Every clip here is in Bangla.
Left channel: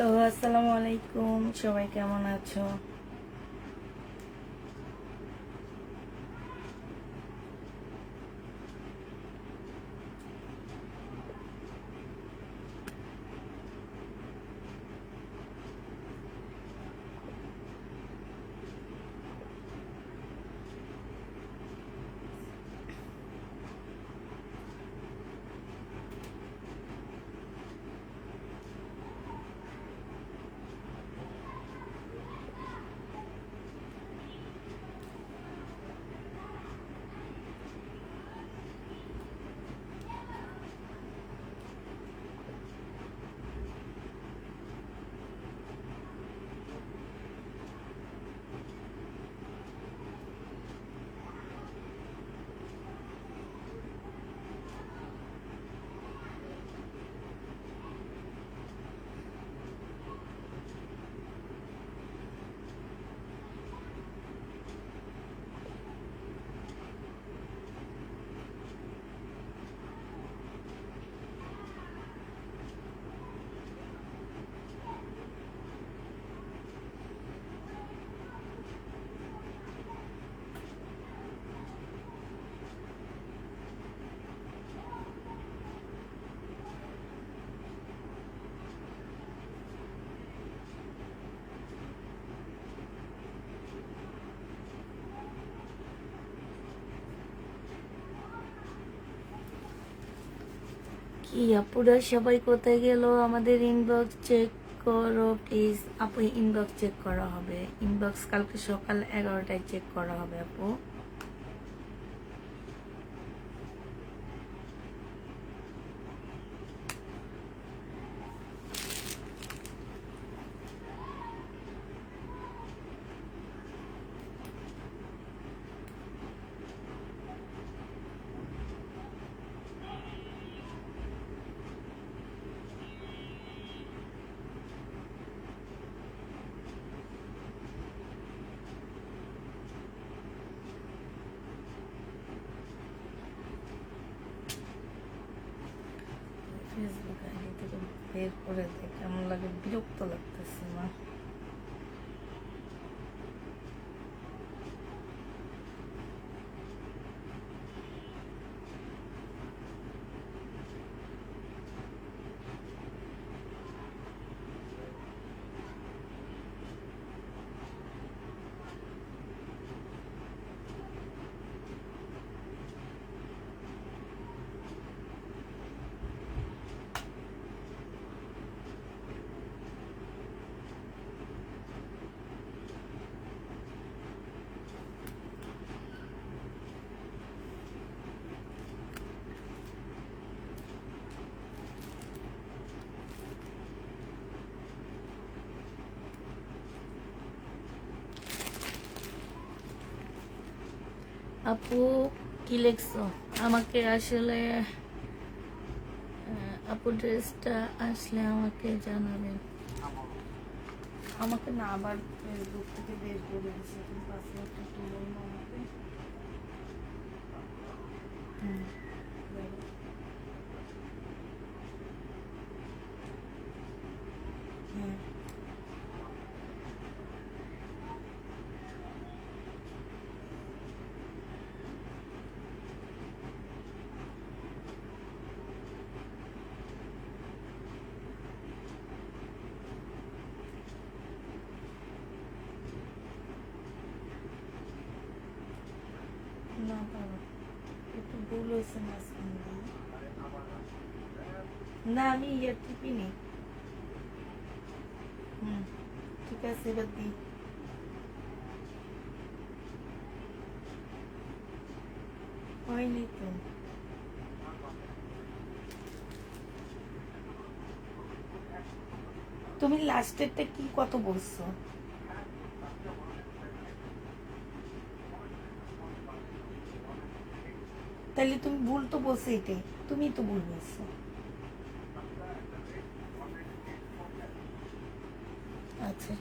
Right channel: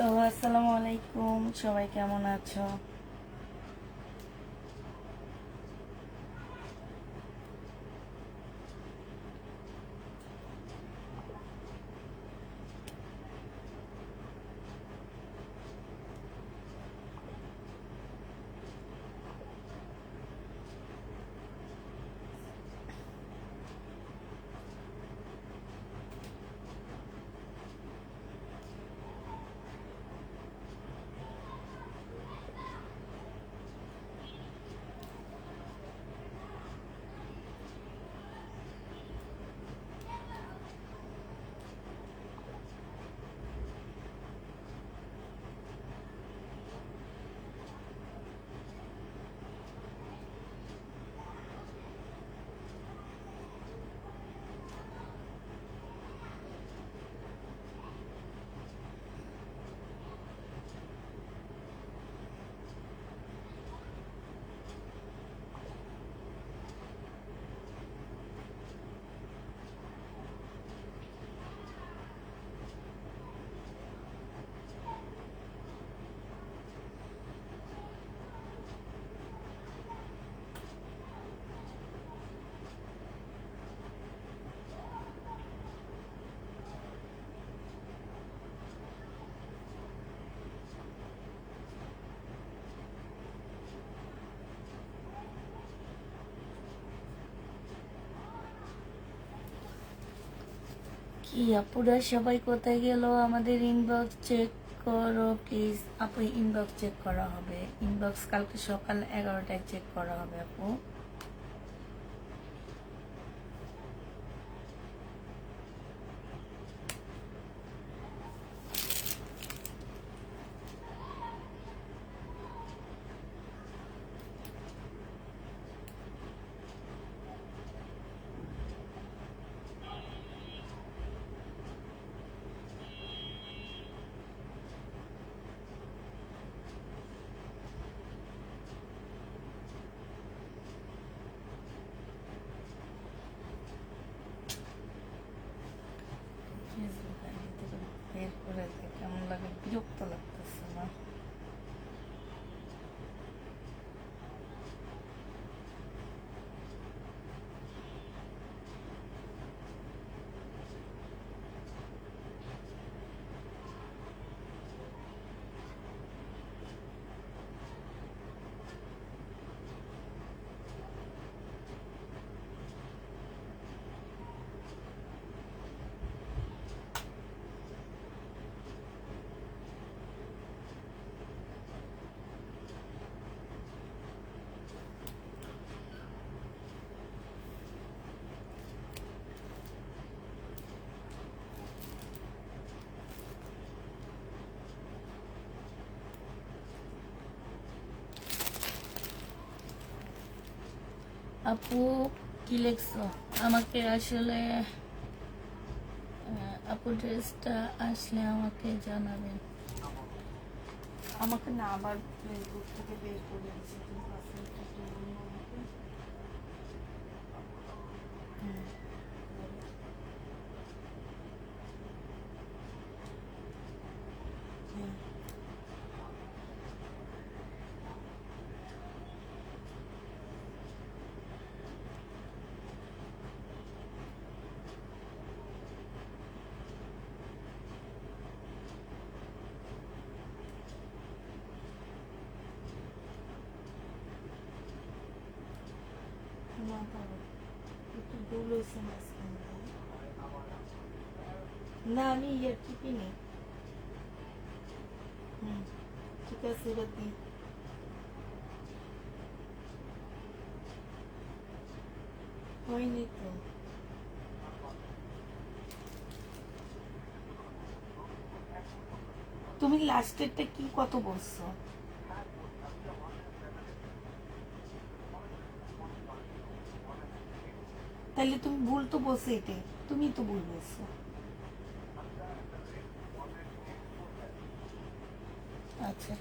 হ্যালো, আসসালামু আলাইকুম। সবাই কেমন আছো? কি আপুরা সবাই কোথায় গেল? আমাদের ইনবক্স চেক করো প্লিজ। আপু ইনবক্স চেক করা হবে। ইনবক্স কালকে সকাল 11টায় চেক করা হবে আপু। ফেসবুক আইডি থেকে বের করে দেয়, কেমন লাগে, বিরক্ত লাগতেছে না? আপু কি লিখছো? আমাকে আসলে আপু ড্রেসটা আসলে আমাকে জানাবেন। আমাকে না আবার ফেসবুক থেকে বের করে দিয়েছে, এখন পাসওয়ার্ডটা একটু বলবো আমাকে। হুম, হুম। না পারো, একটু ভুল হয়েছে মাঝখানে। না আমি ইয়ে টিপিনি। হুম, ঠিক আছে, এবার দিই। হয়নি তো। তুমি লাস্টেরটা কি কত বলছো? তাহলে তুমি ভুল তো বলছো, এটাই তুমি তো ভুল বলছো। আচ্ছা।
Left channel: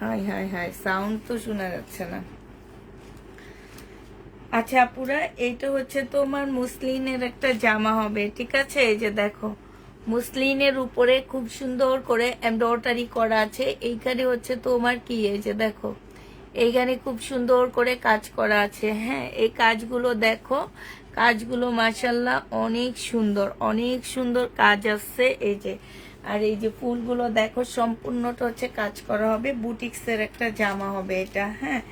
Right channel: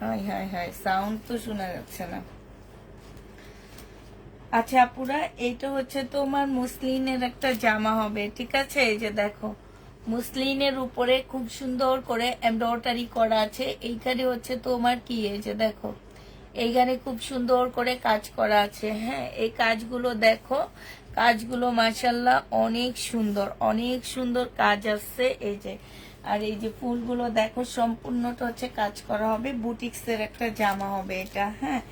হাই হাই হাই, সাউন্ড তো শোনা যাচ্ছে না। আচ্ছা আপুরা, এইটা হচ্ছে তোমার মুসলিনের একটা জামা হবে, ঠিক আছে? এই যে দেখো, মুসলিনের উপরে খুব সুন্দর করে এমব্রয়ডারি করা আছে। এইখানে হচ্ছে তোমার কি, এই যে দেখো, এইখানে খুব সুন্দর করে কাজ করা আছে। হ্যাঁ, এই কাজগুলো দেখো, কাজগুলো মাশাল্লাহ অনেক সুন্দর, অনেক সুন্দর কাজ আসছে। এই যে, আর এই যে ফুলগুলো দেখো, সম্পূর্ণটা হচ্ছে কাজ করা হবে। বুটিক্সের একটা জামা হবে এটা। হ্যাঁ,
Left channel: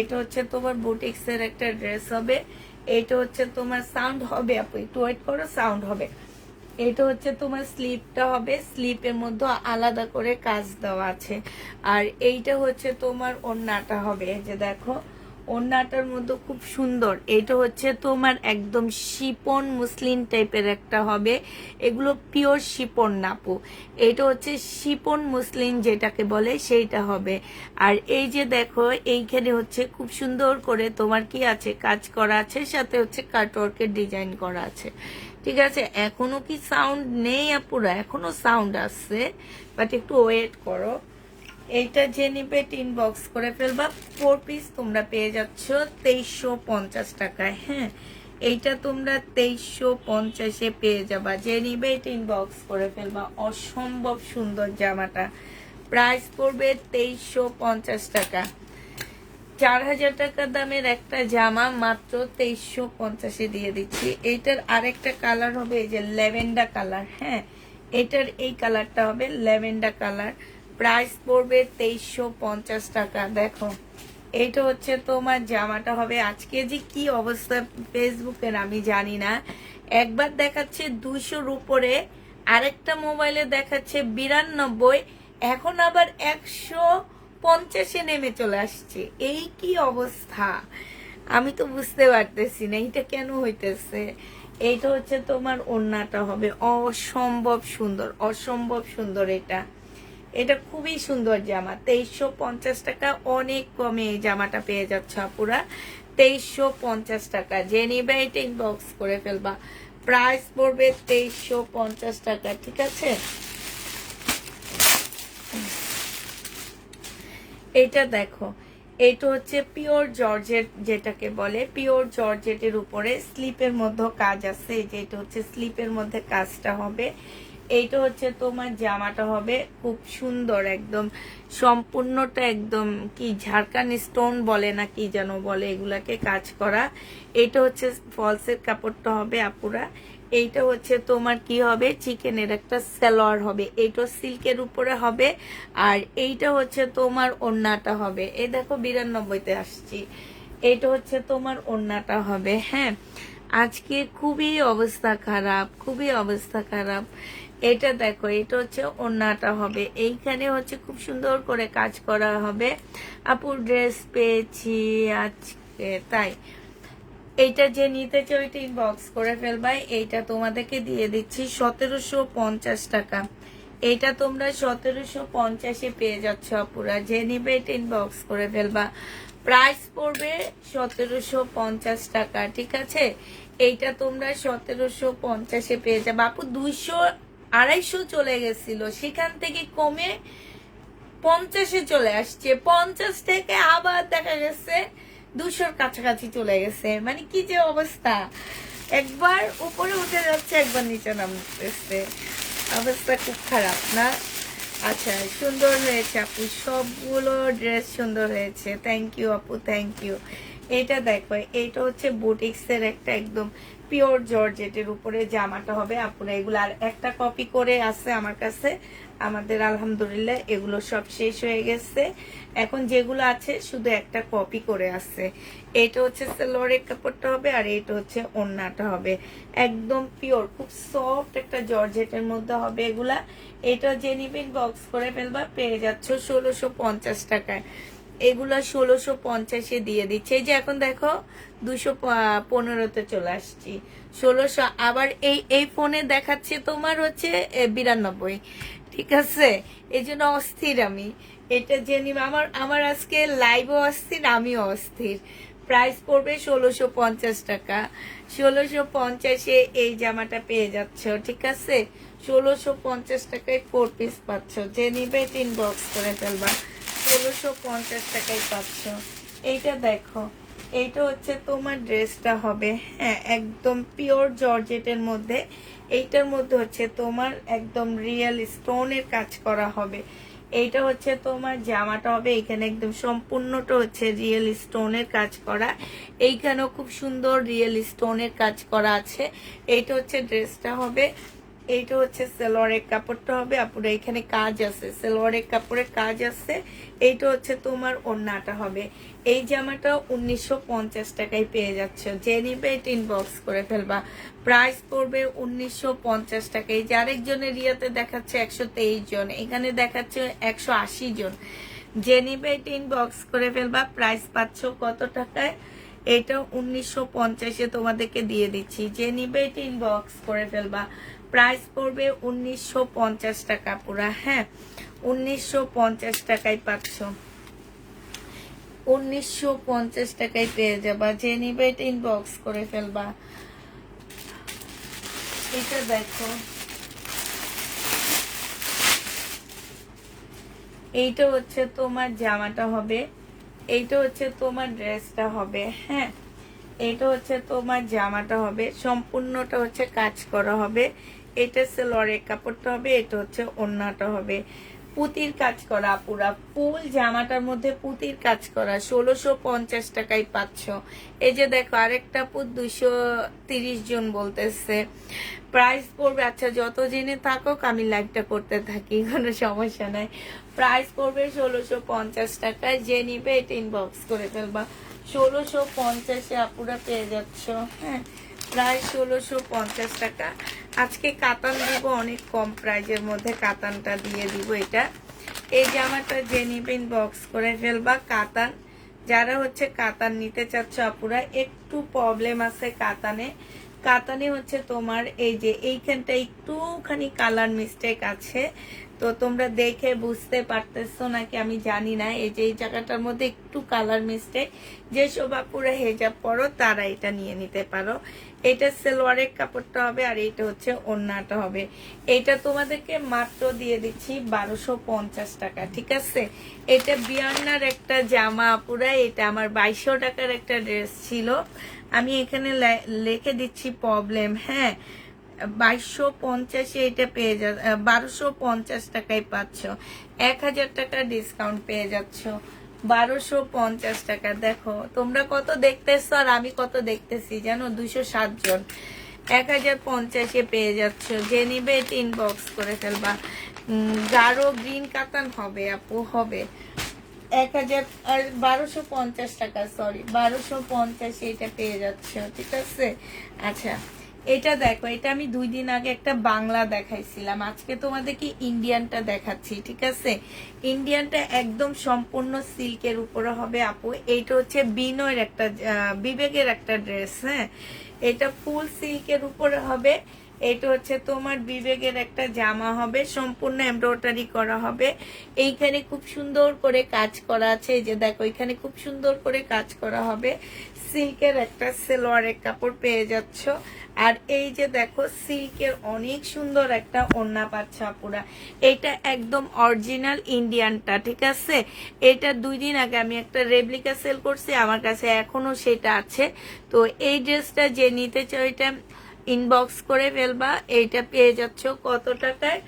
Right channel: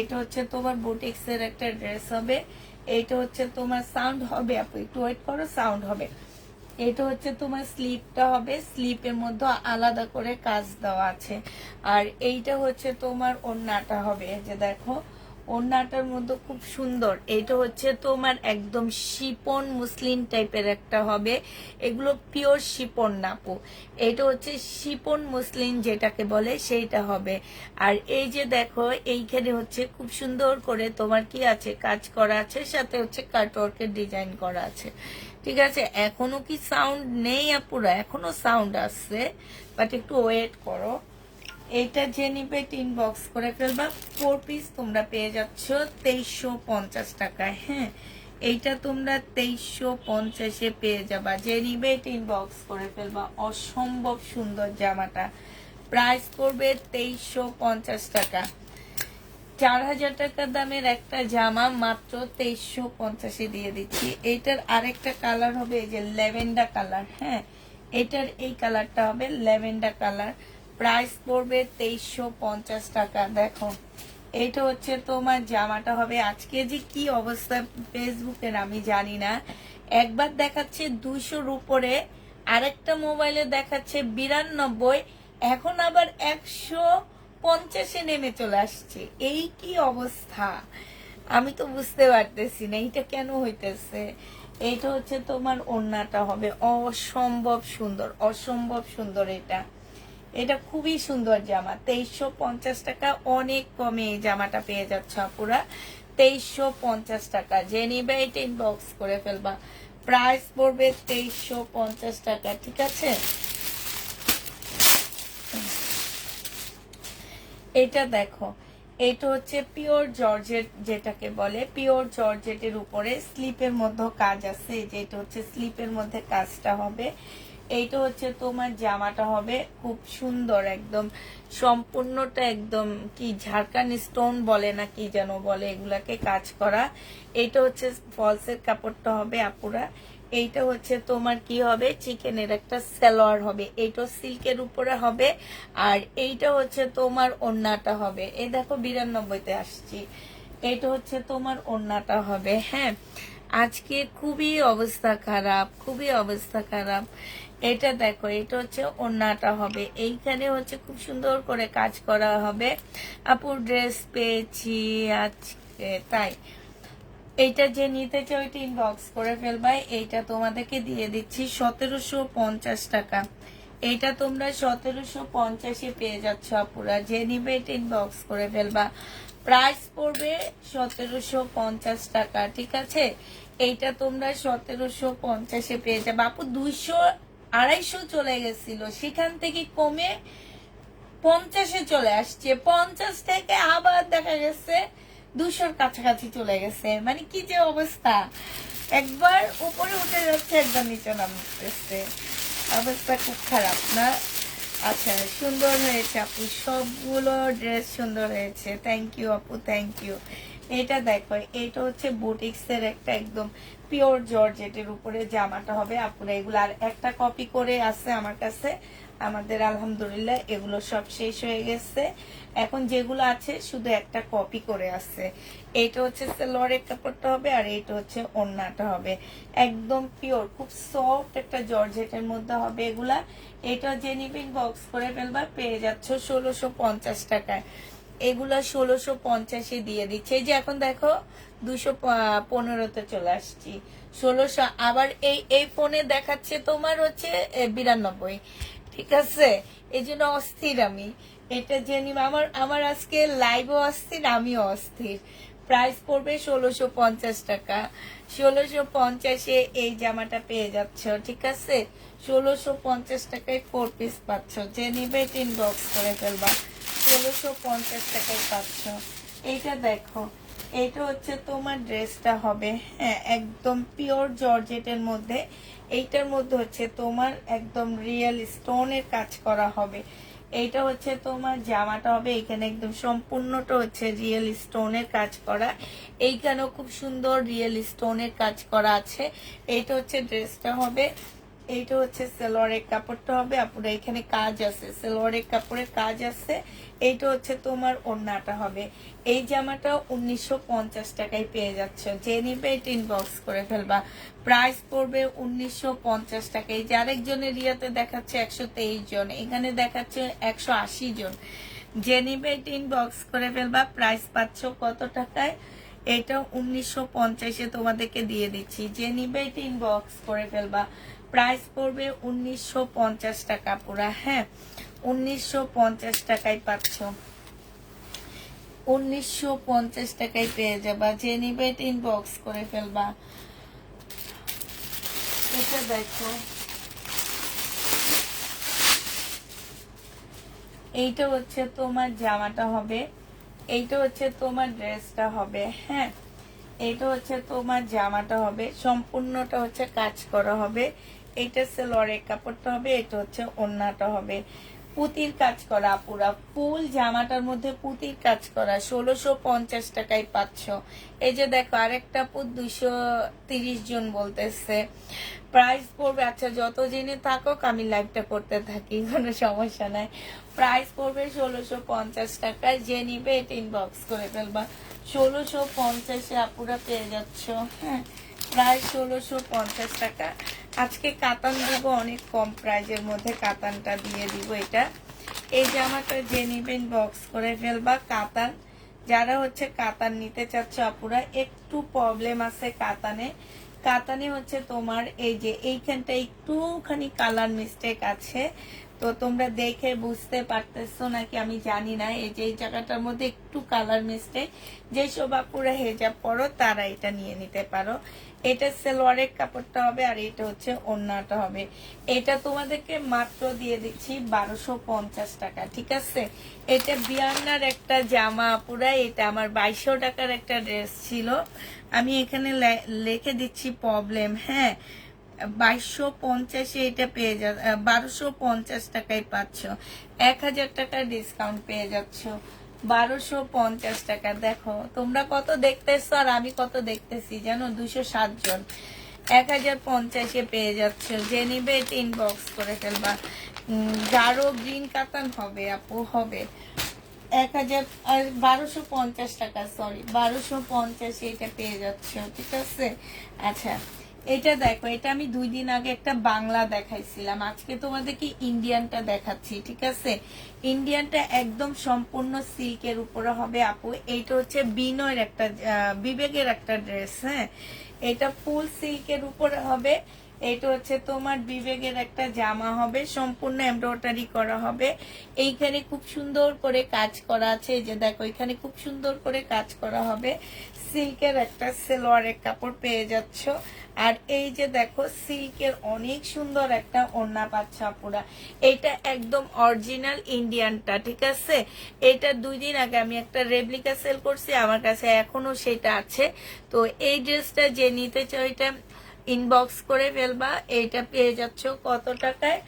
এটা হচ্ছে তোমার বুটিক্সের একটা ড্রেস হবে। এটা হচ্ছে তোমার সাউন্ড হবে, আপু একটু ওয়েট করো, সাউন্ড হবে। এটা হচ্ছে তোমার স্লিপটা হবে, স্লিপের মধ্যে আলাদা করে কাজ দেওয়া আছে। আর এইটা হচ্ছে তোমার ওড়নাটা হবে, এই যে দেখো, ওড়নাটার মধ্যে খুব সুন্দর। এটা হচ্ছে তোমার একদম শিপন মুসলিম টাইপের একটা হবে। এগুলো পিওর শিপন নাপু, এটা হচ্ছে শিপন মুসলিম যেটাকে বলে সেইটা হবে। আর এই যে দেখো, এইখানে হচ্ছে খুব সুন্দর করে তোমার কি আছে, কাজ করা আছে, সাথে হচ্ছে কাটওয়ার্কের ডিজাইন করা আছে। ঠিক আছে, এখনো কি সাউন্ড নেই আপুরা? এখনো সাউন্ড আসছে, বাট একটু ওয়েট করো। এটা যে নিবে ইনবক্স করে ফেলবা। 4 পিস তোমরা পেয়ে যাচ্ছ 2350 টাকায়। হ্যাঁ, এইটা তোমরা 2350-এ পেয়ে যাবা। যে নিবে ইনবক্স করে ফেলবা। অসম্ভব সুন্দর জামাটা, প্রাইস পড়বে 2350 টাকা। 4000 টাকা দামের একটা জামা মাত্র 2350-এ দিয়ে দিচ্ছি। এইটার আরেকটা কালার হবে, এই যে ল্যাভেন্ডার কালার। হ্যাঁ, এটার এই কালারটা হবে ল্যাভেন্ডার কালার। প্রাইস পড়বে 2350 টাকা। দেখো, এটা হচ্ছে তোমার জামাটা হবে। আজকে যে কি অবস্থা ফেসবুকের আমি জানি না, একবার দেখাচ্ছে 200-র উপরে, আরেকটা মোবাইলে দেখাচ্ছে 92, এখন আবার 150-এ নেমে চলে আসছে। এই কি অবস্থা, আমি তো বুঝতে পারতেছি না এটা কেন হইতেছে। এইটা হচ্ছে তোমার ওড়নাটা হবে, অসম্ভব সুন্দর, অসম্ভব সুন্দর। এটা এটা খুবই সুন্দর জামা। 2350 টাকা, অনেক কমে এই জামাটা পেয়ে যাচ্ছে আপুরা। 2350 টাকা। যে নিবে এটা ইনবক্স করে ফেলবা। প্রাইস পড়বে 2350 টাকা, ঠিক আছে? এটা দেখো, এটা হচ্ছে পিওর জর্জেট যেটাকে বলে, পিওর জর্জেটের উপরে স্লিপের মধ্যে কাজ আছে। এই যে এটা হচ্ছে স্লিপের মধ্যে কাজটা হবে। এইটা হচ্ছে তোমার জামাটা হবে, খুব সুন্দর একদম, সম্পূর্ণটা একদম কি ঝাড়খান স্টোন বলে না কি যেন বলে, এগুলাকে কাজ করা। এইটা হচ্ছে ফলসের কাপড়টা হবে আপুরা। এইটা হচ্ছে তোমার কি হবে, চিকেনের একটা সালোয়ার হবে। এইটা সিল্কের উপরে হবে। আর এইটা হচ্ছে তোমার ওড়নাটা হবে। এই দেখো 92-তে আসছি। এইটা হচ্ছে তোমার ওড়নাটা হবে। হ্যাঁ, আজকে খুবই অবস্থা খারাপ, খুবই অবস্থা খারাপ। এটা দেখো, এটা হচ্ছে ওড়নাটা হবে। এইখানে হচ্ছে খুব সুন্দর করে কাজ করা হবে। আপুর ড্রেস পেয়েছি আজকে, তাই এইটা যে নিতে চাও এটা ইনবক্স করে ফেলবাই। এইটা তোমাদেরকে দিয়ে দিচ্ছি 1750 টাকা। এইটা তোমরা 1750-এ পেয়ে যাচ্ছ আপুরা। যে নিবে এটা ইনবক্স করে ফেলবা। প্রাইস পড়বে 1750 টাকা, ঠিক আছে? এইটা তোমরা 1750-এ পেয়ে যাবে আপু। 200 250 চলে গেছিল, সেখান থেকে কমে 50-এ চলে আসছে। 50 থেকে আবার দেখা গেছে 200-র কাছাকাছি চলে গেছে। মানে কি যে অবস্থা, একবার উপরে উঠে যাচ্ছে, একবার নিচে নামতেছে, অবস্থা খুব খারাপ না? আচ্ছা, সুন্দর হয়েছে আপু, সবগুলো ড্রেস সুন্দর হয়েছে। থ্যাংক ইউ আপু, থ্যাংক ইউ। এটা দেখো, এটা হচ্ছে বুটিক্সের একটা একদম পিওর জর্জেটের উপরে জামাটা হবে আপুরা। এগুলো আর একটা কপি করে আছে আমার কাছে, আমাদের আলহামদুলিল্লাহ এগুলো সব শেষ হয়ে গেছে। এখন যেগুলো আছে শুধু একটা কপি করে আছে। এটা হচ্ছে সালোয়ারের কাপড়টা হবে, আর এটা হচ্ছে ওড়নাটা হবে। একদম পিওর, খুব সফট একটা জর্জেটের মধ্যে হবে এগুলা। এটা যে নিবে বক্স করে ফেলবা, পেয়ে যাচ্ছ 1650 টাকায়। এগুলা 1650-এ দিয়ে দিচ্ছে। এই যে এখন দেখো 215-তে চলে আসছি। 1600 আবার এই ফোনে দেখাচ্ছে তোমার হচ্ছে 92। ঠিক আছে, এই জন্য অস্থির আমি। এটা জেনে আমার আজকে লাইভও অস্থির, আমিও অস্থির। প্রাইস পড়বে 1650 টাকা। 1650-এ এই জামাটা পেয়ে যাচ্ছ, ঠিক আছে? 1650 টাকায় 4 পিস পাচ্ছ। যে নিবে ইনবক্স করে ফেলবা। 1650 টাকায় পাচ্ছ। এইটা দেখো, এইটা হচ্ছে তোমার ড্রেসটা হবে, হ্যাঁ একদম পিওর জর্জেটের মধ্যে। এইটার মধ্যে হচ্ছে তোমার একদম রিয়েল স্টোনের কাজ করা হবে। এইটা হচ্ছে তোমার জামাটা হবে, এখানে একদম সম্পূর্ণটা হচ্ছে রিয়েল স্টোনের কাজ করা। এইখানেও খুব সুন্দর রিয়েল স্টোনের কাজ করা আছে। এইটা হচ্ছে ড্রেসটা হবে, এইটা হচ্ছে সালোয়ারের কাপড়টা হবে। আপুরা এখানে কাজ আছে, সালোয়ারের কাপড়ে কাজ আছে। এইটা হচ্ছে তোমার ওড়নাটা হবে। এই জামাটা 1950 টাকায় পেয়ে যাচ্ছে। যে নিবে এটা ইনবক্স করে ফেলবা। প্রাইস পড়বে 1950 টাকা। এই যে আরেকজনের রিয়াতে দেখাচ্ছে 123 জন, এখানে দেখাচ্ছে 180 জন। যে নিবে এটা ইনবক্স করে ফেলবা। প্রাইস পাচ্ছ কত টাকায়? এটা 1950-এ তোমাদেরকে দিয়ে দিচ্ছি। যে নিবে এটা ইনবক্স করে ফেলবা। প্রাইস পড়বে 1950 টাকা পুরা, হ্যাঁ 1950 টাকায় পাচ্ছ। 1950 টাকায় পেয়ে যাবা। যে নিবে এটা ইনবক্স করে ফেলবা। এটা দেখো, এইটা হচ্ছে তোমার জামাটা হবে, এইটা হচ্ছে তোমার ড্রেসটা হবে, হ্যাঁ এইটা হচ্ছে তোমার জামাটা হবে, সম্পূর্ণটা হচ্ছে কাজ করা হবে। এটা সালোয়ারের কাপড়টা হবে, এটা হচ্ছে ওড়নাটা হবে। পুতির কাজ করা পুরা ফুল জামাটার মধ্যে পুতির কাজ করা। 1650 টাকায় পাচ্ছ। এই যে দেখো আরেকটা পুত 230 জন বলতেছে। প্রাইস পড়বে, আচ্ছা যত জেনে থাকুক আমি লাইকটা করতে থাকি, কোনো সমস্যা নাই। প্রাইস পড়বে 1650 টাকায়। যে নিবে এটা ইনবক্স করে ফেলবা। 1650-এ আপুরা পেয়ে যাচ্ছ, হ্যাঁ প্রায় 1650 টাকা। আজকে কাতান দিব অনেক কম প্রাইজের মধ্যে, কাতানটা দিয়ে দিব। এটা এই জামাটা যে নিবে ইনবক্স করে ফেলবা। কাতান যারা হচ্ছে কাতান নিতে চাচ্ছ আপুরা, একটু প্রবলেম আছে কাতানে। কাতানে হচ্ছে তোমার এই যে এইখানটা একটুখানি কালার মিস্টেক আছে, তো তোমরা দেখে বুঝতে পারতেছো নাকি আমি জানি না। এই যে এই জায়গাটার মধ্যে একটু কালার মিস্টেক, যেসব আপুরা হেজাব পরো তারা এটা নিয়ে নিতে পারো। এটা সালোয়ারের কাপড়টা হবে, আর এটা হচ্ছে ওড়নাটা হবে। এটা তোমাদেরকে মাত্র দিয়ে দিচ্ছি 1250 টাকা, ঠিক আছে। এটা বিয়ান্নার একটা জামা আপুরা, এটা আমার 2200 টাকার একটা ড্রেস ছিল, আমি এখানে লিখে দিচ্ছি প্রবলেম, হ্যাঁ 2250-এ এটা পেয়ে যা 1250 টাকায় পাচ্ছ। 1000 টাকা ডিসকাউন্ট পেয়ে যাচ্ছ। 1250 টাকা। দেখো তোমরা কত দেখতেছো আর আমি কত দেখতেছি জানো, 207 জন। 1050-এ পেয়ে যাচ্ছ। যে নিবে এটা ইনবক্স করে ফেলবা। গাঢ় গ্রিন কাতান হবে আপু, হবে 1250 টাকা, সরি 1250-এ এটা পেয়ে যাচ্ছে, ঠিক আছে। আচ্ছা এটা দেখো, এটা আমি 2 দিন আগে একটা বাংলা দেখাইছিলাম, আজকে তোমাদেরকে ইন্ডিয়ানটা দেখাচ্ছি, ঠিক আছে। ইন্ডিয়ানটা একদম সম্পূর্ণ সিল্কের উপরে হবে আপু। এইটা হচ্ছে বিনয়ের একটা বিবেকের একটা ড্রেস, হ্যাঁ এটা ফুল সিল্কের উপরে হবে। এটা হচ্ছে তোমার বিবেকের একটা জামা হবে, সম্পূর্ণ এমব্রয়ডারি করা হবে। এইখানে খুব সুন্দর করে কাজ করা আছে, এই যে দেখো এখানে খুব সুন্দর করে কাজ করা হবে। সিল্কের একটা সালোয়ারের কাপড় পেয়ে যাচ্ছ। আর এই যে দেখো সিল্কের অনেক সুন্দর একটা ওড়না পাচ্ছ আপুরা। এটা একদম অরিজিনাল ইন্ডিয়ানটা, ঠিক আছে। এটা 2 দিন আগে আমি একটা রেপ্লিকা সেল করছি, আমার কাছে এখনো সেটা আছে। তো এই ড্রেসটা যে নিতে চাই এটা ইনবক্স করে ফেলবা। এইটা পেয়ে যাচ্ছ কত টাকায়?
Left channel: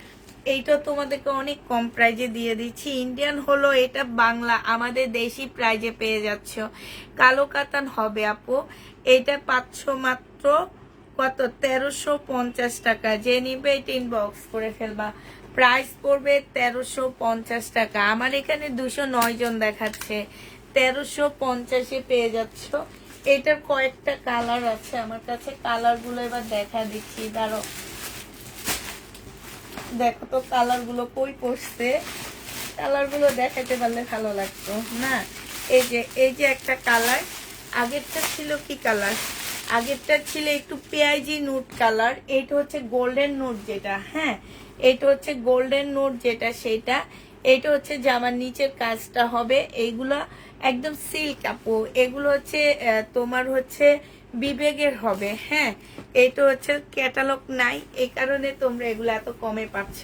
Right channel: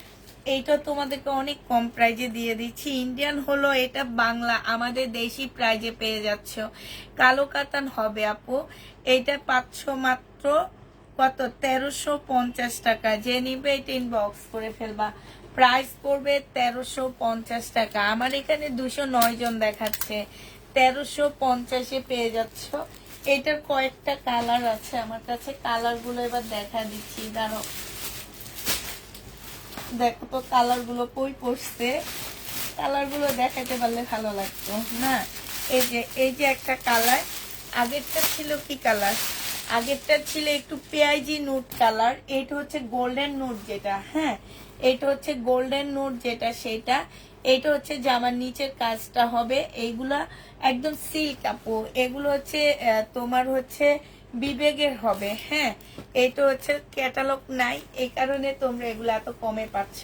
এইটা তোমাদেরকে অনেক কম প্রাইজে দিয়ে দিচ্ছি। ইন্ডিয়ান হলো এটা, বাংলা আমাদের দেশি প্রাইজে পেয়ে যাচ্ছ। কালো কাতান হবে আপু। এটা পাচ্ছ মাত্র কত, 1350 টাকা। যে নিবে এটা ইনবক্স করে ফেলবা। প্রাইস পড়বে 1350 টাকা। আমার এখানে 209 জন দেখাচ্ছে, 1350-এ পেয়ে যাচ্ছ। এটার কয়েকটা কালার আছে আমার কাছে, কালার গুলো এবার দেখা দিচ্ছি, দাঁড়ো দেখো তো কালার গুলো কই পড়ছে, কালার গুলো দেখাতে পারলে ভালো লাগতো না। এই যে একটা কালার, আগেরটা ছিল কি কালার, আগেরটা ছিল একটু পেঁয়াজি নুট কালার। এইটা হচ্ছে গোল্ডেন নুট যেটা, হ্যাঁ এটা হচ্ছে গোল্ডেন নুট যেটা সেটা। এইটা হচ্ছে জামার নিচের কাজটা হবে, এইগুলা একদম সিল্ক আপু। এগুলো হচ্ছে তোমার হচ্ছে বিবেকের হবে, হ্যাঁ এটা হচ্ছে ক্যাটালগ নাই, এই কারণে তোমরা এগুলো এত কমে পাচ্ছ।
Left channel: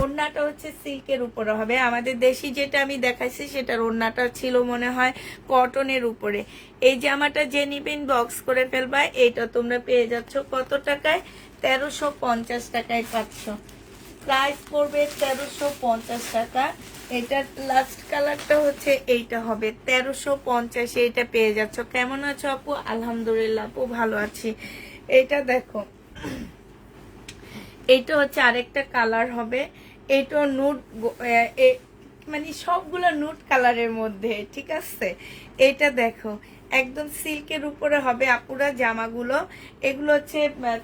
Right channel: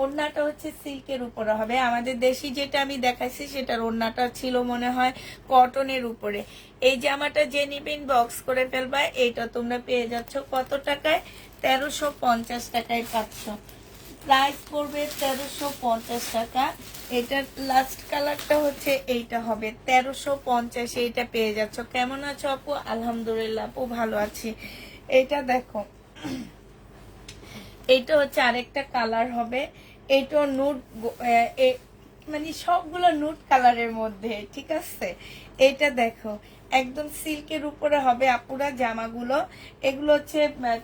ওড়নাটা হচ্ছে সিল্কের উপরে হবে। আমাদের দেশি যেটা আমি দেখাইছি সেটার ওড়নাটা ছিল মনে হয় কটনের উপরে। এই জামাটা যে নিবেন বক্স করে ফেলবা। এটা তোমরা পেয়ে যাচ্ছ কত টাকায়? 1350 টাকায় পাচ্ছ। প্রাইস পড়বে 1350 টাকা। এটার লাস্ট কালারটা হচ্ছে এইটা হবে 1350। এইটা পেয়ে যাচ্ছ। কেমন আছো আপু? আলহামদুলিল্লাহ আপু ভালো আছি। এটা দেখো, এইটা হচ্ছে আরেকটা কালার হবে। এইটা নুট, মানে সবগুলো নুট কালারের মধ্যে, ঠিক আছে। এটা দেখো একদম সিল্কের উপরে হবে আপুরা জামাগুলো। এগুলো হচ্ছে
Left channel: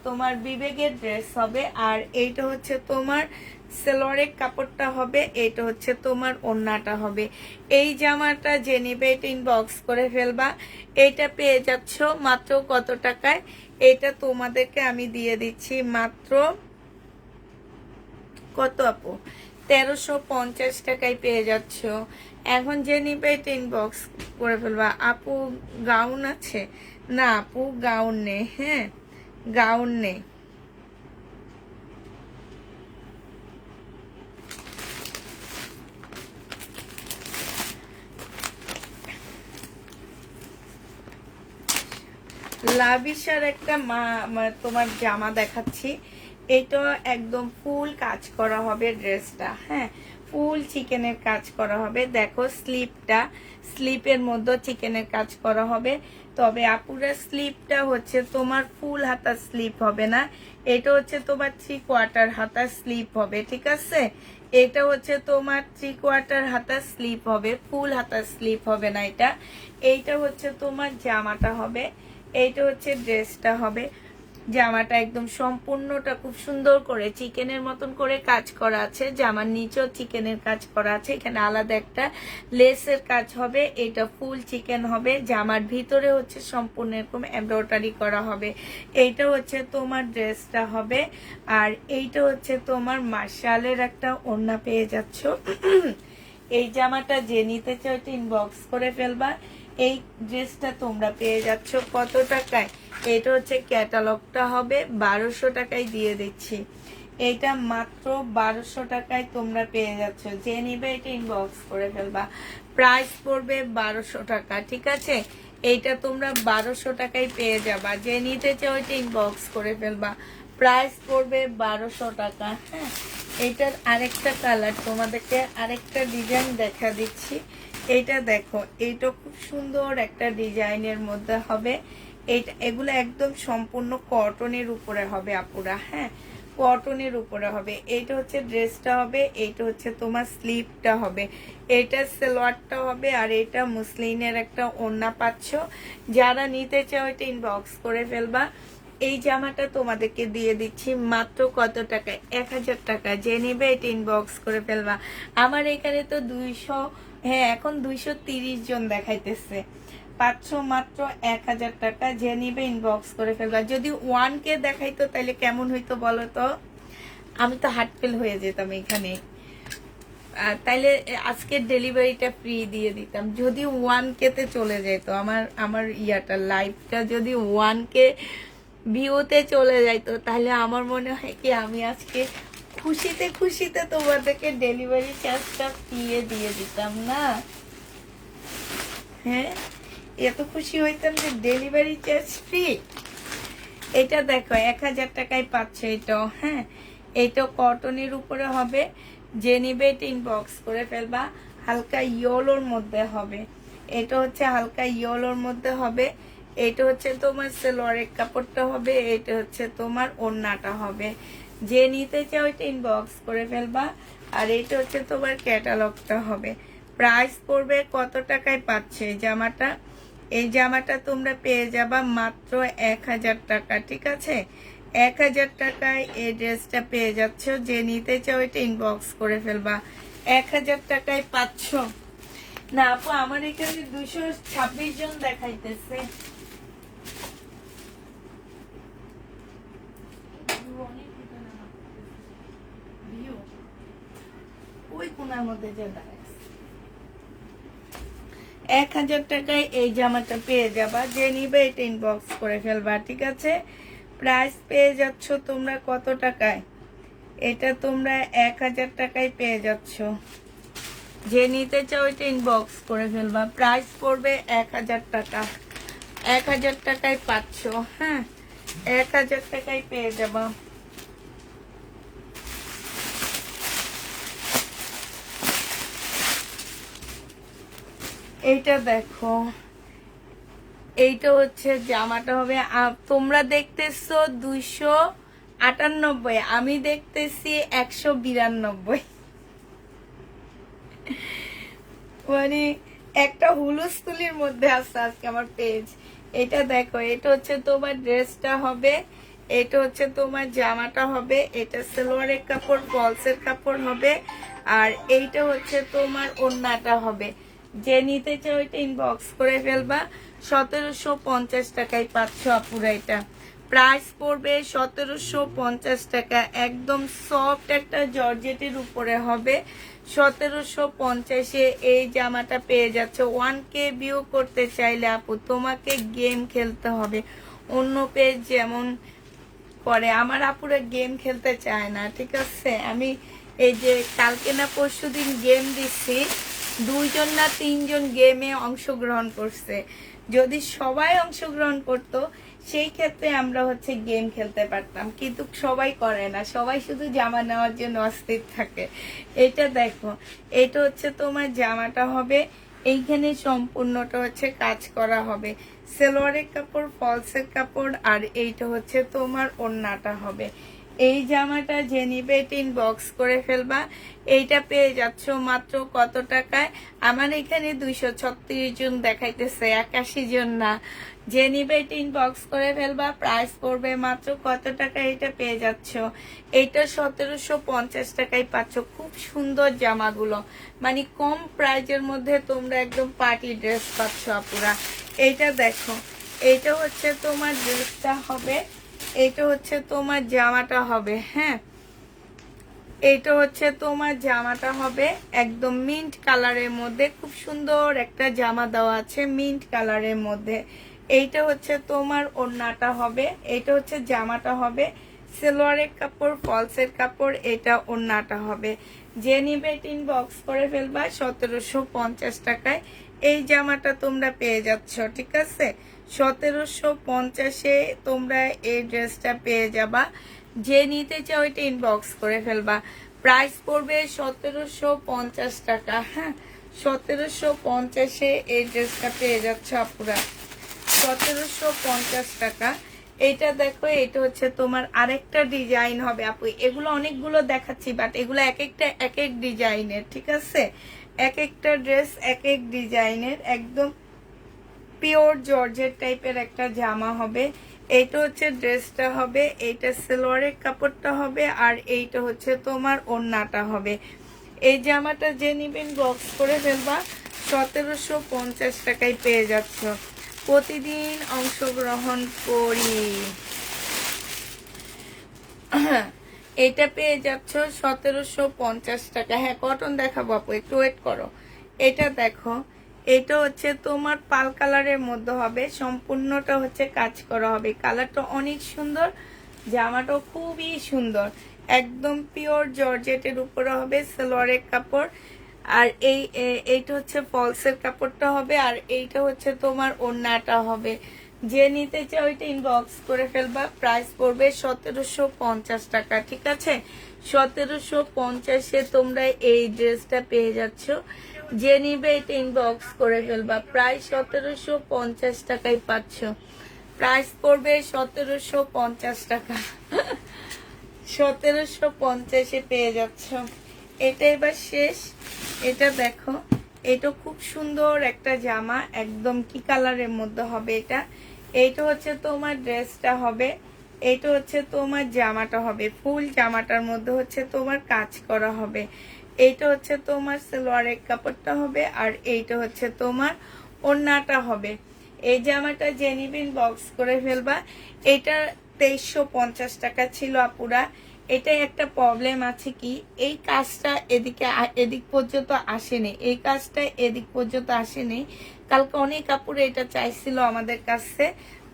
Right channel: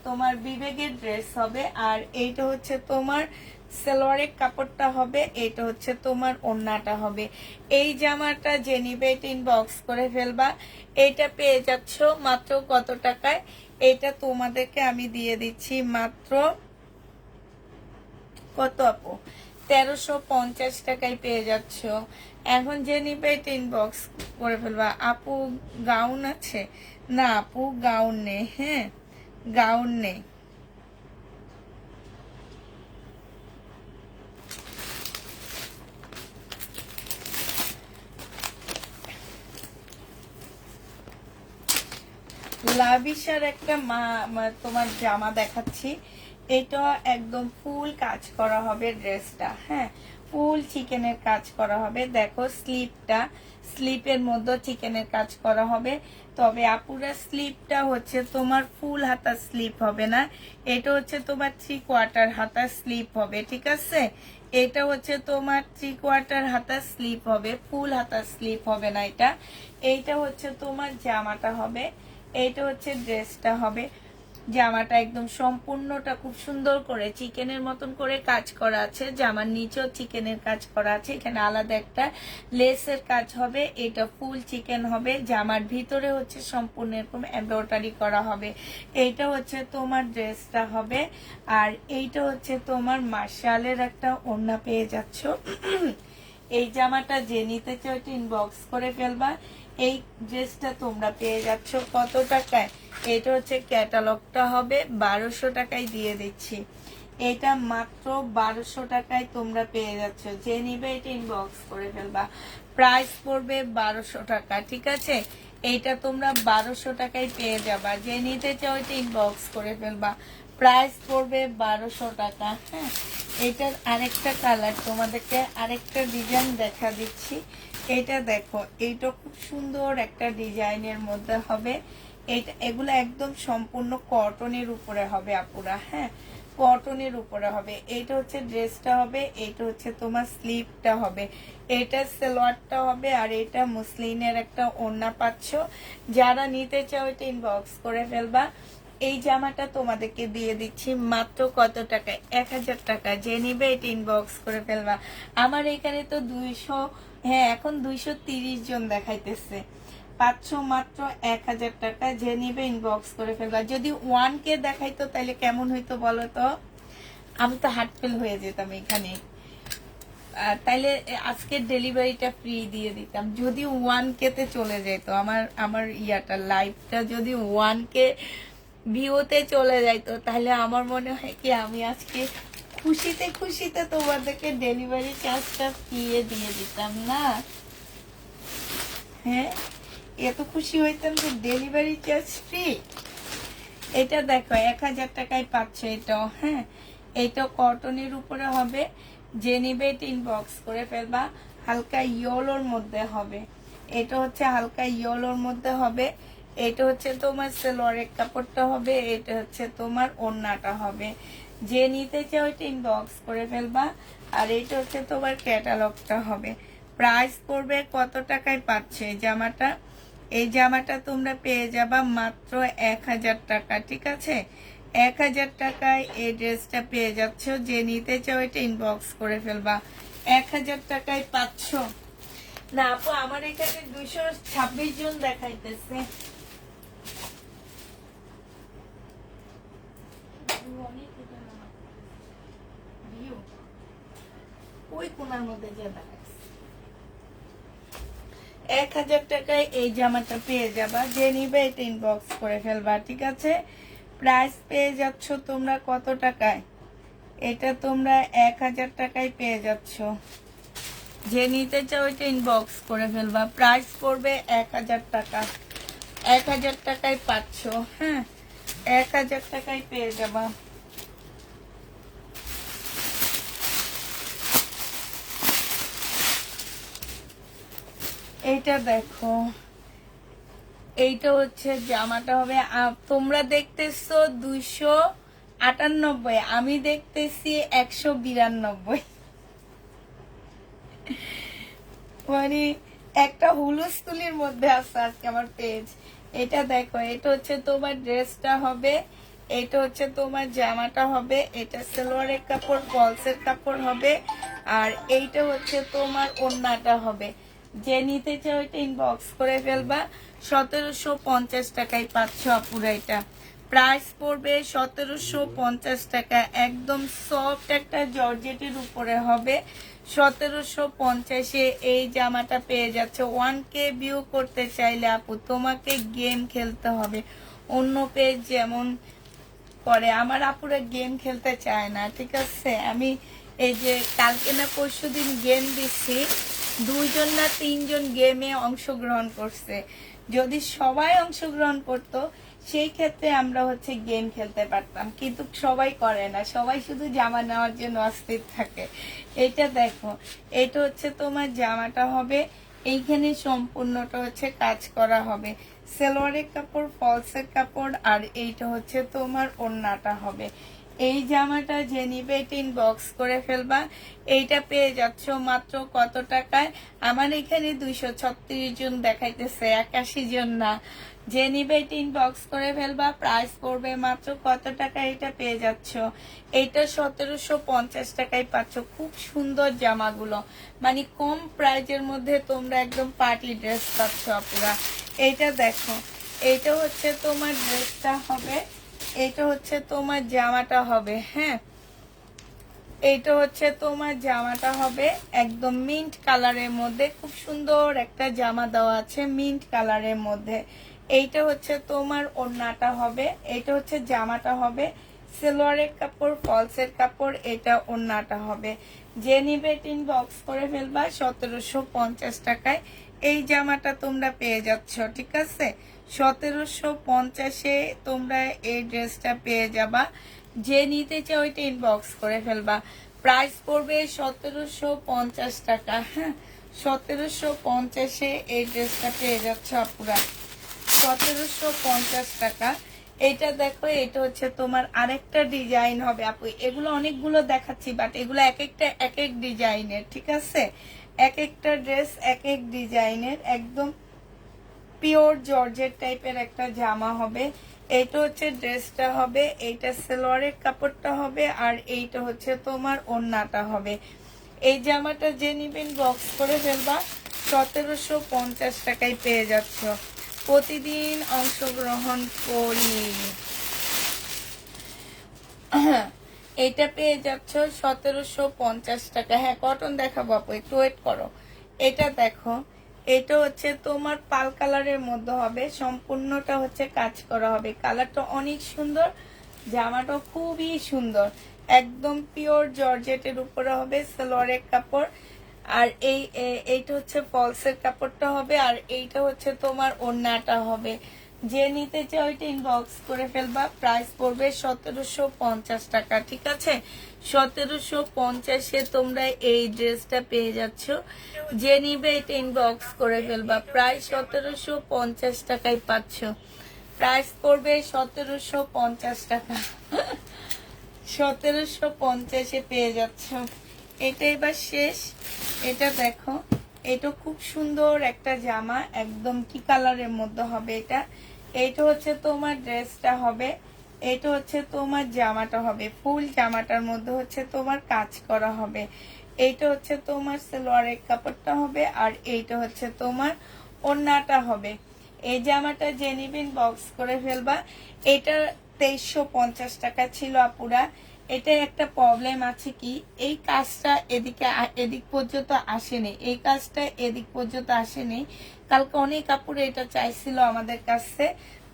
তোমার বিবেকের ড্রেস হবে। আর এইটা হচ্ছে তোমার সালোয়ারের কাপড়টা হবে। এটা হচ্ছে তোমার ওড়নাটা হবে। এই জামাটা যে নিবে এটা ইনবক্স করে ফেলবা। এইটা পেয়ে যাচ্ছ মাত্র কত টাকায়? এটা তোমাদেরকে আমি দিয়ে দিচ্ছি মাত্র কত আপু? 1350 টাকায় পেয়ে যাচ্ছ। এখন যে নিবে এটা ইনবক্স করে ফেলবা। আপু গাউন আছে? না আপু গাউন নেই। হ্যাঁ গাউন নেই। লাভিশার একটা তোমার জামা দেখাচ্ছি। এটা একদম ফুল কাজ করা হবে ড্রেসটা। হ্যাঁ ফুল চিকেনের কাজ করা হবে। দেখো স্লিপটা, স্লিপের মধ্যে চিকেনের কাজ করা হবে। তবে আপুরা স্লিপটা হচ্ছে তোমার ফুল হাতা স্লিপ হবে না। এটা হচ্ছে তোমার 3/4 হাতা স্লিপ হবে, ঠিক আছে। এটা হচ্ছে তোমার 3/4 হাতা স্লিপ হবে, ফুল হাতা স্লিপ হবে না এটা। এইটা হচ্ছে তোমার জামাটা হবে। এইটা হচ্ছে ড্রেসটা হবে। জামাটা একদম সম্পূর্ণটা খুব সুন্দর করে চিকেনের মতন করে কাজ করা আছে। জামার নিচেও চিকেনের কাজ করা আছে। এখানে আলাদা একটা লেসের কাজ হবে। এটা ফুল চিকেন হবে। জামার ভিতরে হচ্ছে সম্পূর্ণ এরকম এমব্রয়ডারি করা হবে। এইটা হচ্ছে তোমার ড্রেসটা হবে। আর এইটা হচ্ছে তোমার মার্শালের একটা ওড়না পেয়ে যাচ্ছ। এই জামাটা যে নিতে চাও ইনবক্স করে ফেলবা। এই ড্রেসটা তোমরা পেয়ে যাচ্ছ কত টাকায়? এটা হচ্ছে ক্যাটালগটা হবে 1200 টাকায় দিয়ে দিচ্ছি। এটা মাত্র 1200 টাকায় তোমরা পেয়ে যাচ্ছ। যে নিবে এটা ইনবক্স করে ফেলবা। প্রাইস পড়বে 1200 টাকা, ঠিক আছে। এইটা তোমরা 1200 টাকায় পেয়ে যাবা। যে নিতে চাও এটা ইনবক্স করে ফেলবা। প্রাইস পড়বে 1200 টাকা। হ্যাঁ এটার আরেকটা কালার তোমাদেরকে আরেকটা ডিজাইন দেখা দিচ্ছি। এটা দেখো, এইটা খুব সুন্দর একটা ডিজাইনের মধ্যে হবে। এগুলো একদম সম্পূর্ণ কটনের উপরে হবে আপুরা। হ্যাঁ কটনের উপরে হবে। এইটা হচ্ছে ড্রেসটা হবে। এইটা হচ্ছে তোমার স্লিপটা হবে। এটা সালোয়ারটা হবে। আর এটা মুসলিনের একটা ওড়না পাচ্ছ। যারা নিতে চাও এটা ইনবক্স করে ফেলবা। এই জামাটা তোমাদেরকে দিয়ে দিচ্ছি মাত্র কত টাকায়? 1000 টাকা। যে নিবে এটা ইনবক্স করে ফেলবা। আমার এখানে তো 200, হ্যাঁ এখন 230 জন দেখাইতেছে। পাচ্ছ মাত্র 1000 টাকা। যে নিবে ইনবক্স করে ফেলবা। যদি 1K দেখাইতো তাহলে কেমন হইতো বলো তো? আমি তো হার্টফেল হয়ে যেতাম এখানে। তাইলে আজকে ডেলিভারিটা ফ্রি দিয়ে দিতাম যদি 1K তে চলে যেত। আমার ইয়াটা লাইভটা যদি 1K ভিউতে চলে যাইতো তাহলে আমার মনে হয় কি আমি আজকে খুশিতে খুশিতে তোমাদেরকে ডেলিভারি চার্জটা ফ্রি দিয়ে দিতাম না। হ্যাঁ এত খুশি হইতাম যে ডেলিভারি চার্জ ফ্রি। এটা দেখো 1000 টাকায় পাচ্ছ এটাও। হ্যাঁ এটা কটনের উপরে হবে। যে নিবে এটা ইনবক্স করে ফেলবা। হালকা ইয়েলোর মধ্যে হবে। এটা হচ্ছে হালকা ইয়েলোর মধ্যে হবে। এটা হচ্ছে তোমার সালোয়ারের কাপড়টা হবে। এটা হচ্ছে তোমার ওড়নাটা হবে। যে নিতে চাও এটা ইনবক্স করে ফেলবা। আর এটা হচ্ছে তোমার ক্যাটালগটা হবে। প্রাইস পড়বে কত টাকায় পাচ্ছ এই জামাটা? এই জামাটা তোমরা পেয়ে যাবা মাত্র 1000 টাকা, ঠিক আছে। 1000 টাকায় এই ড্রেসটা পেয়ে যাচ্ছ। যে নিতে চাও এটা ইনবক্স করে ফেলবা। 1000 টাকায় পাচ্ছ। না আপু আমার এখানে 226 জন দেখাইতেছে। ওই কোনার মধ্যে যে দাঁড়ায় 1000 টাকায় এই জামাটা পেয়ে যাবা। যে নিবে এটা ইনবক্স করে ফেলবা, ঠিক আছে। প্রাইস পেয়ে যাচ্ছ তোমরা কত টাকায়? এটা তোমরা 1000 টাকায় পেয়ে যাচ্ছ। যে নিতে চাও এটা ইনবক্স করে ফেলবা। প্রাইস পড়বে 1000 টাকা। 1000 টাকায় পাচ্ছ। হ্যাঁ, 1000 টাকায় পেয়ে যাবা। এইটা দেখো, এইটা হচ্ছে জামাটা হবে, তোমরা দেখতেছো 298, আমি দেখতেছি 192। মানে একটা হুলুস্থুলির মধ্যে আছে আজকে আমার পেজ। এটা দেখো, এটা হচ্ছে তোমার ড্রেসটা হবে, এটা হচ্ছে তোমার জামাটা হবে, এটা সালোয়ারের কাপড়, ফলসের কাপড় হবে, আর এইটা হচ্ছে তোমার ওড়নাটা হবে। যে নিতে চাও এটা ইনবক্স করে ফেলবা। 1750 টাকায় পাচ্ছ আপুরা। এটা প্রাইস পড়বে 1750 টাকা। একদম সফট একটা জর্জেটের উপরে হবে। 1750-এ এই জামাটা পেয়ে যাচ্ছ। 1K ভিউ করতে চাইলে আপু তোমাকে গেম খেলতে হবে। অন্য পেজ যেমন করে, আমার আপুরা গেম খেলতে চায় না, ঠিক আছে? আমি এই যে কালকে না পরশুদিন গেম দিচ্ছি, 2জন না 3জন গেমে অংশগ্রহণ করছে। যদি সবাই অংশগ্রহণ করতো সেই ক্ষেত্রে আমরা হচ্ছে গেম খেলতে পারতাম, কিন্তু সবাই করে না, সবাই শুধু জামা নেওয়ার জন্য অস্থির থাকে। এটা দেখো, এটা হচ্ছে তোমার জামাটা হবে, এইখানে সম্পূর্ণটা হচ্ছে কাজ করা হবে, সালোয়ারের কাপড়, ফলসের কাপড়, আর এইটা হচ্ছে তোমার ওড়নাটা হবে। এই জামাটা যে নিবে এটা ইনবক্স করে ফেলবা। এইটা পেয়ে যাচ্ছ মাত্র কত টাকায়? আমার এখানে 236 জন দেখাইতেছে, 81 জন না। যে নিবে এটা ইনবক্স করে ফেলবা। প্রাইস পড়বে মাত্র কত টাকা? এটা পেয়ে যাচ্ছ, এইটা 1750 টাকায় পাচ্ছ। খুব সুন্দর জামাগুলো, মানে কম প্রাইজের মধ্যে তোমরা একদম পার্টি ড্রেস পাচ্ছ আপুরা। এইটা দেখো, এইটা হচ্ছে তোমার ড্রেসটা হবে, এটা হচ্ছে তোমার জামাটা হবে। হ্যাঁ, এটা হচ্ছে তোমার জামাটা হবে একদম মিন্ট কালারের মধ্যে। খুব সুন্দর একটা জামা দেওয়া আছে মিন্ট কালারের মধ্যে। এইটা হচ্ছে তোমার ওড়নাটা হবে, এটা হচ্ছে জামাটা হবে, সালোয়ারের কাপড়, ফলসের কাপড়, এটা ওড়নাটা হবে। যে নিবে ইনবক্স করে ফেলবা। 1750 টাকায় এই জামাটা তোমরা পেয়ে যাচ্ছ, ঠিক আছে? 1750-এ তোমরা এই ড্রেসটা পেয়ে যাবা। যে নিতে চাও এটা ইনবক্স করে ফেলবা। প্রাইস পড়বে 1750 টাকা। হ্যাঁ, 1750-এ এই ড্রেসটা পেয়ে যাচ্ছ আপুরা, 1750 টাকা। এটা দেখো, এটা হচ্ছে তোমার আরেকটা ডিজাইন হবে আপু। এগুলো অনেকগুলো দেখাচ্ছি, বাট এগুলো এক একটা এক এক ডিজাইনের, ঠিক আছে? এক একটা ড্রেস এক এক ডিজাইনের। একদম পিওর জর্জেট টাইপের একটা জামা হবে। এইটা হচ্ছে ড্রেসটা হবে, এইটা সালোয়ারের কাপড়টা হবে, আর এইটা হচ্ছে তোমার ওড়নাটা হবে। এই জামাটা যে নিবেন বক্স করে ফেলবা। 1750 টাকায় পেয়ে যাচ্ছ। প্রতিদিন অংশগ্রহণ করি। এটা পেয়ে যাচ্ছ 1750 টাকা। হ্যাঁ, কটন দেখাবো আপু, একটু ওয়েট করো। এটা দেখো, এটা হচ্ছে তোমার পাল কালারের মধ্যে হবে, সম্পূর্ণটা হচ্ছে কাজ করা হবে। কালারটা অনেক সুন্দর, জামাটা খুবই সুন্দর, একদম পিওর জর্জেটের উপরে হবে, সালোয়ারের কাপড়, আর এইটা হচ্ছে ফলসের কাপড়টা হবে, আর এইটা হচ্ছে তোমার ওড়নাটা হবে। যে নিতে চাও ওইটা ইনবক্স করে ফেলবা। প্রাইস পড়বে 1750 টাকা, ঠিক আছে? 1750-এ তোমরা এই ড্রেসটা পেয়ে যাচ্ছ। যে নিবে এটা ইনবক্স করে ফেলবা। প্রাইস 1750 টাকায় পাচ্ছ। প্রাইস পড়বে 1750 টাকা। 1750-এ পেয়ে যাচ্ছ। এটা এবার শেষ। এটা দেখো, এটা খুব সুন্দর একটা জামা, একদম কি কালারের মধ্যে হবে এটা। এইটা হচ্ছে তোমার ড্রেসটা হবে, এইটা হচ্ছে তোমার জামাটা হবে। ফুল জামাটার মধ্যে হচ্ছে তোমার কাজ করা হবে। এইটা হচ্ছে তোমার সালোয়ারের কাপড়টা হবে, আর এইটা হচ্ছে তোমার ওড়নাটা হবে। এই জামাটা যে নিবেন বক্স করে ফেলবা। এটা 2350 টাকা ছিল আপুরা। এটা একটা প্রবলেম আছে কি, এই কাজটা এদিক পর্যন্ত আসেনি, এই কাজটা এদিক পর্যন্ত আসেনি, কালকে অনেক কাপড় এটা চাইছিল আমাদের কাছে,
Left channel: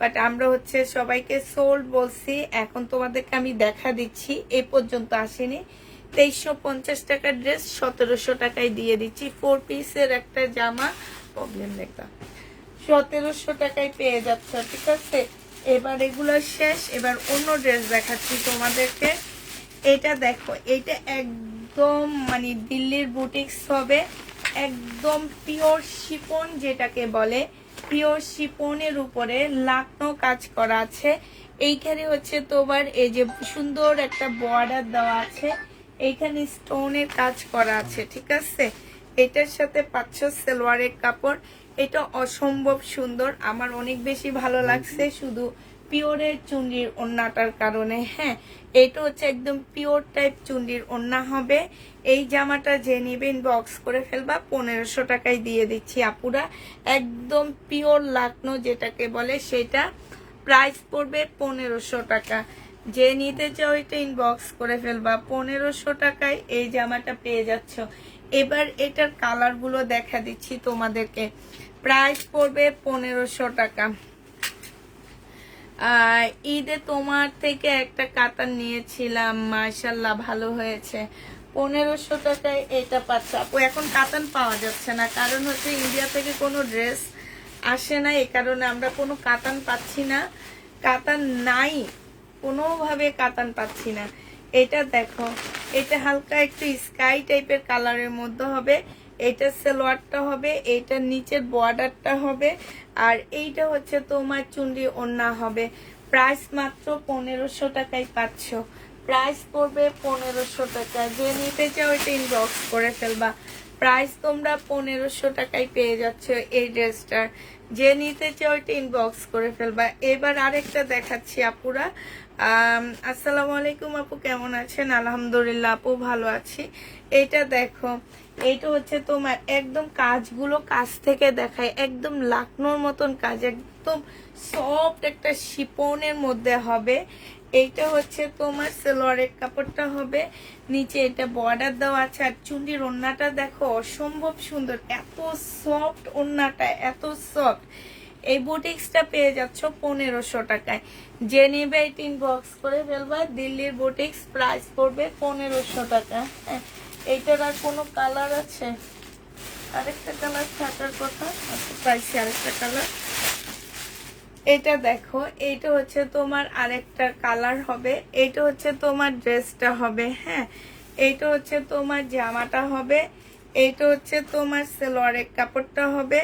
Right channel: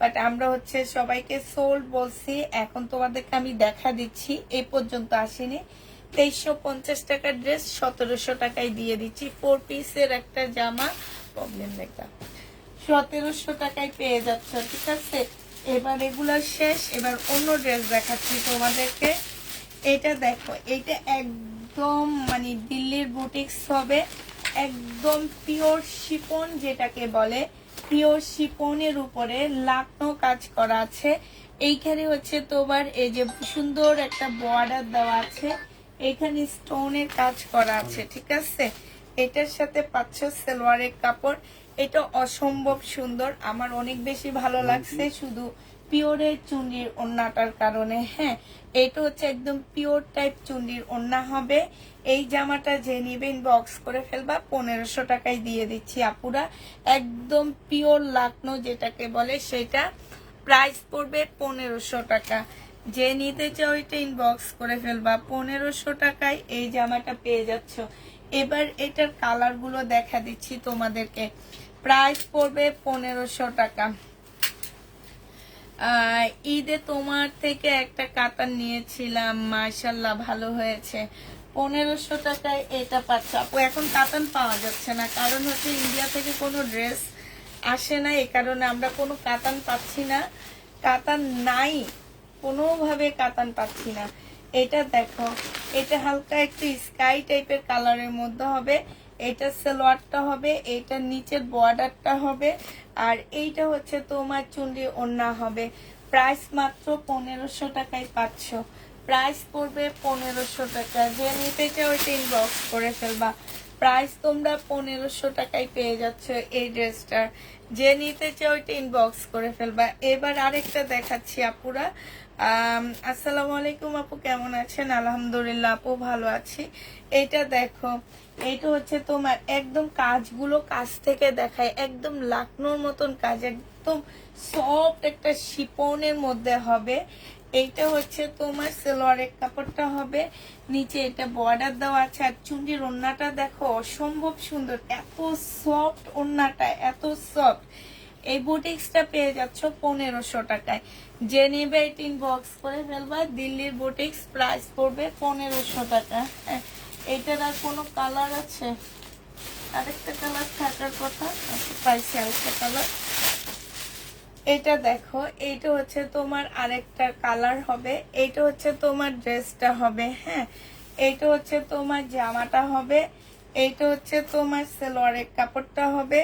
বাট আমরা হচ্ছে সবাইকে সোল্ড বলছি। এখন তোমাদেরকে আমি দেখা দিচ্ছি, এই পর্যন্ত আসেনি। 2350 টাকার ড্রেস 1700 টাকায় দিয়ে দিচ্ছি। 4 পিসের একটা জামা, প্রবলেম নেই, 1700 টাকায় পেয়ে যাচ্ছ, ঠিক আছে। এবার এগুলো শেষ, এবার অন্য ড্রেস দেখাচ্ছি তোমাদেরকে। এটা দেখো, এটা একদম মানে দিল্লির বুটিক্স হবে, একদম পিওর শিপন যেটাকে বলে, পিওর শিপনের উপরে লাকনো কাজ করা আছে। এইখানে হচ্ছে তোমার এই যে সুন্দর একটা বর্ডার দেওয়া আছে, এইখানে স্টোনের কাজ করা আছে, ঠিক আছে। এটার সাথে পাচ্ছ সালোয়ারের কাপড়। এটা অসম্ভব সুন্দর, আমার অনেক বেশি ভালো লাগছে শুধু পিওরের চুন্ডির ওড়নাটার কারণে। হ্যাঁ, এটা হচ্ছে একদম পিওর টাইপ চুন্ডির ওড়না হবে। এই জামাটা যে নিবে ইনবক্স করে ফেলবা, 1500 টাকায় দিয়ে দিচ্ছি আপুরা। একদম পিওর লাকনো যেটাকে বলে সেটা, প্রাইস পড়বে 1500 টাকা। যে নিতে চাও এটা ইনবক্স করে ফেলবা, 1500 টাকায় এই জামাটা পেয়ে যাচ্ছ। এবার এটার কালার গুলো দেখা দিচ্ছি তোমাদেরকে। প্রাইস পড়বে 1500 টাকা। ঈদে তোমার থেকে একটা কাতান নিয়েছিলাম, মাশাল্লাহ ভালো হয়েছে। 1500 টাকায় এটা পাচ্ছ আপু। এখন কাতান পাওয়া যাচ্ছে না, কারণ হচ্ছে ইন্ডিয়া থেকে কোনো ড্রেস আসে না, এই কারণে আমরা কোনো কাতান পাচ্ছি না। কাতান নাই, কোনোভাবে কাতান পাচ্ছি না। এটা দেখো, এটা হালকা একটু স্কাই টাইপের কালারের মধ্যে হবে। এটা সালোয়ারটা হবে, এটা নিচের বর্ডারটা হবে, আর এইটা হচ্ছে তোমার চুন্ডি ওড়না হবে। প্রাইস মাত্র 1500 টাকায় পাচ্ছ। প্রাইস পড়বে 1500 টাকা। যে নিতে চাও এটা ইনবক্স করে ফেলবা। প্রাইস তোমরা 1500 টাকায় পেয়ে যাচ্ছ এই ড্রেসটা। যে নিতে চাও এটা ইনবক্স করে ফেলবা। এবার আরেকটা দেখাচ্ছি আপুরা। আসসালামু আলাইকুম আপু, কেমন আছেন? আলহামদুলিল্লাহ আপু, ভালো আছি। এটা দেখো, এইটা হচ্ছে তোমার একদম কাজগুলো কাছ থেকে দেখায়, একদম লাকনোর মতন কাজ, একদম সফট একটা শিপনের মধ্যে হবে। এইটা হচ্ছে তোমার সালোয়ারের কাপড়টা হবে, নিচে এটা বর্ডার দেওয়া আছে। আর চুন্ডির ওড়নাটা দেখো, অসম্ভব সুন্দর, এত সফট ওড়নাটা, এত সফট। এই বুটিক্সটা পেয়ে যাচ্ছ 1500 টাকায়। যে নিবে এটা ইনবক্স করে ফেলবা। দিল্লির বুটিক্স, প্রাইস পড়বে 1500 টাকা। হ্যাঁ, এইটার আর কোনো কালার আছে? আরেকটা কালার থাকার কথা, আচ্ছা পাইছি আরেকটা কালার। এটা দেখো, এইটা হচ্ছে তোমার আরেকটা কালার হবে। এইটা হচ্ছে তোমার ড্রেসটা হবে। হ্যাঁ, এইটা হচ্ছে তোমার জামাটা হবে। এইটা হচ্ছে তোমার সালোয়ারের কাপড়টা হবে।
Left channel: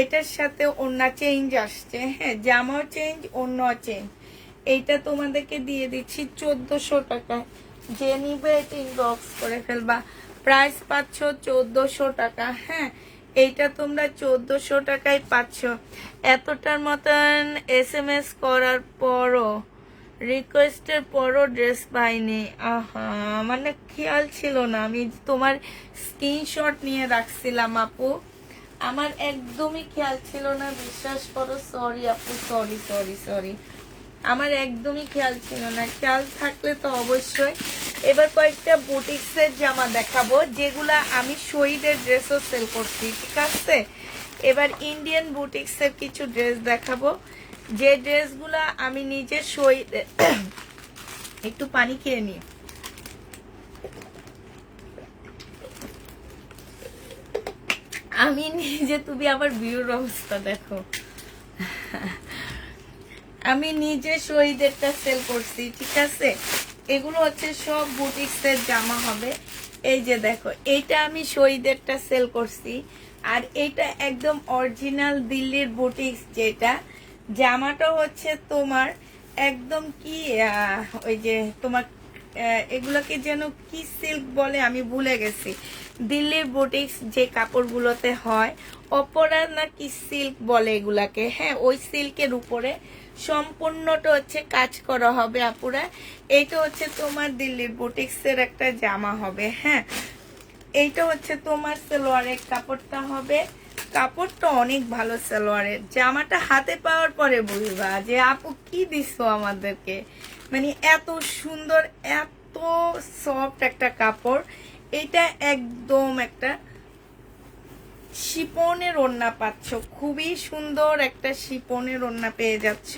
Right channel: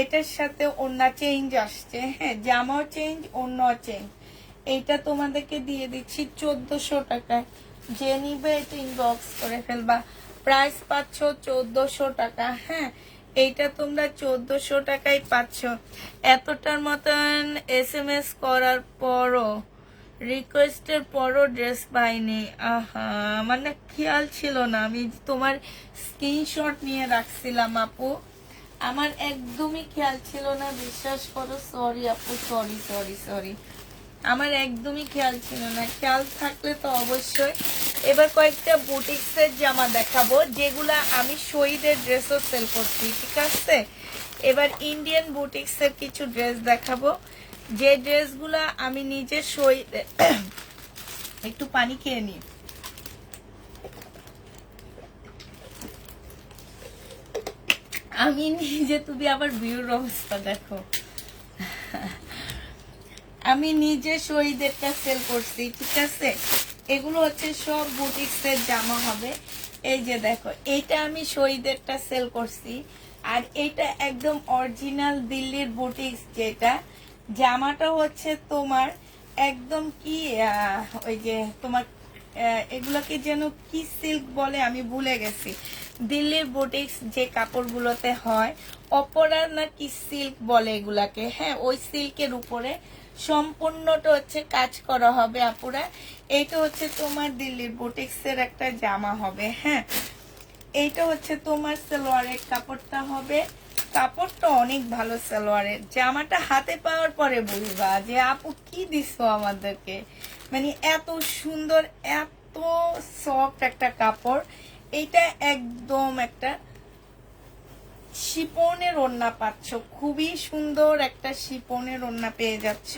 এটার সাথে ওড়না চেঞ্জ আসছে। হ্যাঁ, জামাও চেঞ্জ, ওড়নাও চেঞ্জ। এইটা তোমাদেরকে দিয়ে দিচ্ছি 1400 টাকা। যে নিবে এটা ইনবক্স করে ফেলবা। প্রাইস পাচ্ছ 1400 টাকা। হ্যাঁ, এইটা তোমরা 1400 টাকায় পাচ্ছ। এতটার মতন SMS করার পরও, রিকোয়েস্টের পরও ড্রেস পাইনি। আহা, মানে খেয়াল ছিল না, আমি তোমার স্ক্রিনশট নিয়ে রাখছিলাম আপু, আমার একদমই খেয়াল ছিল না, বিশ্বাস করো। সরি আপু, সরি সরি সরি, আমার একদমই খেয়াল ছিল না। খেয়াল থাকলে তো অবশ্যই। এবার কয়েকটা বুটিক্সের জামা দেখাবো, যেগুলা আমি শহীদের ড্রেসও সেল করছি, ঠিক আছে। এবার ইন্ডিয়ান বুটিক্সের কিছু ড্রেস দেখাবো, যে ড্রেসগুলা আমি নিজে শহীদ একটু পানি খেয়ে নিই। আমি নিজে, তুমি আবার ভিউর অবস্থা দেখো, আমি নিজে শহীদেরটা সেল করছি, ঠিক আছে। এগুলো হচ্ছে সব বুটিক্সের জামা হবে। এই যে দেখো, এইটা আমি শহীদেরটা সেল করছি, আর এইটা একদম অরিজিনাল দিল্লির বুটিক্স যেটা। জামাটা হচ্ছে তোমার একদম কি ওই যে তোমার এগুলোকে যেন কি সিল্ক বলে, আমি ভুলে গেছি। দিল্লির বুটিক্স যে কাপড়গুলোতে হয়, অপরা না কি সিল্ক বলে এগুলাকে। হ্যাঁ, ওই সিল্কের উপরে সম্পূর্ণটা হচ্ছে কাজ করা হবে আপুরা। এইটা হচ্ছে তোমার দিল্লির বুটিক্সের একটা জামা হবে। হ্যাঁ, এইটা হচ্ছে তোমার সালোয়ারের কাপড়টা হবে। কাপড়টা অনেক ভালো সালোয়ারের। জামাটা হাতে পাওয়ার পরে বলবা যে আপু কি দিছো আমাদেরকে, মানে এত সুন্দর, এত সফট একটা কাপড়। এটা একদম একটা শিপনের ওড়না পাচ্ছ, খুবই সুন্দর একটা শিপনের ওড়না পেয়ে যাচ্ছ।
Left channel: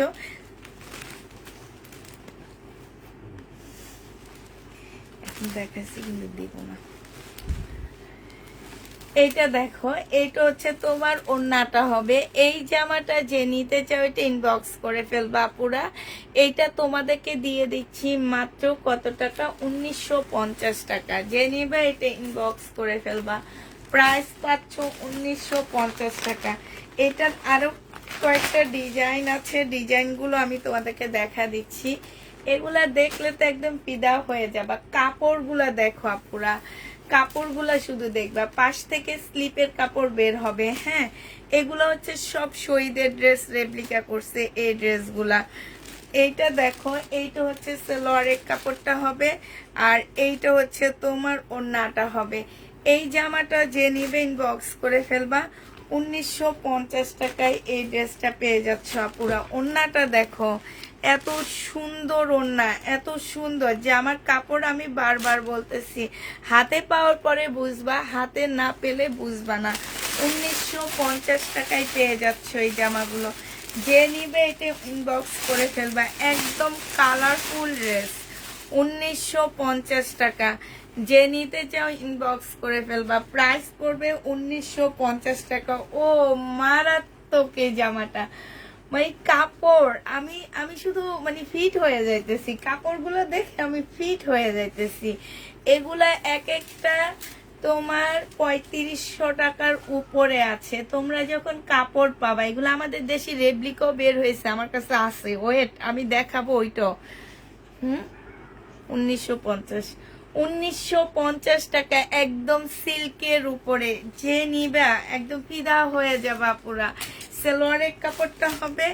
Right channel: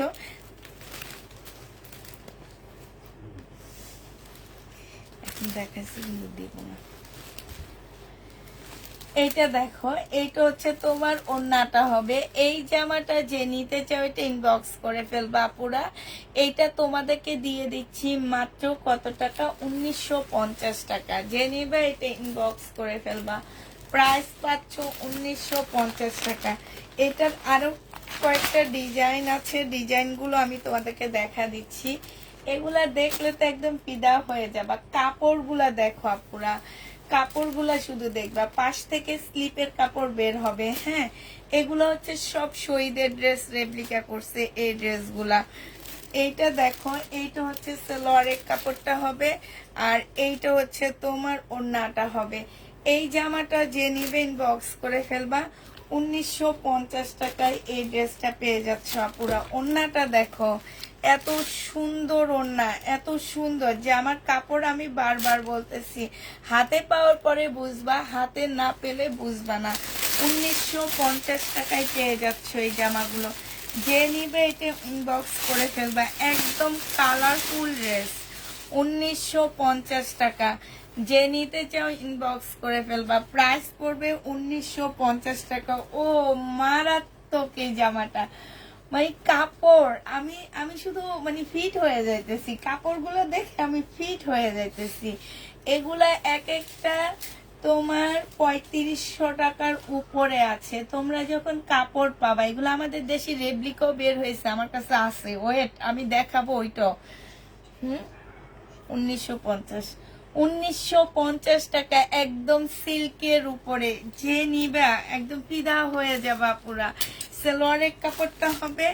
এখন দেখাচ্ছি কিন্তু দিব না। এইটা দেখো, এইটা হচ্ছে তোমার ওড়নাটা হবে। এই জামাটা যে নিতে চাও এটা ইনবক্স করে ফেলবা আপুরা। এইটা তোমাদেরকে দিয়ে দিচ্ছি মাত্র কত টাকা, 1950 টাকা। যে নিবে এটা ইনবক্স করে ফেলবা, প্রাইস পাচ্ছ 1950 টাকা। এটার আরো কয়েকটা ডিজাইন আছে, ডিজাইনগুলো আমি তোমাদেরকে দেখা দিচ্ছি। এগুলা দেখলে তো একদম ফিদা হয়ে যাবা। কাপড়গুলা দেখো আপুরা, কাপড়গুলা শুধু দেখবা, পাশ থেকে স্লিপের কাপড় বের হবে। হ্যাঁ, এগুলো হচ্ছে সব শহীদের ড্রেস রেপ্লিকা করছে এই ড্রেসগুলা। এইটা দেখো, এইটা হচ্ছে সালোয়ারের কাপড়টা হবে, আর এইটা হচ্ছে তোমার ওড়নাটা হবে। এই জামাটা যে নিবে ইনবক্স করে ফেলবা, 1950 টাকায় এই ড্রেসটা পেয়ে যাচ্ছ আপুরা। ওড়নাটা দেখো, এত সুন্দর ওড়না, এত সুন্দর। জামার কাপড় আমি বারবার বলতেছি, হাতে পাওয়ার পরে বুঝবা, হাতে না পেলে বুঝবা না। 1950 টাকায় পেয়ে যাচ্ছ এই জামাগুলো। যে নিবে এটা ইনবক্স করে ফেলবা, একদম কালারফুল ড্রেস, 1950 টাকা। যে নিতে চাও ইনবক্স করে ফেলবা, প্রাইস পড়বে 1950 টাকা। ও মারাত্মক এই জামাটা, মানে কাপড় আমি আমি শুধু মানে ফিট হয়ে যাইতেছি, কাপড়গুলো দেখে আমি ফিট হয়ে যাইতেছি। এগুলা এক একটা তোমার 3500 টাকার উপরে আছে। তোমরা যখন কাপড় পাবা, এগুলো আমাদের দেশে রেপ্লিকাও বের হয়েছে, আমার কাছে আছে, ওয়েট আমি দেখাবো ওইটা। 1950 টাকা, একদম সিল্কের উপরে। যে নিবা একদম ফিদা হয়ে যাবা পুরা। সালোয়ারের কাপড়টা হবে,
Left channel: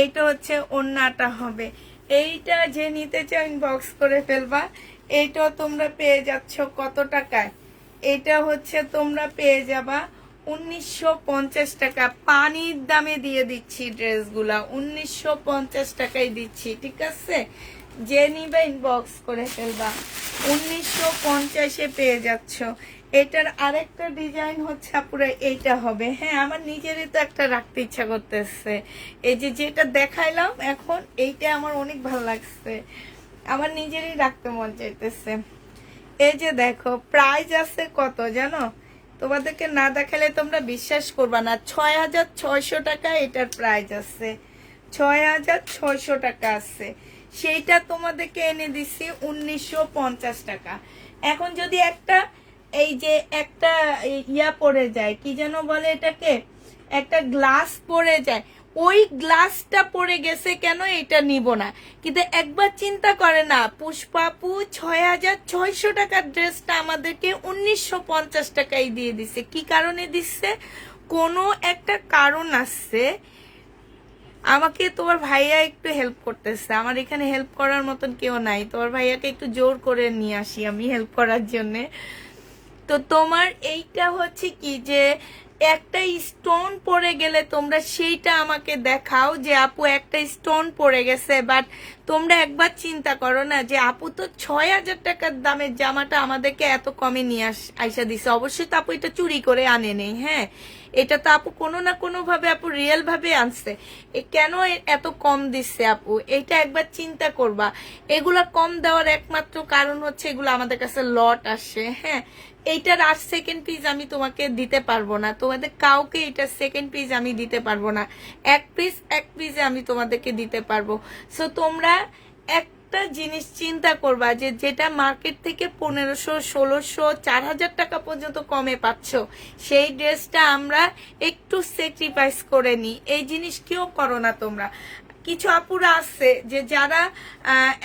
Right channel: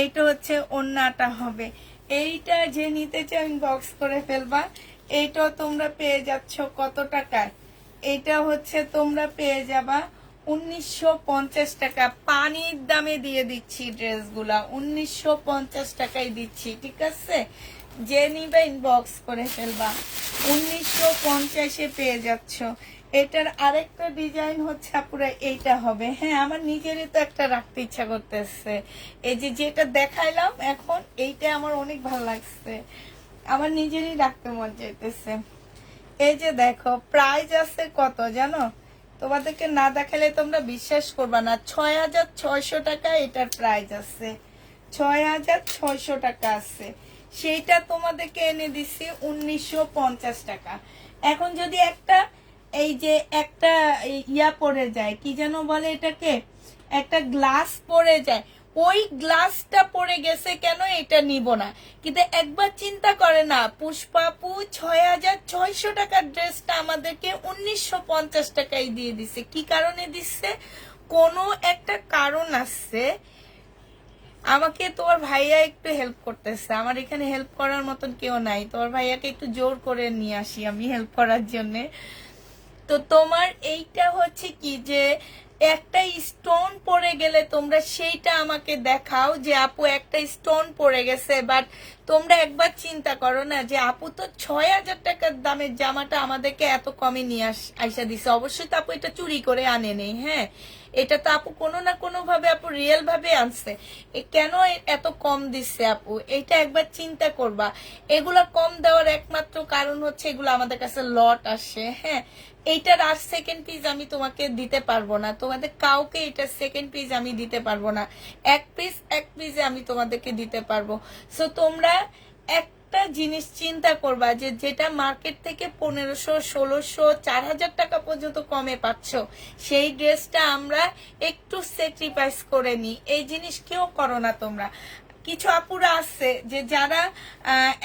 এইটা হচ্ছে ওড়নাটা হবে। এইটা যে নিতে চাও ইনবক্স করে ফেলবা। এইটাও তোমরা পেয়ে যাচ্ছ কত টাকায়, এটা হচ্ছে তোমরা পেয়ে যাবা 1950 টাকা। পানির দামে দিয়ে দিচ্ছি ড্রেসগুলা, 1950 টাকায় দিচ্ছি, ঠিক আছে। যে নিবে ইনবক্স করে ফেলবা, 1950-এ পেয়ে যাচ্ছ। এটার আরেকটা ডিজাইন হচ্ছে পুরো এইটা হবে। হ্যাঁ, আমার নিজেরই তো একটা রাখতে ইচ্ছা করতেছে। এই যে যেটা দেখাইলাম এখন, এইটা আমার অনেক ভালো লাগছে, আমার নিজেরই রাখতে মন চাইতেছে। এই যে দেখো, প্রাইস আছে কত জানো, তোমাদেরকে না দেখালে তোমরা বিশ্বাস করবা না। 6600 টাকা এটার প্রাইস আছে, 6600 টাকা আছে। সেইটা তোমাদেরকে এনে দিচ্ছি 1950 টাকা। এখন যদি একটা এই যে একটা ইয়া পড়ে যায়, কি যেন বলে এটাকে, একটা গ্লাস পড়ে যায়, ওই গ্লাসটা পড়ে গেছে কেন, এটা নিব না। কিন্তু একবার চিন্তা করে না, পুষ্পাপু 6600 টাকার ড্রেসটা আমাদেরকে 1950 টাকায় দিয়ে দিছে। কি কারণে দিচ্ছে, কোনো একটা কারণ আছে। আমাকে তোমার ভাইয়া একটু হেল্প করতেছে, আমার এখানে হেল্প করার মতন কেউ নাই। তোমার ভাইয়াকে একটু জোর করে নিয়ে আসি আমি হেল্প করার জন্যে। তো তোমার এইটা হচ্ছে কি, যে একটা স্টোন পড়ে গেলে তোমরা সেইটা আমাকে দেখাও যে আপু একটা স্টোন পড়ে গেছে। বাট তোমরা একবার চিন্তা করো না যে আপু তো 6000 টাকার দামের জামাটা আমাদেরকে এত কমে নিয়ে আইসা দিছে। অবশ্যই তো আপু এটা চুরি করে আনে নেই, হ্যাঁ, এটা তো আপু কোনো না কোনো ভাবে আপু রিয়েল ভাবে আনছে। কেন এত কম দিচ্ছে আপু, এটা একবার চিন্তা করবা। এগুলা কম দেওয়ার একমাত্র কারণ হচ্ছে এগুলো আমাদের কাছে লট আসে। হ্যাঁ, এইটার আর সেকেন্ড পিস আমি তোমাকে দিতে পারবো না, তোমাদের কাউকে এটার সেকেন্ড পিস আমি দিতে পারবো না। এক পিসে আমি তোমাদেরকে দিতে পারবো। সো তোমরা একটা জিনিস চিন্তা করবা, যে যেটা মার্কেট থেকে 1500, 1600, 4000 টাকা পর্যন্ত কমে পাচ্ছ, সেই ড্রেসটা আমরা একটু স্যাক্রিফাইস করে নিই। এই জিনিস কেউ করো না তোমরা। কিছু আপুরা আছে যে যারা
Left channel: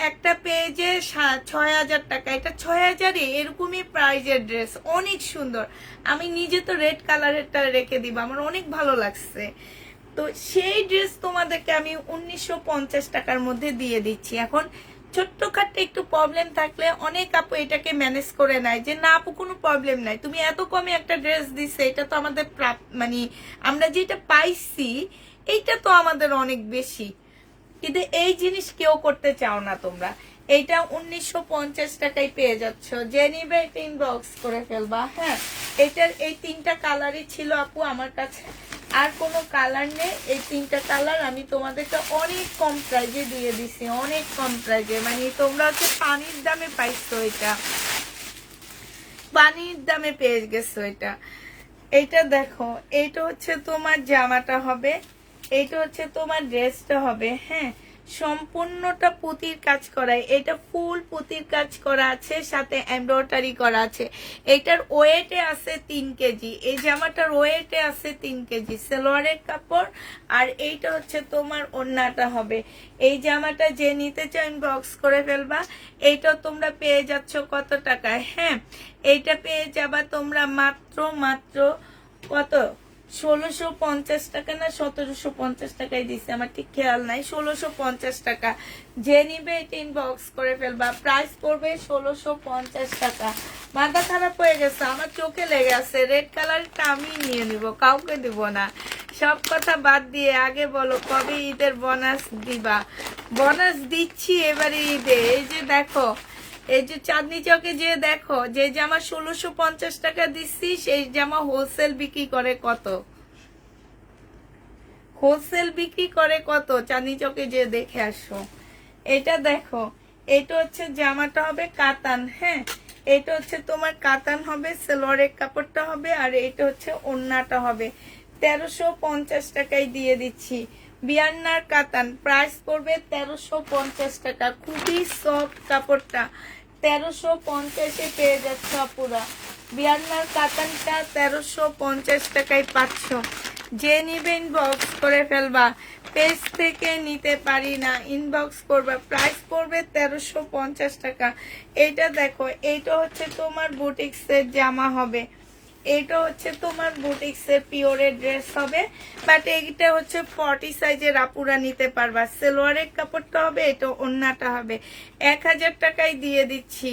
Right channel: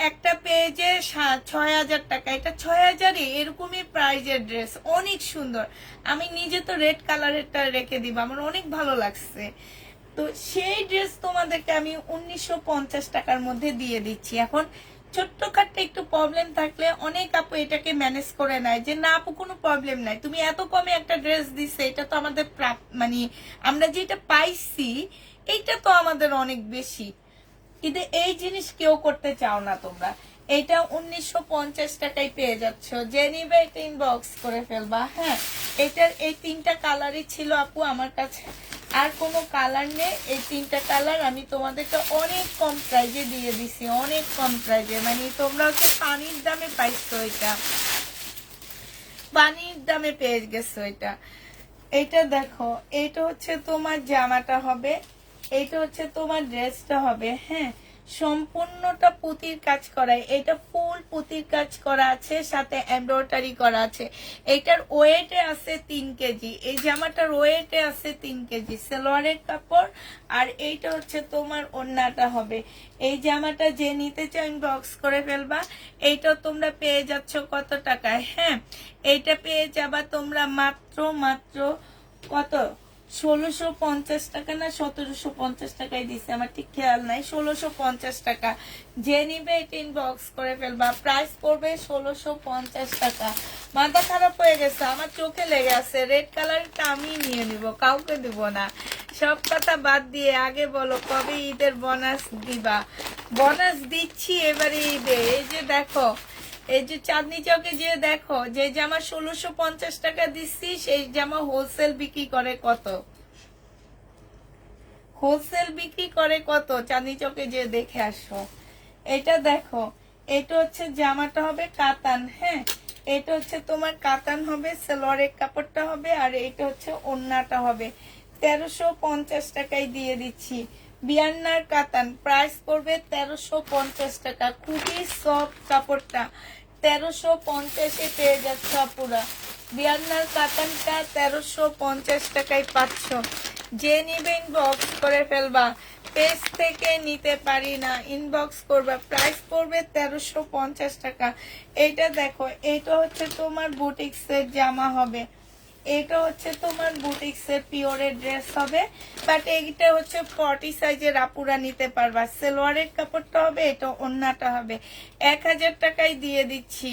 একটা পেজে 6000 টাকা, এটা 6000-ই এরকমই প্রাইজের ড্রেস, অনেক সুন্দর। আমি নিজে তো রেড কালারেরটা রেখে দিব, আমার অনেক ভালো লাগছে। তো সেই ড্রেস তোমাদেরকে আমি 1950 টাকার মধ্যে দিয়ে দিচ্ছি। এখন ছোট্টখাট্ট একটু প্রবলেম থাকলে অনেক আপু এটাকে ম্যানেজ করে নেয়, যে না আপু কোনো প্রবলেম নাই, তুমি এত কমে একটা ড্রেস দিচ্ছে, এটা তো আমাদের মানে আমরা যেটা পাইছি এইটা তো আমাদের অনেক বেশি। কিন্তু এই জিনিস কেউ করতে চাও না তোমরা। এটা 1950 টাকায় পেয়ে যাচ্ছ, যে নিবে এটা ইনবক্স করে ফেলবা। হ্যাঁ, এটার এই 3টা কালারই ছিল আপু আমার কাছে, আর কোনো কালার নেই। এই 3টা কালার আমি তোমাদেরকে অনেক কম প্রাইজে দিয়ে দিছি, অনেক কম প্রাইজে, মানে তোমরা হচ্ছে পানির দামে পাইছো, এটা পানির দামে পেয়ে গেছো। এটা দেখো, এটা হচ্ছে তোমার জামাটা হবে, এটা হচ্ছে তোমার ড্রেসটা হবে। হ্যাঁ, সম্পূর্ণটা পুঁতির কাজ করা, এটা ফুল পুঁতির কাজ করা আছে, সাথে এমব্রয়ডারি করা আছে। এটার ওয়েটে আছে 3 কেজি, এই জামাটার ওয়েটে আছে 3 কেজি সালোয়ারের কাপড়। আর এইটা হচ্ছে তোমার ওড়নাটা হবে। এই জামাটা যে নিতে চাও ইনবক্স করে ফেলবা। এইটা তোমরা পেয়ে যাচ্ছ কত টাকায়? হ্যাঁ, এইটা পেয়ে যাবা তোমরা মাত্র কত, 1650 টাকা না 1750 টাকায় দিচ্ছে, আমার ঠিক খেয়াল নাই, 1650 টাকা। যে নিবে এটা ইনবক্স করে ফেলবা। প্রাইস পড়বে 1650 টাকা। মাথা খারাপ হয়ে গেছে, আমার চোখে লেগে আছে, রেড কালারটা আমি নিয়ে নিব, কাউকে দিব না। সব কথা বাদ দিয়ে আগে বলো কবে ঈদের বোনাস দিবা? বোনাস দিচ্ছি এবারে ঈদে। এই যে দেখো, এই যে চাঁদনি চকে যে দেখো, যে জামা 1650 টাকা দিচ্ছি, সেই জামা হোলসেল বিক্রি করে কত? হোলসেল বিক্রি করে কত? চাঁদনি চকে যে দেখে আসো। এটা দেখো, এটা হচ্ছে জামাটা হবে কাতান। হ্যাঁ, এটা হচ্ছে তোমার কাতান হবে, সালোয়ারের কাপড়টা হবে, আর এটা হচ্ছে ওড়নাটা হবে। 1350 টাকায় দিয়ে দিচ্ছি। বিয়ান্নার কাতান, প্রাইস পড়বে 1350 টাকা। খুবই সফট কাপড়টা, 1350-এ পেয়ে যাচ্ছ আপুরা। বিয়ান্নার কাতানটা 1350 টাকায় পাচ্ছ। যে নিবে ইনবক্স করে ফেলবা। পেজ থেকে নিতে পারি না, ইনবক্স করবা। প্রাইস পড়বে 1350 টাকা। এইটা দেখো, এইটা হচ্ছে তোমার বুটিক্সের জামা হবে, এইটা হচ্ছে তোমার বুটিক্সের পিওরের ড্রেস হবে। বাট এইটা হচ্ছে 40 সাইজের আপুরা নিতে পারবা। সালোয়ারের কাপড়টা হবে, এটা ওড়নাটা হবে। 1000 টাকায় দিয়ে দিচ্ছি।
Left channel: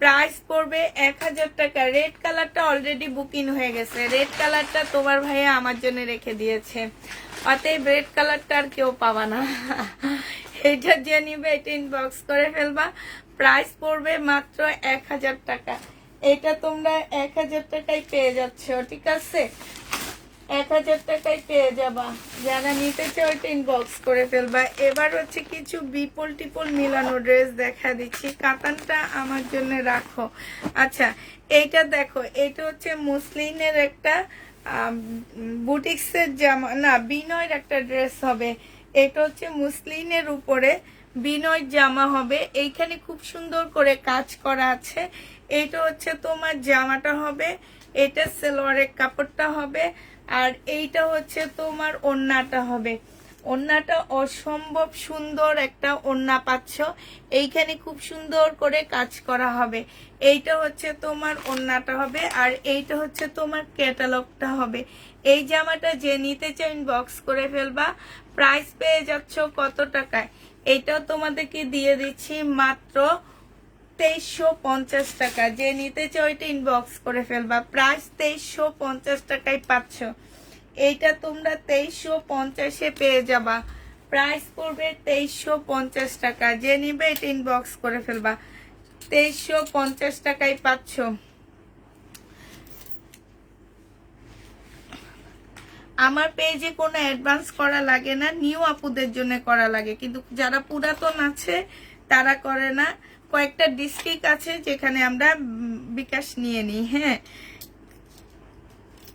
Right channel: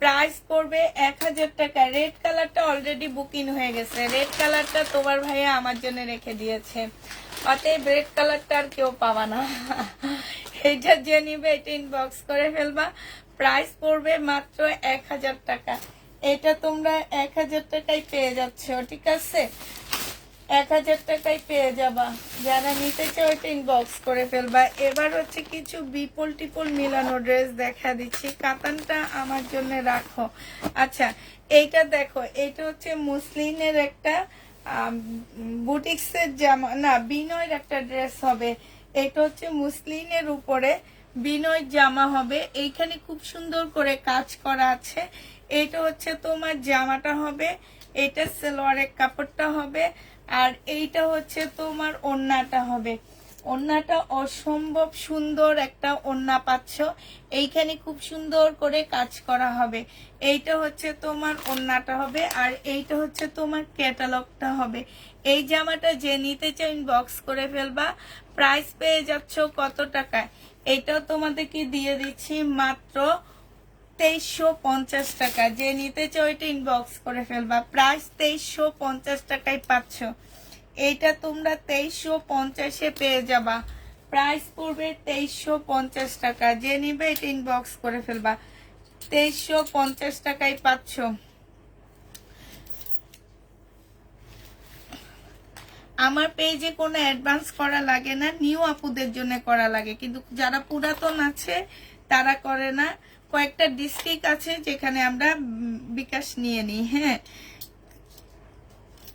প্রাইস পড়বে 1000 টাকা। রেড কালারটা অলরেডি বুকিং হয়ে গেছে, রেড কালারটা তোমার ভাইয়া আমার জন্য রেখে দিয়েছে, অতএব রেড কালারটা আর কেউ পাবা না। এটা যে নিবে এটা ইনবক্স করে ফেলবা। প্রাইস পড়বে মাত্র 1000 টাকা। এটা তোমরা 1000 টাকায় পেয়ে যাচ্ছ, ঠিক আছে? 1000 টাকায় পেয়ে যাবা। যারা নিতে চাও এটা ইনবক্স করে ফেলবা। এবার হচ্ছে কিছু বিপল টিপল মিলানো ড্রেস দেখা দিচ্ছি, কাতানটা আমার জন্য রাখো। আচ্ছা, এইটা দেখো, এটা হচ্ছে মুসলিনের একটা বুটিক্সের জামা, না বিনয়ের একটা ড্রেস হবে। এটা হচ্ছে মুসলিনের উপরে বিনয় জামা হবে, এইখানে খুব সুন্দর করে কাজ করা আছে। এইটা হচ্ছে তোমার জামাটা হবে, এটা সালোয়ারের কাপড়টা হবে, আর এইটা হচ্ছে তোমার ওড়নাটা হবে। ওড়নাটা অসম্ভব সুন্দর একটা ওড়না পাচ্ছ, এইখানে খুব সুন্দর করে কাজ করা হবে। এইটা হচ্ছে তোমার ওড়নাটা হবে, আর এইটা হচ্ছে তোমার ক্যাটালগটা হবে। এই জামাটা যে নিতে চাও ইনবক্স করে ফেলবা। প্রাইস পেয়ে যাচ্ছ কত টাকায়? এটা তোমাদেরকে দিয়ে দিচ্ছি মাত্র 2350 টাকা। যে নিতে চাও এটা ইনবক্স করে ফেলবা। প্রাইস 2350 টাকায় পাচ্ছ। এইটা তোমরা 2350-এ পেয়ে যাবা। প্রাইস পড়বে 2350 টাকা। যে নিবে এটা ইনবক্স করে ফেলবা। 2350 টাকায় পাচ্ছ। আমার পেজে কোনো অ্যাডভান্স করা লাগে না, নিউ আপুদের জন্য করা লাগে, কিন্তু যারা পুরাতন আছে তারা করে না। কয়েকটা ডিস্ট্রিক্ট আছে যেখানে আমরা বিকাশ নিয়ে নিই। হ্যাঁ,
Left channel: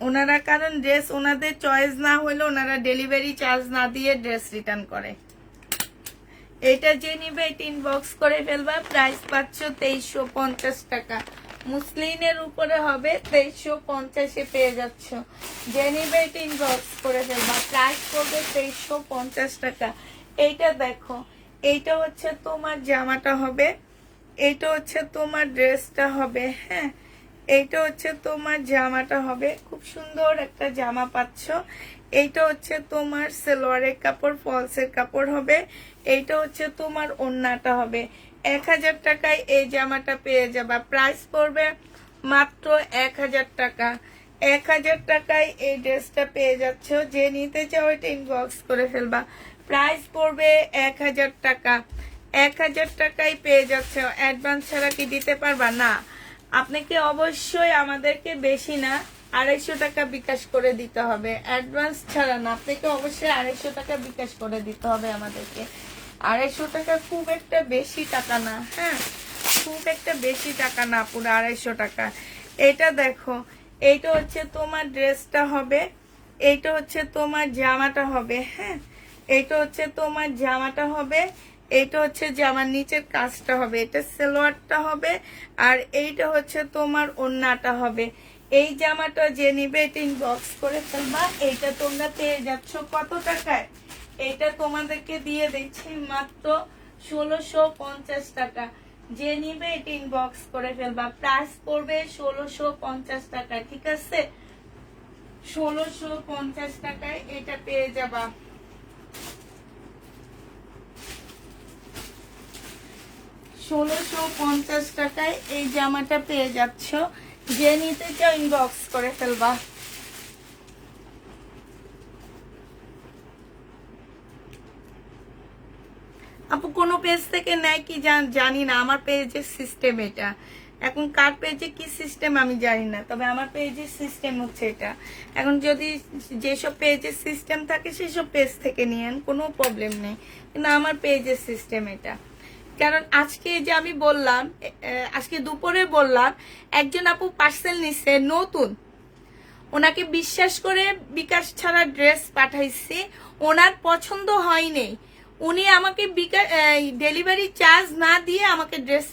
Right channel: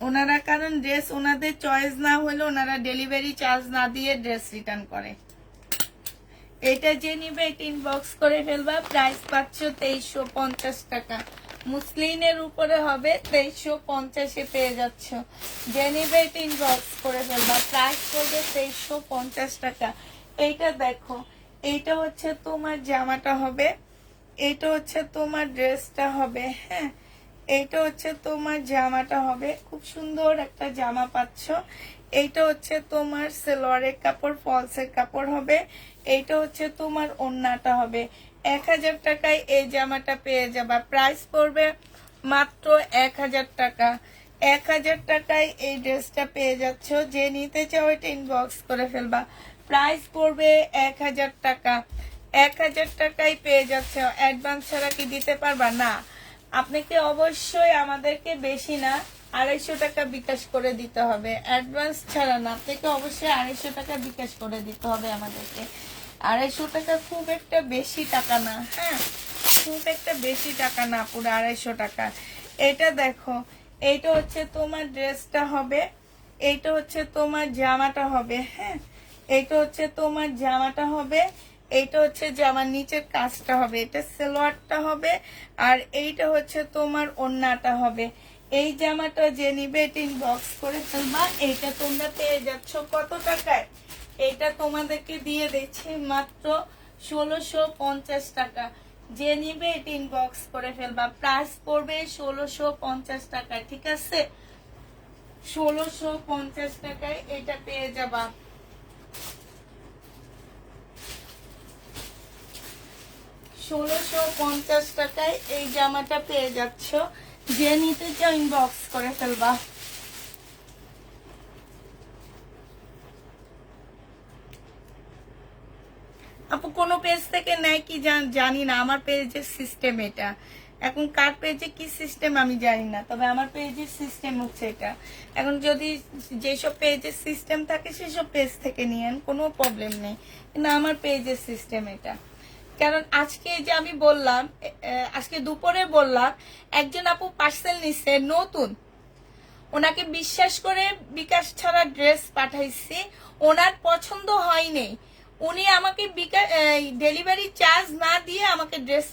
ওনারা কারণ ড্রেস ওনাদের চয়েস না হলে ওনারা ডেলিভারি চার্জ না দিয়ে ড্রেস রিটার্ন করে। এটা যে নিবে এটা ইনবক্স করে ফেলবা। প্রাইস পাচ্ছ 2350 টাকা। মুসলিনের উপরে হবে, 2350-এ পেয়ে যাচ্ছ। যে নিবে এটা ইনবক্স করে ফেলবা। প্রাইস পড়বে 2350 টাকা। এইটা দেখো, এইটা হচ্ছে তোমার জামাটা হবে, এইটা হচ্ছে তোমার ড্রেসটা হবে। হ্যাঁ, এইটা হচ্ছে তোমার জামাটা হবে, খুব সুন্দর একটা জামা পাচ্ছ। এইটা হচ্ছে তোমার সালোয়ারের কাপড়, ফলসের কাপড় হবে। এইটা হচ্ছে তোমার ওড়নাটা হবে। 1000 টাকায় এই জামাটা পেয়ে যাবা। প্রাইস পড়বে মাত্র 1000 টাকা। 1000 টাকায় এই ড্রেসটা পেয়ে যাচ্ছ। যে নিতে চাও এটা ইনবক্স করে ফেলবা। প্রাইস পড়বে 1000 টাকা। 1000 টাকায় পেয়ে যাচ্ছে। অ্যাডভান্স ছাড়া কি দিতে পারবা? না, আপনাকে অবশ্যই আমাদেরকে বেশি না 250 টাকা বিকাশ করে দিতে হবে, অ্যাডভান্স ছাড়া না। আপনাকে অবশ্যই 250 টাকা বিকাশ করে দিতে হবে আমাদেরকে। 250 টাকা খুব একটা বেশি টাকা না, হ্যাঁ, খুব একটা বেশি টাকা না, পুরো 250 টাকা। এটা দেখো, এইটা হচ্ছে তোমার ড্রেসটা হবে, এইটা হচ্ছে তোমার জামাটা হবে, হ্যাঁ, এইটা হচ্ছে তোমার জামাটা হবে, এইটা হচ্ছে জামার নিচের কাজটা হবে, এটা সালোয়ারটা হবে, আর এইটা হচ্ছে তোমার ওড়নাটা হবে। এই জামাটা যে নিবে এটা ইনবক্স করে ফেলবা। এইটা তোমরা পেয়ে যাচ্ছ কত টাকায়? এইটা তোমাদেরকে দিয়ে দিচ্ছি মাত্র 1650 টাকা। যে নিবে এটা ইনবক্স করে ফেলবা। প্রাইস পড়বে 1650 টাকা, ঠিক আছে? 1650 টাকায় এটা পেয়ে যাবা। 1650 টাকায় এই জামাটা পেয়ে যাচ্ছ। যে নিতে চাও ইনবক্স করে ফেলবা। আপু কোন পেজ থেকে নেয় কি জানি না, আমার পেজের সিস্টেম এটা। এখন কার পেজে কি সিস্টেম আমি জানি না, তবে আমার পেজের সিস্টেম হচ্ছে এটা। এখন যদি যেসব পেজের সিস্টেম থাকে সেসব পেজ থেকে নিয়েন, কোনো প্রবলেম নেই, কিন্তু আমার পেজের সিস্টেম এটা। কারণ আজকে যে আমি বললাম, আজকে দুপুরে বললাম, একজন আপু পার্সেল নিচ্ছে নতুন, ওনাকে বিশ্বাস করে বিকাশ ছাড়া ড্রেস পাঠাইছি, ওনার পছন্দ হয়নি, উনি আমাকে ডেলিভারি চার্জ না দিয়ে আমাকে ড্রেস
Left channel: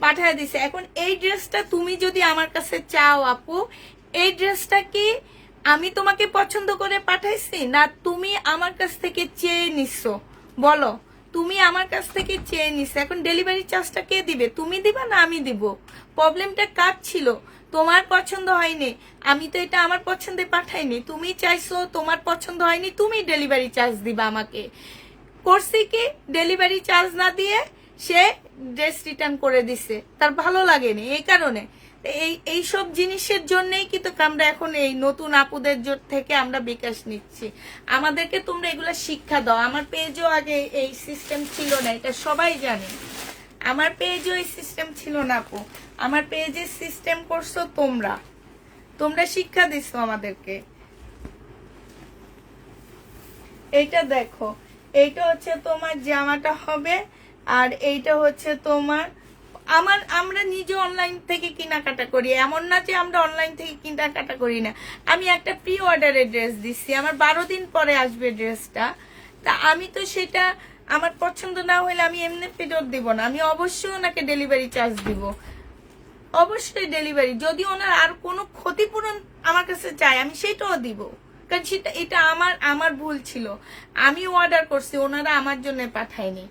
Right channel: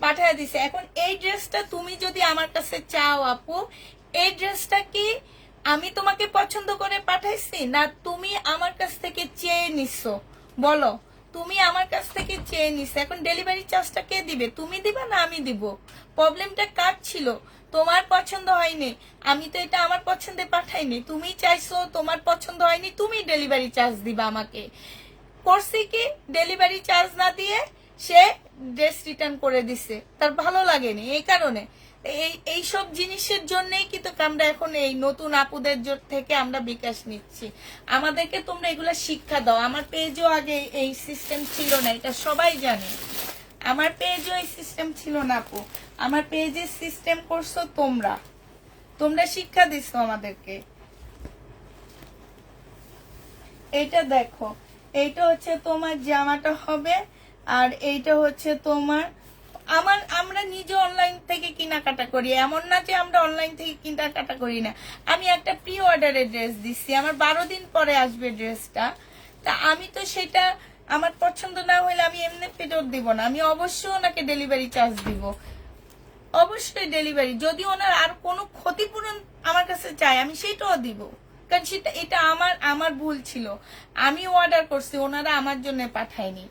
পাঠিয়ে দিছে। এখন এই ড্রেসটা তুমি যদি আমার কাছে চাও আপু, এই ড্রেসটা কি আমি তোমাকে পছন্দ করে পাঠাইছি, না তুমি আমার কাছ থেকে চেয়ে নিছো? বলো, তুমি আমার কাছ থেকে চেয়ে নিছো, এখন ডেলিভারি চার্জটা কে দিবে? তুমি দিবা না আমি দিব? প্রবলেমটা কার ছিল? তোমার পছন্দ হয়নি, আমি তো এটা আমার পছন্দে পাঠাইনি, তুমি চাইছো, তোমার পছন্দ হয়নি, তুমি ডেলিভারি চার্জ দিবা আমাকে। করছি কি, ডেলিভারি চার্জ না দিয়ে সে ড্রেস রিটার্ন করে দিছে, তার ভালো লাগেনি, এই কারণে। এই সব জিনিসের জন্যই কিন্তু আমরা এখন এই নতুন আপুদের থেকে আমরা বিকাশ নিচ্ছি। আমাদেরকে তোমরা এগুলা শিক্ষা দাও। আমার পেজও আগে এই সিস্টেম ছিল না, এটা সবাই জানে। আমার পেজও এই সিস্টেম ছিল না আপু, আমার পেজের সিস্টেম করছো তোমরা, তোমরা শিক্ষা দিচ্ছ আমাদেরকে। এইটা দেখো, এইটা হচ্ছে তোমার জামাটা হবে, আর এইটা হচ্ছে তোমার, আমরা নিজে অনলাইন থেকে কেনাকাটা করি, এমন না যে আমরা অনলাইন থেকে কেনাকাটা করি না। আমি একটা প্রি অর্ডারের ড্রেস দিচ্ছি, আমার 12 দিন পরে আসবে ড্রেসটা, তা আমি তো সেটা আমার পছন্দ না হলে আমি এমনি ফেরত দিব না, আমি অবশ্যই ওনাকে ডেলিভারি চার্জ দিব, অবশ্যই ডেলিভারি। যদি ওনার আর কোনো ক্ষতিপূরণ আমার কাছে চায় আমি সেটাও দিব, কারণ সেটা এটা আমার ভুল ছিল, আমি অর্ডার করছি, ওনারা আমার জন্য পাঠায়নি।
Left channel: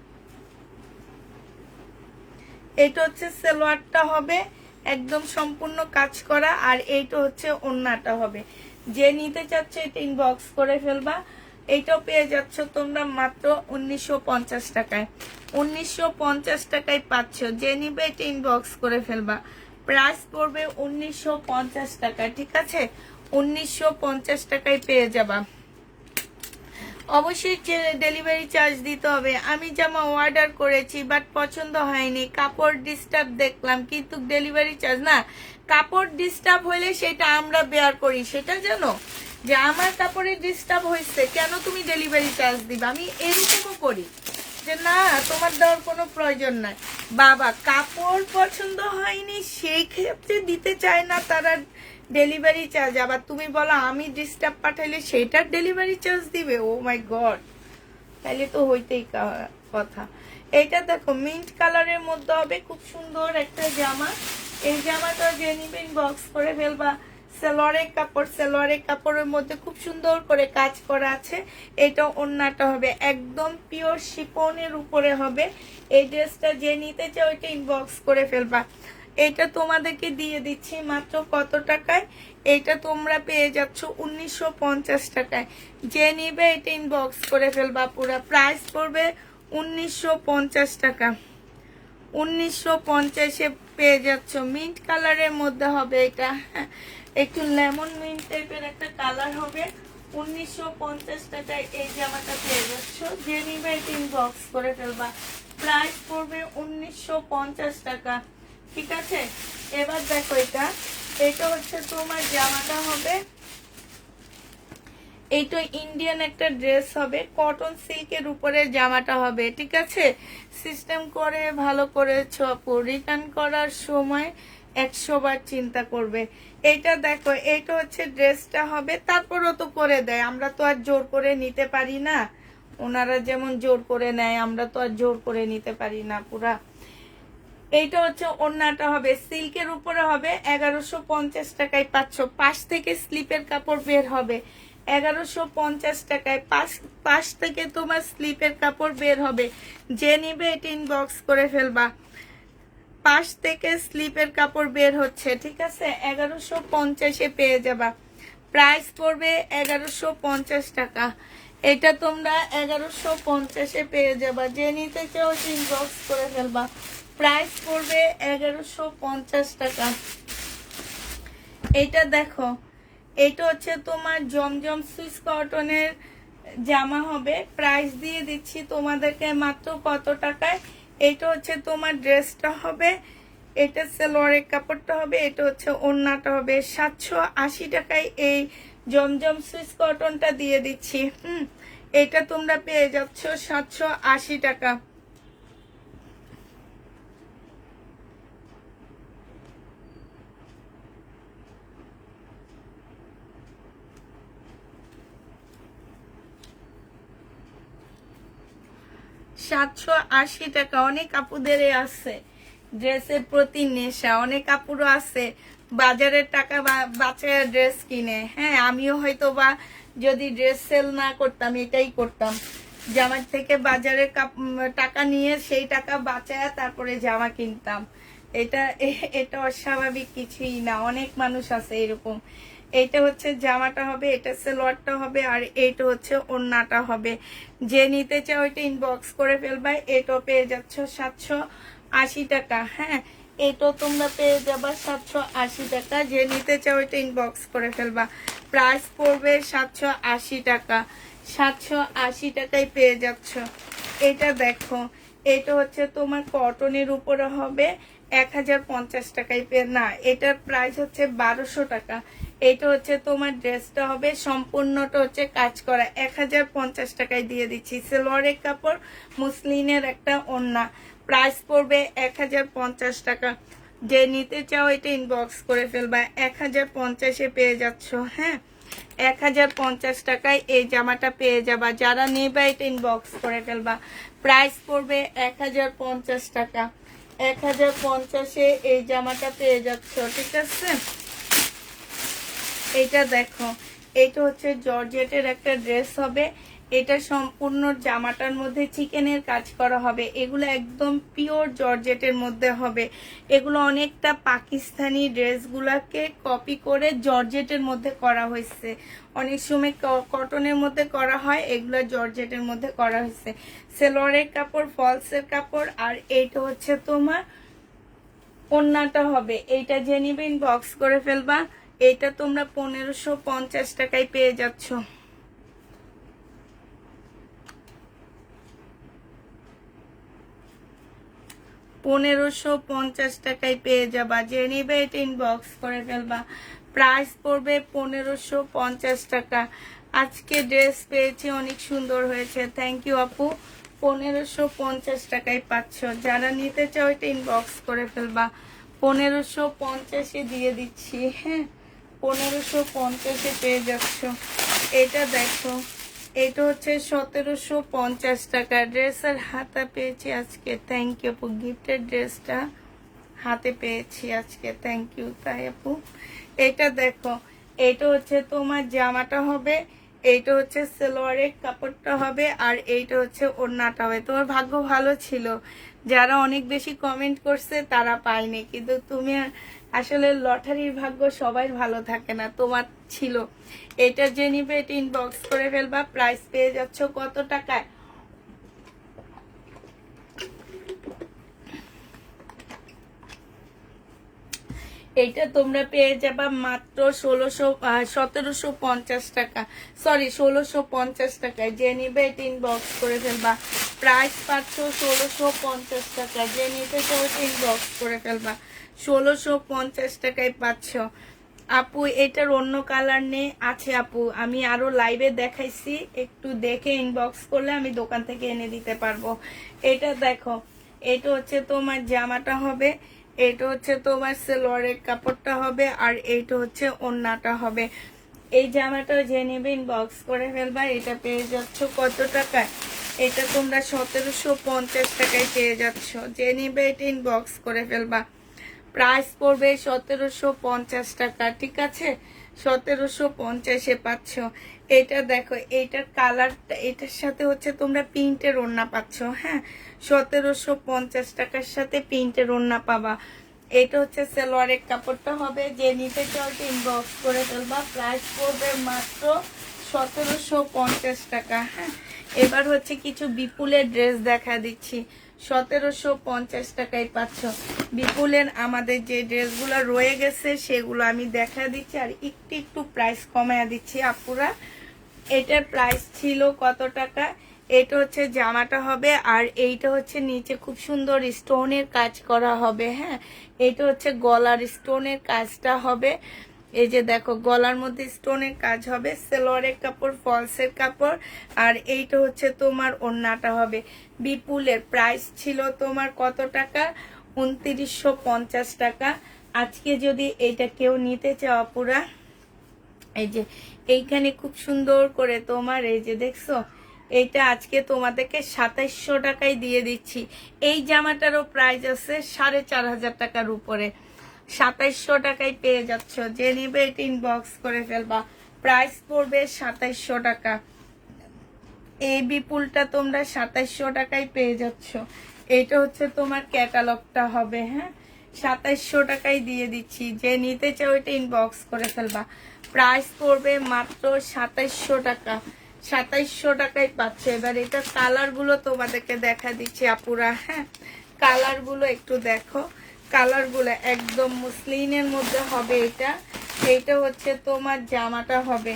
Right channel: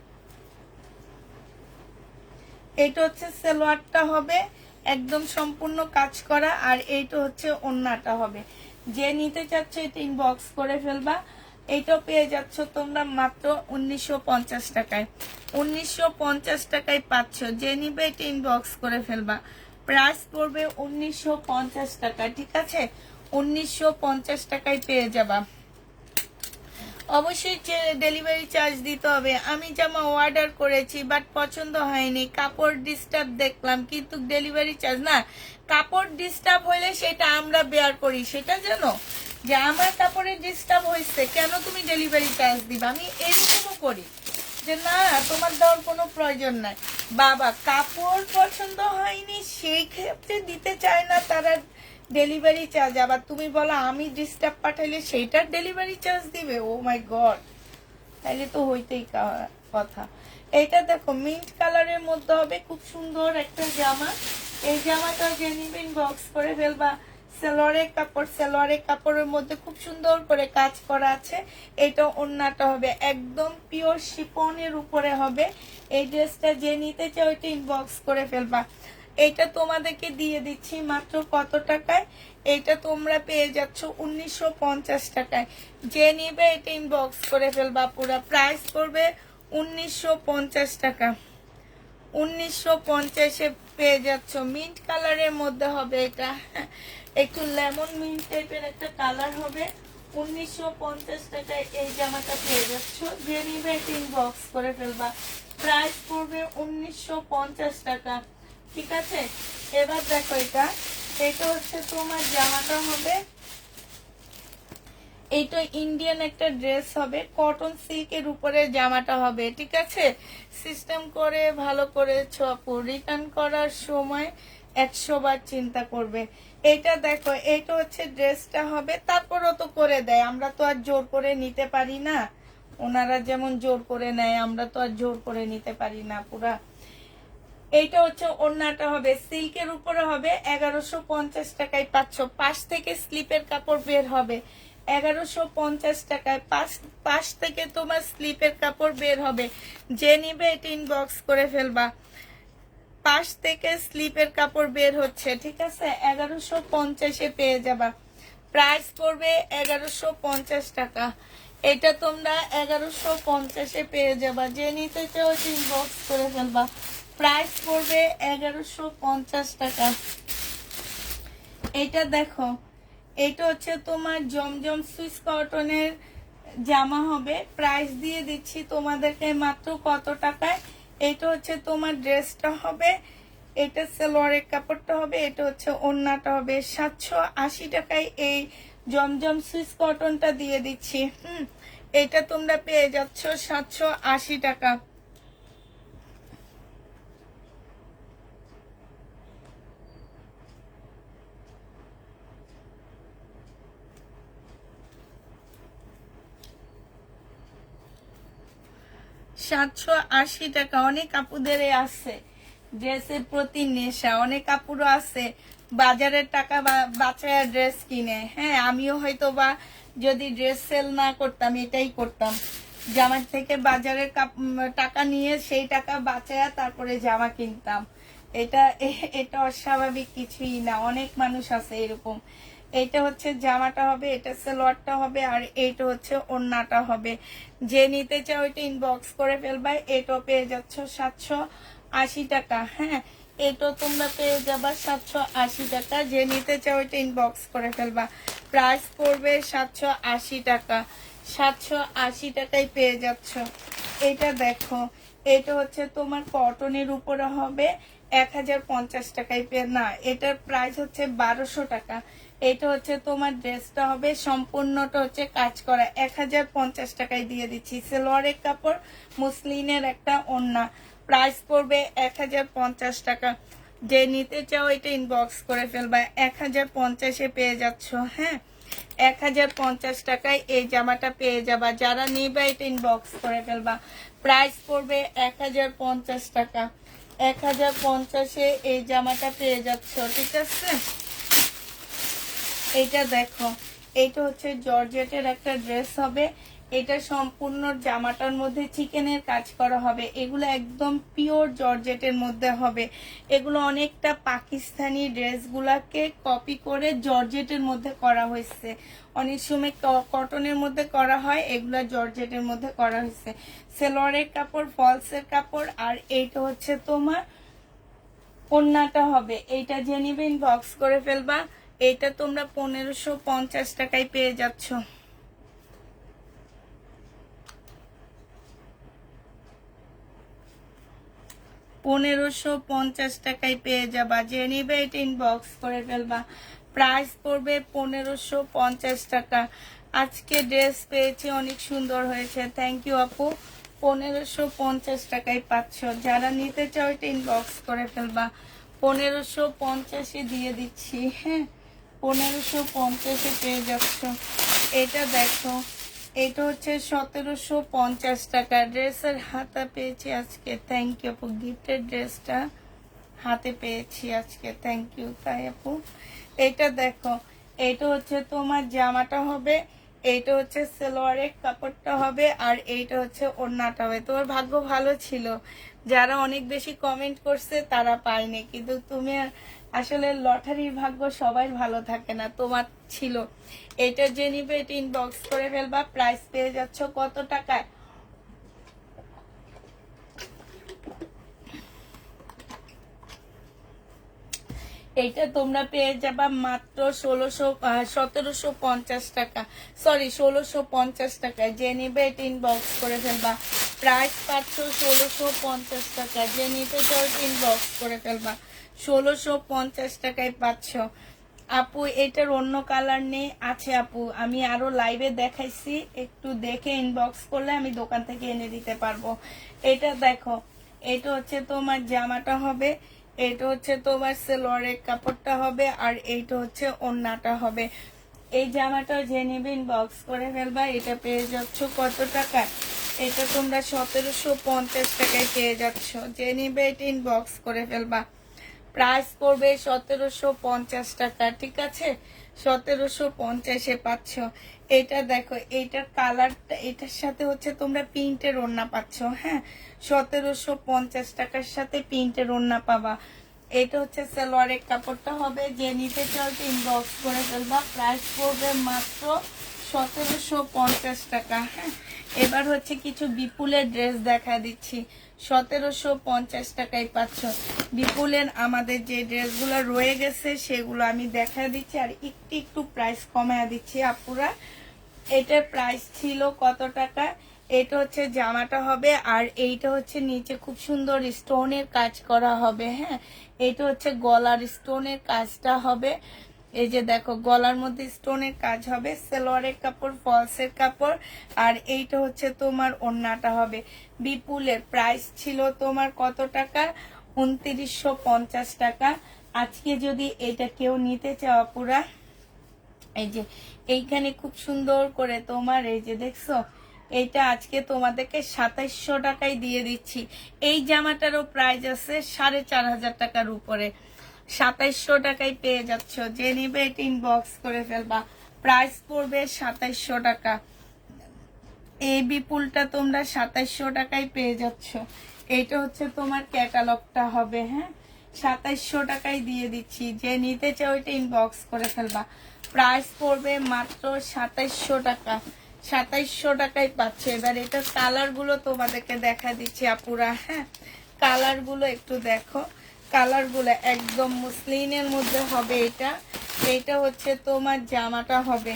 এটা হচ্ছে সালোয়ারটা হবে, একদম সম্পূর্ণ কাজ করা, আর এইটা হচ্ছে ওড়নাটা হবে। যে নিতে চাচ্ছে এটা ইনবক্স করে ফেলবা। এইটাও পেয়ে যাচ্ছ তোমরা মাত্র 1950 টাকায়। 1950 টাকায় পাচ্ছ, যে নিবে এটা ইনবক্স করে ফেলবা। প্রাইস পড়বে 1950 টাকা, ঠিক আছে? 1950 টাকায় পেয়ে যাবা। অবশ্যই ডেলিভারি চার্জ দিতে হবে। আমি জামা অর্ডার করেছি বাট পছন্দ হয়নি, কাপড় ডিস্টার্ব দেখলাম, কিন্তু ডেলিভারি চার্জ না। কাপড় ডিস্টার্ব হইলে সেটা আমরা বেয়ার করি, সেটা জানো, যে আমার কাপড়ে ডিস্টার্ব হয়েছে কেন তুমি ডেলিভারি চার্জ দিবা, আমি এরকমও করি যে না, তোমার দেওয়ার কোনো প্রয়োজন নাই। বাবা কাপড় পছন্দ হয়নি সেই ক্ষেত্রে দিতে চায় না তারা ডেলিভারি চার্জ, আবার তুমি বলো আমি ডিস্টার্ব পাঠাইলে সেইটার ডেলিভারি চার্জ দিবে? ও মাই গড, তাইলে তো হইতেই কথা। এইটা দেখো মিন্ট কালারের মধ্যে হবে, খুব সুন্দর একটা জামা। এই জামাটা যে নিবেন বক্স করে ফেলবা। সালোয়ারের কাপড়ের মধ্যে খুব সুন্দর করে কাজ করা আছে। এটা ওড়নাটা হবে একদম পিওর শিফনের উপরে হবে। এই ড্রেসটা যে নিতে চাও এটা ইনবক্স করে ফেলবা। এটা তোমাদেরকে দিয়ে দিচ্ছি মাত্র কত টাকায়? এটা তোমরা পেয়ে যাচ্ছ 1950 টাকায়। যে নিবে এটা ইনবক্স করে ফেলবা। পুরো প্রাইস পড়বে 1950 টাকা। 1950-এ পেয়ে যাচ্ছ। মিন্ট কালারের মধ্যে হবে এটা, একটু লেমন মিন্ট টাইপের একটা কালার হবে। 1950 টাকায় এই জামাটা পেয়ে যাচ্ছ। যে নিবে এটা ইনবক্স করে ফেলবা। প্রাইস পড়বে 1950 টাকা। ঠিক আছে, এবার দেখো এটা হচ্ছে তোমার জামাটা হবে, এইটা ইন্ডিয়ান একটা ড্রেস হবে, কটন সিল্কের উপরে জামাটা হবে। ঠিক আছে, সিস্টেম করে ভালো করেছো আপু, রিটার্ন করার সময় 100 বার চিন্তা করবে। এইটা দেখো, এইটা হচ্ছে ড্রেসটা হবে, তারপরও তো করে দেয়, আমরা তো আর জোর করে নিতে পারি না। ওনারা যেমন জোর করে নেয়, আমরা তো আর জোর করে নিতে পারি না পুরা। এইটা হচ্ছে ওড়নাটা হবে, সিল্কের উপরে হবে, 1150 টাকায় পাচ্ছ। পাশ থেকে স্লিপের কাপড় বের হবে 1150 টাকায়, পাশ থেকে তোমার স্লিপের কাপড় বের হবে। যে নিবে এটা ইনবক্স করে ফেলবা। পাশ থেকে স্লিপের কাপড় বের হচ্ছে। ঠিক আছে, 1150-এ পেয়ে যাবা। প্রাইস পড়বে 1150 টাকা। এটা তোমরা 1150-এ পেয়ে যাবা। যে নিতে চাও ইনবক্স করে ফেলবা। প্রাইস পড়বে 1150 টাকা। এটা দেখো, এটা হচ্ছে তোমার জমজম সুইস কটনের জামা হবে। প্রাইস দিয়ে দিচ্ছি তোমাদেরকে মাত্র কত টাকায়। এটা হচ্ছে তোমার ড্রেসটা হবে, এটা সালোয়ারের কাপড়টা হবে, এটা হচ্ছে ওড়নাটা হবে। 780 টাকায় এই জমজম সুইস কটনটা দিয়ে দিচ্ছি। এটা তোমরা পেয়ে যাচ্ছ 780 টাকা। টাকা। অনেক আপুদের আছে ড্রেসের প্রতি নেশা, অনেক আপুরও আছে বাজারের টাকা বাঁচায় ড্রেস কিনে। হ্যাঁ, আমিও হয়তো বা যদি ড্রেস সেল না করতাম এটাই করতাম, জামার থেকে বাজারের টাকা নিয়ে সেই টাকা বাঁচায় তারপরে জামা কিনতাম। এটা অস্বাভাবিক কিছুই না, অনেক মানুষ আছে এরকম। এইটা হচ্ছে জামাটা হবে, এটা সালোয়ারটা হবে, আর এইটা হচ্ছে ওড়নাটা হবে। যে নিতে চাও এটা ইনবক্স করে ফেলবা। এটা পেয়ে যাচ্ছ 780 টাকা। হ্যাঁ, এটা তোমরা পেয়ে যাবা 780 টাকা। যে নিতে চাও এটা ইনবক্স করে ফেলবা। প্রাইস পড়বে 780 টাকা। 780 টাকায় পেয়ে যাচ্ছ। এটা দেখো, এটা হচ্ছে তোমার কটনের উপরে হবে, 1050 টাকায় পেয়ে না, এটার প্রাইস হচ্ছে 1200 টাকা। এটা হচ্ছে তোমার ড্রেসটা হবে, সম্পূর্ণটা হচ্ছে কাজ করা, 1050 টাকায় দিয়ে দিচ্ছি। সালোয়ারের কাপড়, মুসলিনের একটা ওড়না। প্রাইস পড়বে 1050 টাকা। যে নিতে চাও এটা ইনবক্স করে ফেলবা। 1050-এ পেয়ে যাচ্ছ। হ্যাঁ, 1050 টাকায় এই জামাটা পেয়ে যাবা। যারা নেবে এটা ইনবক্স করে ফেলবা। প্রাইস পড়বে 1050 টাকা। 1050-এ এই জামাটা পেয়ে যাচ্ছ। ঠিক আছে, এটা দেখো, এটা হচ্ছে জর্জেটের একটা ড্রেস হবে। এটা সম্পূর্ণ জামাটার মধ্যে চিকেনের কাজ করা হবে। এগুলো একদম পিওর জর্জেটের মধ্যে হবে। এগুলো অনেকটা পাকিস্তানি ড্রেসগুলাকে কপি করে জর্জেটের মধ্যে করা হয়েছে। অনেক সময় কটনের মধ্যে করা হয়, এগুলো জর্জেটের মধ্যে করা হয়েছে। সেলোয়ারের কাপড়, ফলসের কাপড়, আর এইটা হচ্ছে তোমার ওড়নাটা হবে। এইটা যে নিবে ইনবক্স করে ফেলবা। এটা তোমরা 1550 টাকায় পেয়ে যাচ্ছ। 1550 টাকায় পেয়ে যাবা। যে নিবে এটা ইনবক্স করে ফেলবা। প্রাইস পড়বে 1550 টাকা। আজকে ড্রেস পেয়েছি, অনেক সুন্দর হয়েছে, থ্যাংক ইউ আপু। 1550 টাকায় পাচ্ছ। যারা নিতে চাও এটা ইনবক্স করে ফেলবা। 1550-এ দিয়ে দিচ্ছি। হ্যাঁ, 1550-এ পেয়ে যাচ্ছ। এটা দেখো, এটা হচ্ছে 1750 টাকা। ড্রেসের হাতা পেয়েছি আজকে, থ্যাংক ইউ আপু। গিফটের ড্রেসটা হাতে পেয়েছি আজকে, থ্যাংক ইউ। তাই আপু, এটা দেখো, এটা হচ্ছে তোমার জামাটা হবে, এইটা হচ্ছে সালোয়ারের কাপড়টা হবে, আর এইটা হচ্ছে ওড়নাটা হবে। তোমার ভাগ্য ভালো ছিল, যারা অনেক বেশি কমেন্ট করছে তারা পায়নি, কিন্তু তুমি আসলে লটারির ভাগ্য সবাই ভালো থাকে না, তোমার ছিল। এটা যে নিবে এটা ইনবক্স করে ফেলবা। প্রাইস পেয়ে যাচ্ছ কত টাকায়? এটা তোমরা পেয়ে যাবা মাত্র 1750 টাকা, সরি 1650 টাকায়। যে নিবে এটা ইনবক্স করে ফেলবা। প্রাইস পাচ্ছ 1650 টাকা, যে নিতে চাও ইনবক্স করে ফেলবা। 1650 টাকায় পাচ্ছ। আপু এটার অন্য কালার নেই, আছে আপু, আমি আরো লাইভে দেখাইছি, একটু দেখে ইনবক্স করলে আমি দোকান থেকে এনে দিতে পারবো। এটা দেখো, এটা হচ্ছে তোমার জামাটা হবে, এটা হচ্ছে তোমার সালোয়ারের কাপড়টা হবে, আর এইটা হচ্ছে ওড়নাটা হবে। এই জামাটা যে নেবে ইনবক্স করে ফেলবা। এটা পেয়ে যাচ্ছ কত টাকায়? এটা তোমরা 1750 টাকায় পেয়ে যাচ্ছ। যে নিবে এটা ইনবক্স করে ফেলবা। প্রাইস পড়বে 1750 টাকা, ঠিক আছে? 1750-এ পাচ্ছ। এটা দেখো, এইটার কালারটা, এটার সাথে হচ্ছে তোমরা প্রিন্টের ওড়না পাচ্ছ। হ্যাঁ, 1750 টাকার সাথে প্রিন্টের ওড়না পাবা। এটা হচ্ছে সালোয়ারের কাপড়টা হবে। যে নিতে চাও ইনবক্স করে ফেলবা। প্রাইস পড়বে মাত্র 1750 টাকা। হ্যাঁ, এবার হচ্ছে কিছু বিপুলের ড্রেস দেখা দিচ্ছি। 1750 টাকায় পাচ্ছ। বিপুলের আমাদের যে ড্রেসগুলো রয়ে গেছে সেগুলো আমি দেখা দিচ্ছি, আর একটু একটু প্রাইস কমায় দিচ্ছি আপুরা। এটার প্রাইস ছিল কত টাকা? এটা হচ্ছে জামাটা হবে, আর এইটা হচ্ছে নিচে খুব সুন্দর স্টোনের কাজ করা হবে। হ্যাঁ, এইটা হচ্ছে গলার স্টোনের কাজটা হবে। এই যে দেখো, গলার মধ্যে স্টোনের কাজ হবে। সালোয়ারের কাপড়, ফলসের কাপড়, আর এইটা হচ্ছে তোমার ওড়নাটা হবে। বিপুলের প্রাইস ছিল তোমার কত টাকা? 2950 টাকা। আজকে যদি এটা কেউ নিতে চাও পুরা, এই যে এইখানে খুব সুন্দর করে তোমার, এই যে দেখছো, এইটা আজকে তোমাদেরকে 2700 টাকায় দিয়ে দিচ্ছি। এই জামাটারও প্রাইস আছে 4500 টাকার উপরে। 2700 টাকায় পেয়ে যাচ্ছ। যে নিবে এটা ইনবক্স করে ফেলবা। প্রাইস পড়বে 2700 টাকা। এই বিপুলটা তোমরা 2700 টাকায় পেয়ে যাচ্ছ। এটা হচ্ছে তোমার ক্যাটালগটা হবে। হ্যাঁ, 2700 টাকায় দিয়ে দিচ্ছি। যে নিতে চাও এটা ইনবক্স করে ফেলবা। প্রাইস পড়বে মাত্র 2700 টাকা। 2700 টাকায় পাচ্ছে। এবার এটা কালার গুলো তোমাদেরকে দেখা দিচ্ছি আপুরা। হ্যাঁ, কালার গুলো একটু দেখো। কালার গুলো একদম মুসলিনের মধ্যে হবে। এটা হচ্ছে তোমার জামাটা হবে,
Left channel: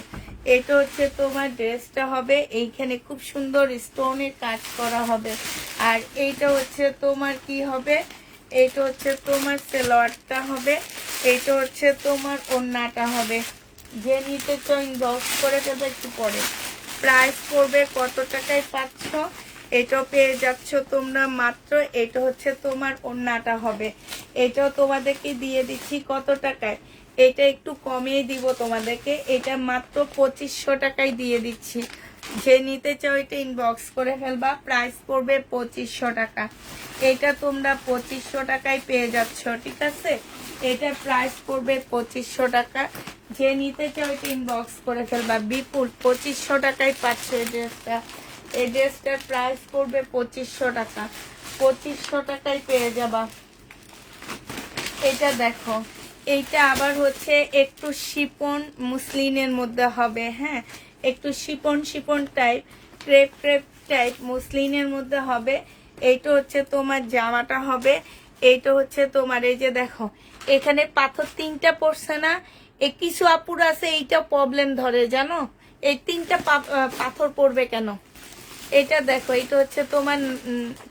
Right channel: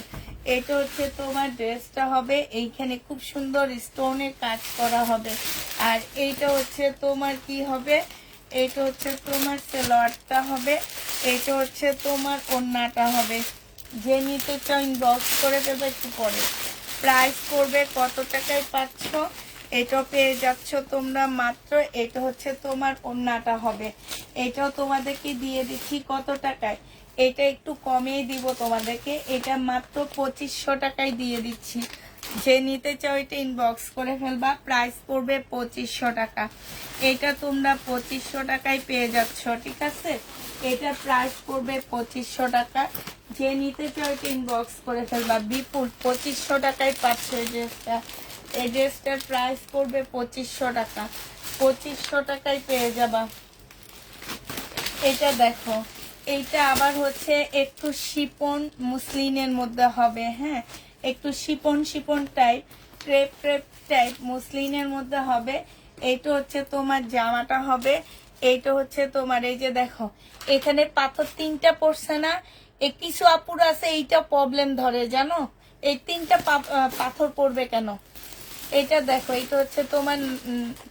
এটা হচ্ছে তোমার ড্রেসটা হবে। এইখানে খুব সুন্দর স্টোনের কাজ করা হবে। আর এইটা হচ্ছে তোমার কি হবে? এইটা হচ্ছে তোমার সালোয়ারটা হবে। এইটা হচ্ছে তোমার ওড়নাটা হবে। যে নিতে চাও ইনবক্স করে দেবে একটু পরে। প্রাইস পড়বে কত টাকায় পাচ্ছ? এটা পেয়ে যাচ্ছ তোমরা মাত্র, এটা হচ্ছে তোমার ওড়নাটা হবে। এটাও তোমাদেরকে দিয়ে দিচ্ছি কত টাকায়? এটা একটু কমিয়ে দিব তোমাদেরকে। এটা মাত্র 2500 টাকায় দিয়ে দিচ্ছি। যে নিতে চাও এটা ইনবক্স করে ফেলবা। প্রাইস পড়বে 2500 টাকা। এটা তোমরা 2500 টাকায় পেয়ে যাচ্ছ, ঠিক আছে? এটা প্রাইস পড়বে 2500 টাকা। যে নিতে চাও এটা ইনবক্স করে ফেলবা। বিপুল 2500 টাকায় পাচ্ছে এই ড্রেসটা। এই ড্রেসটার প্রাইস পড়বে 2500 টাকা। 2500 টাকায় পেয়ে যাবা। এটা দেখো, এইটা আবার হচ্ছে একটু শিপন মুসলিনের মধ্যে হবে। হ্যাঁ, একটু chiffon chiffon type, crepe crepe type মুসলিনের মধ্যে হবে। এইটা হচ্ছে তোমার জামাটা হবে। এইটা হচ্ছে তোমার, এই যে দেখো, এখানে পাথর 3টা পড়ছে না? এই কিছু আপুর আছে এইটা প্রবলেম ধরে, জানো? এই 3টা পাথর পড়বে কেন? এটা দেখো, এটা হচ্ছে তোমার,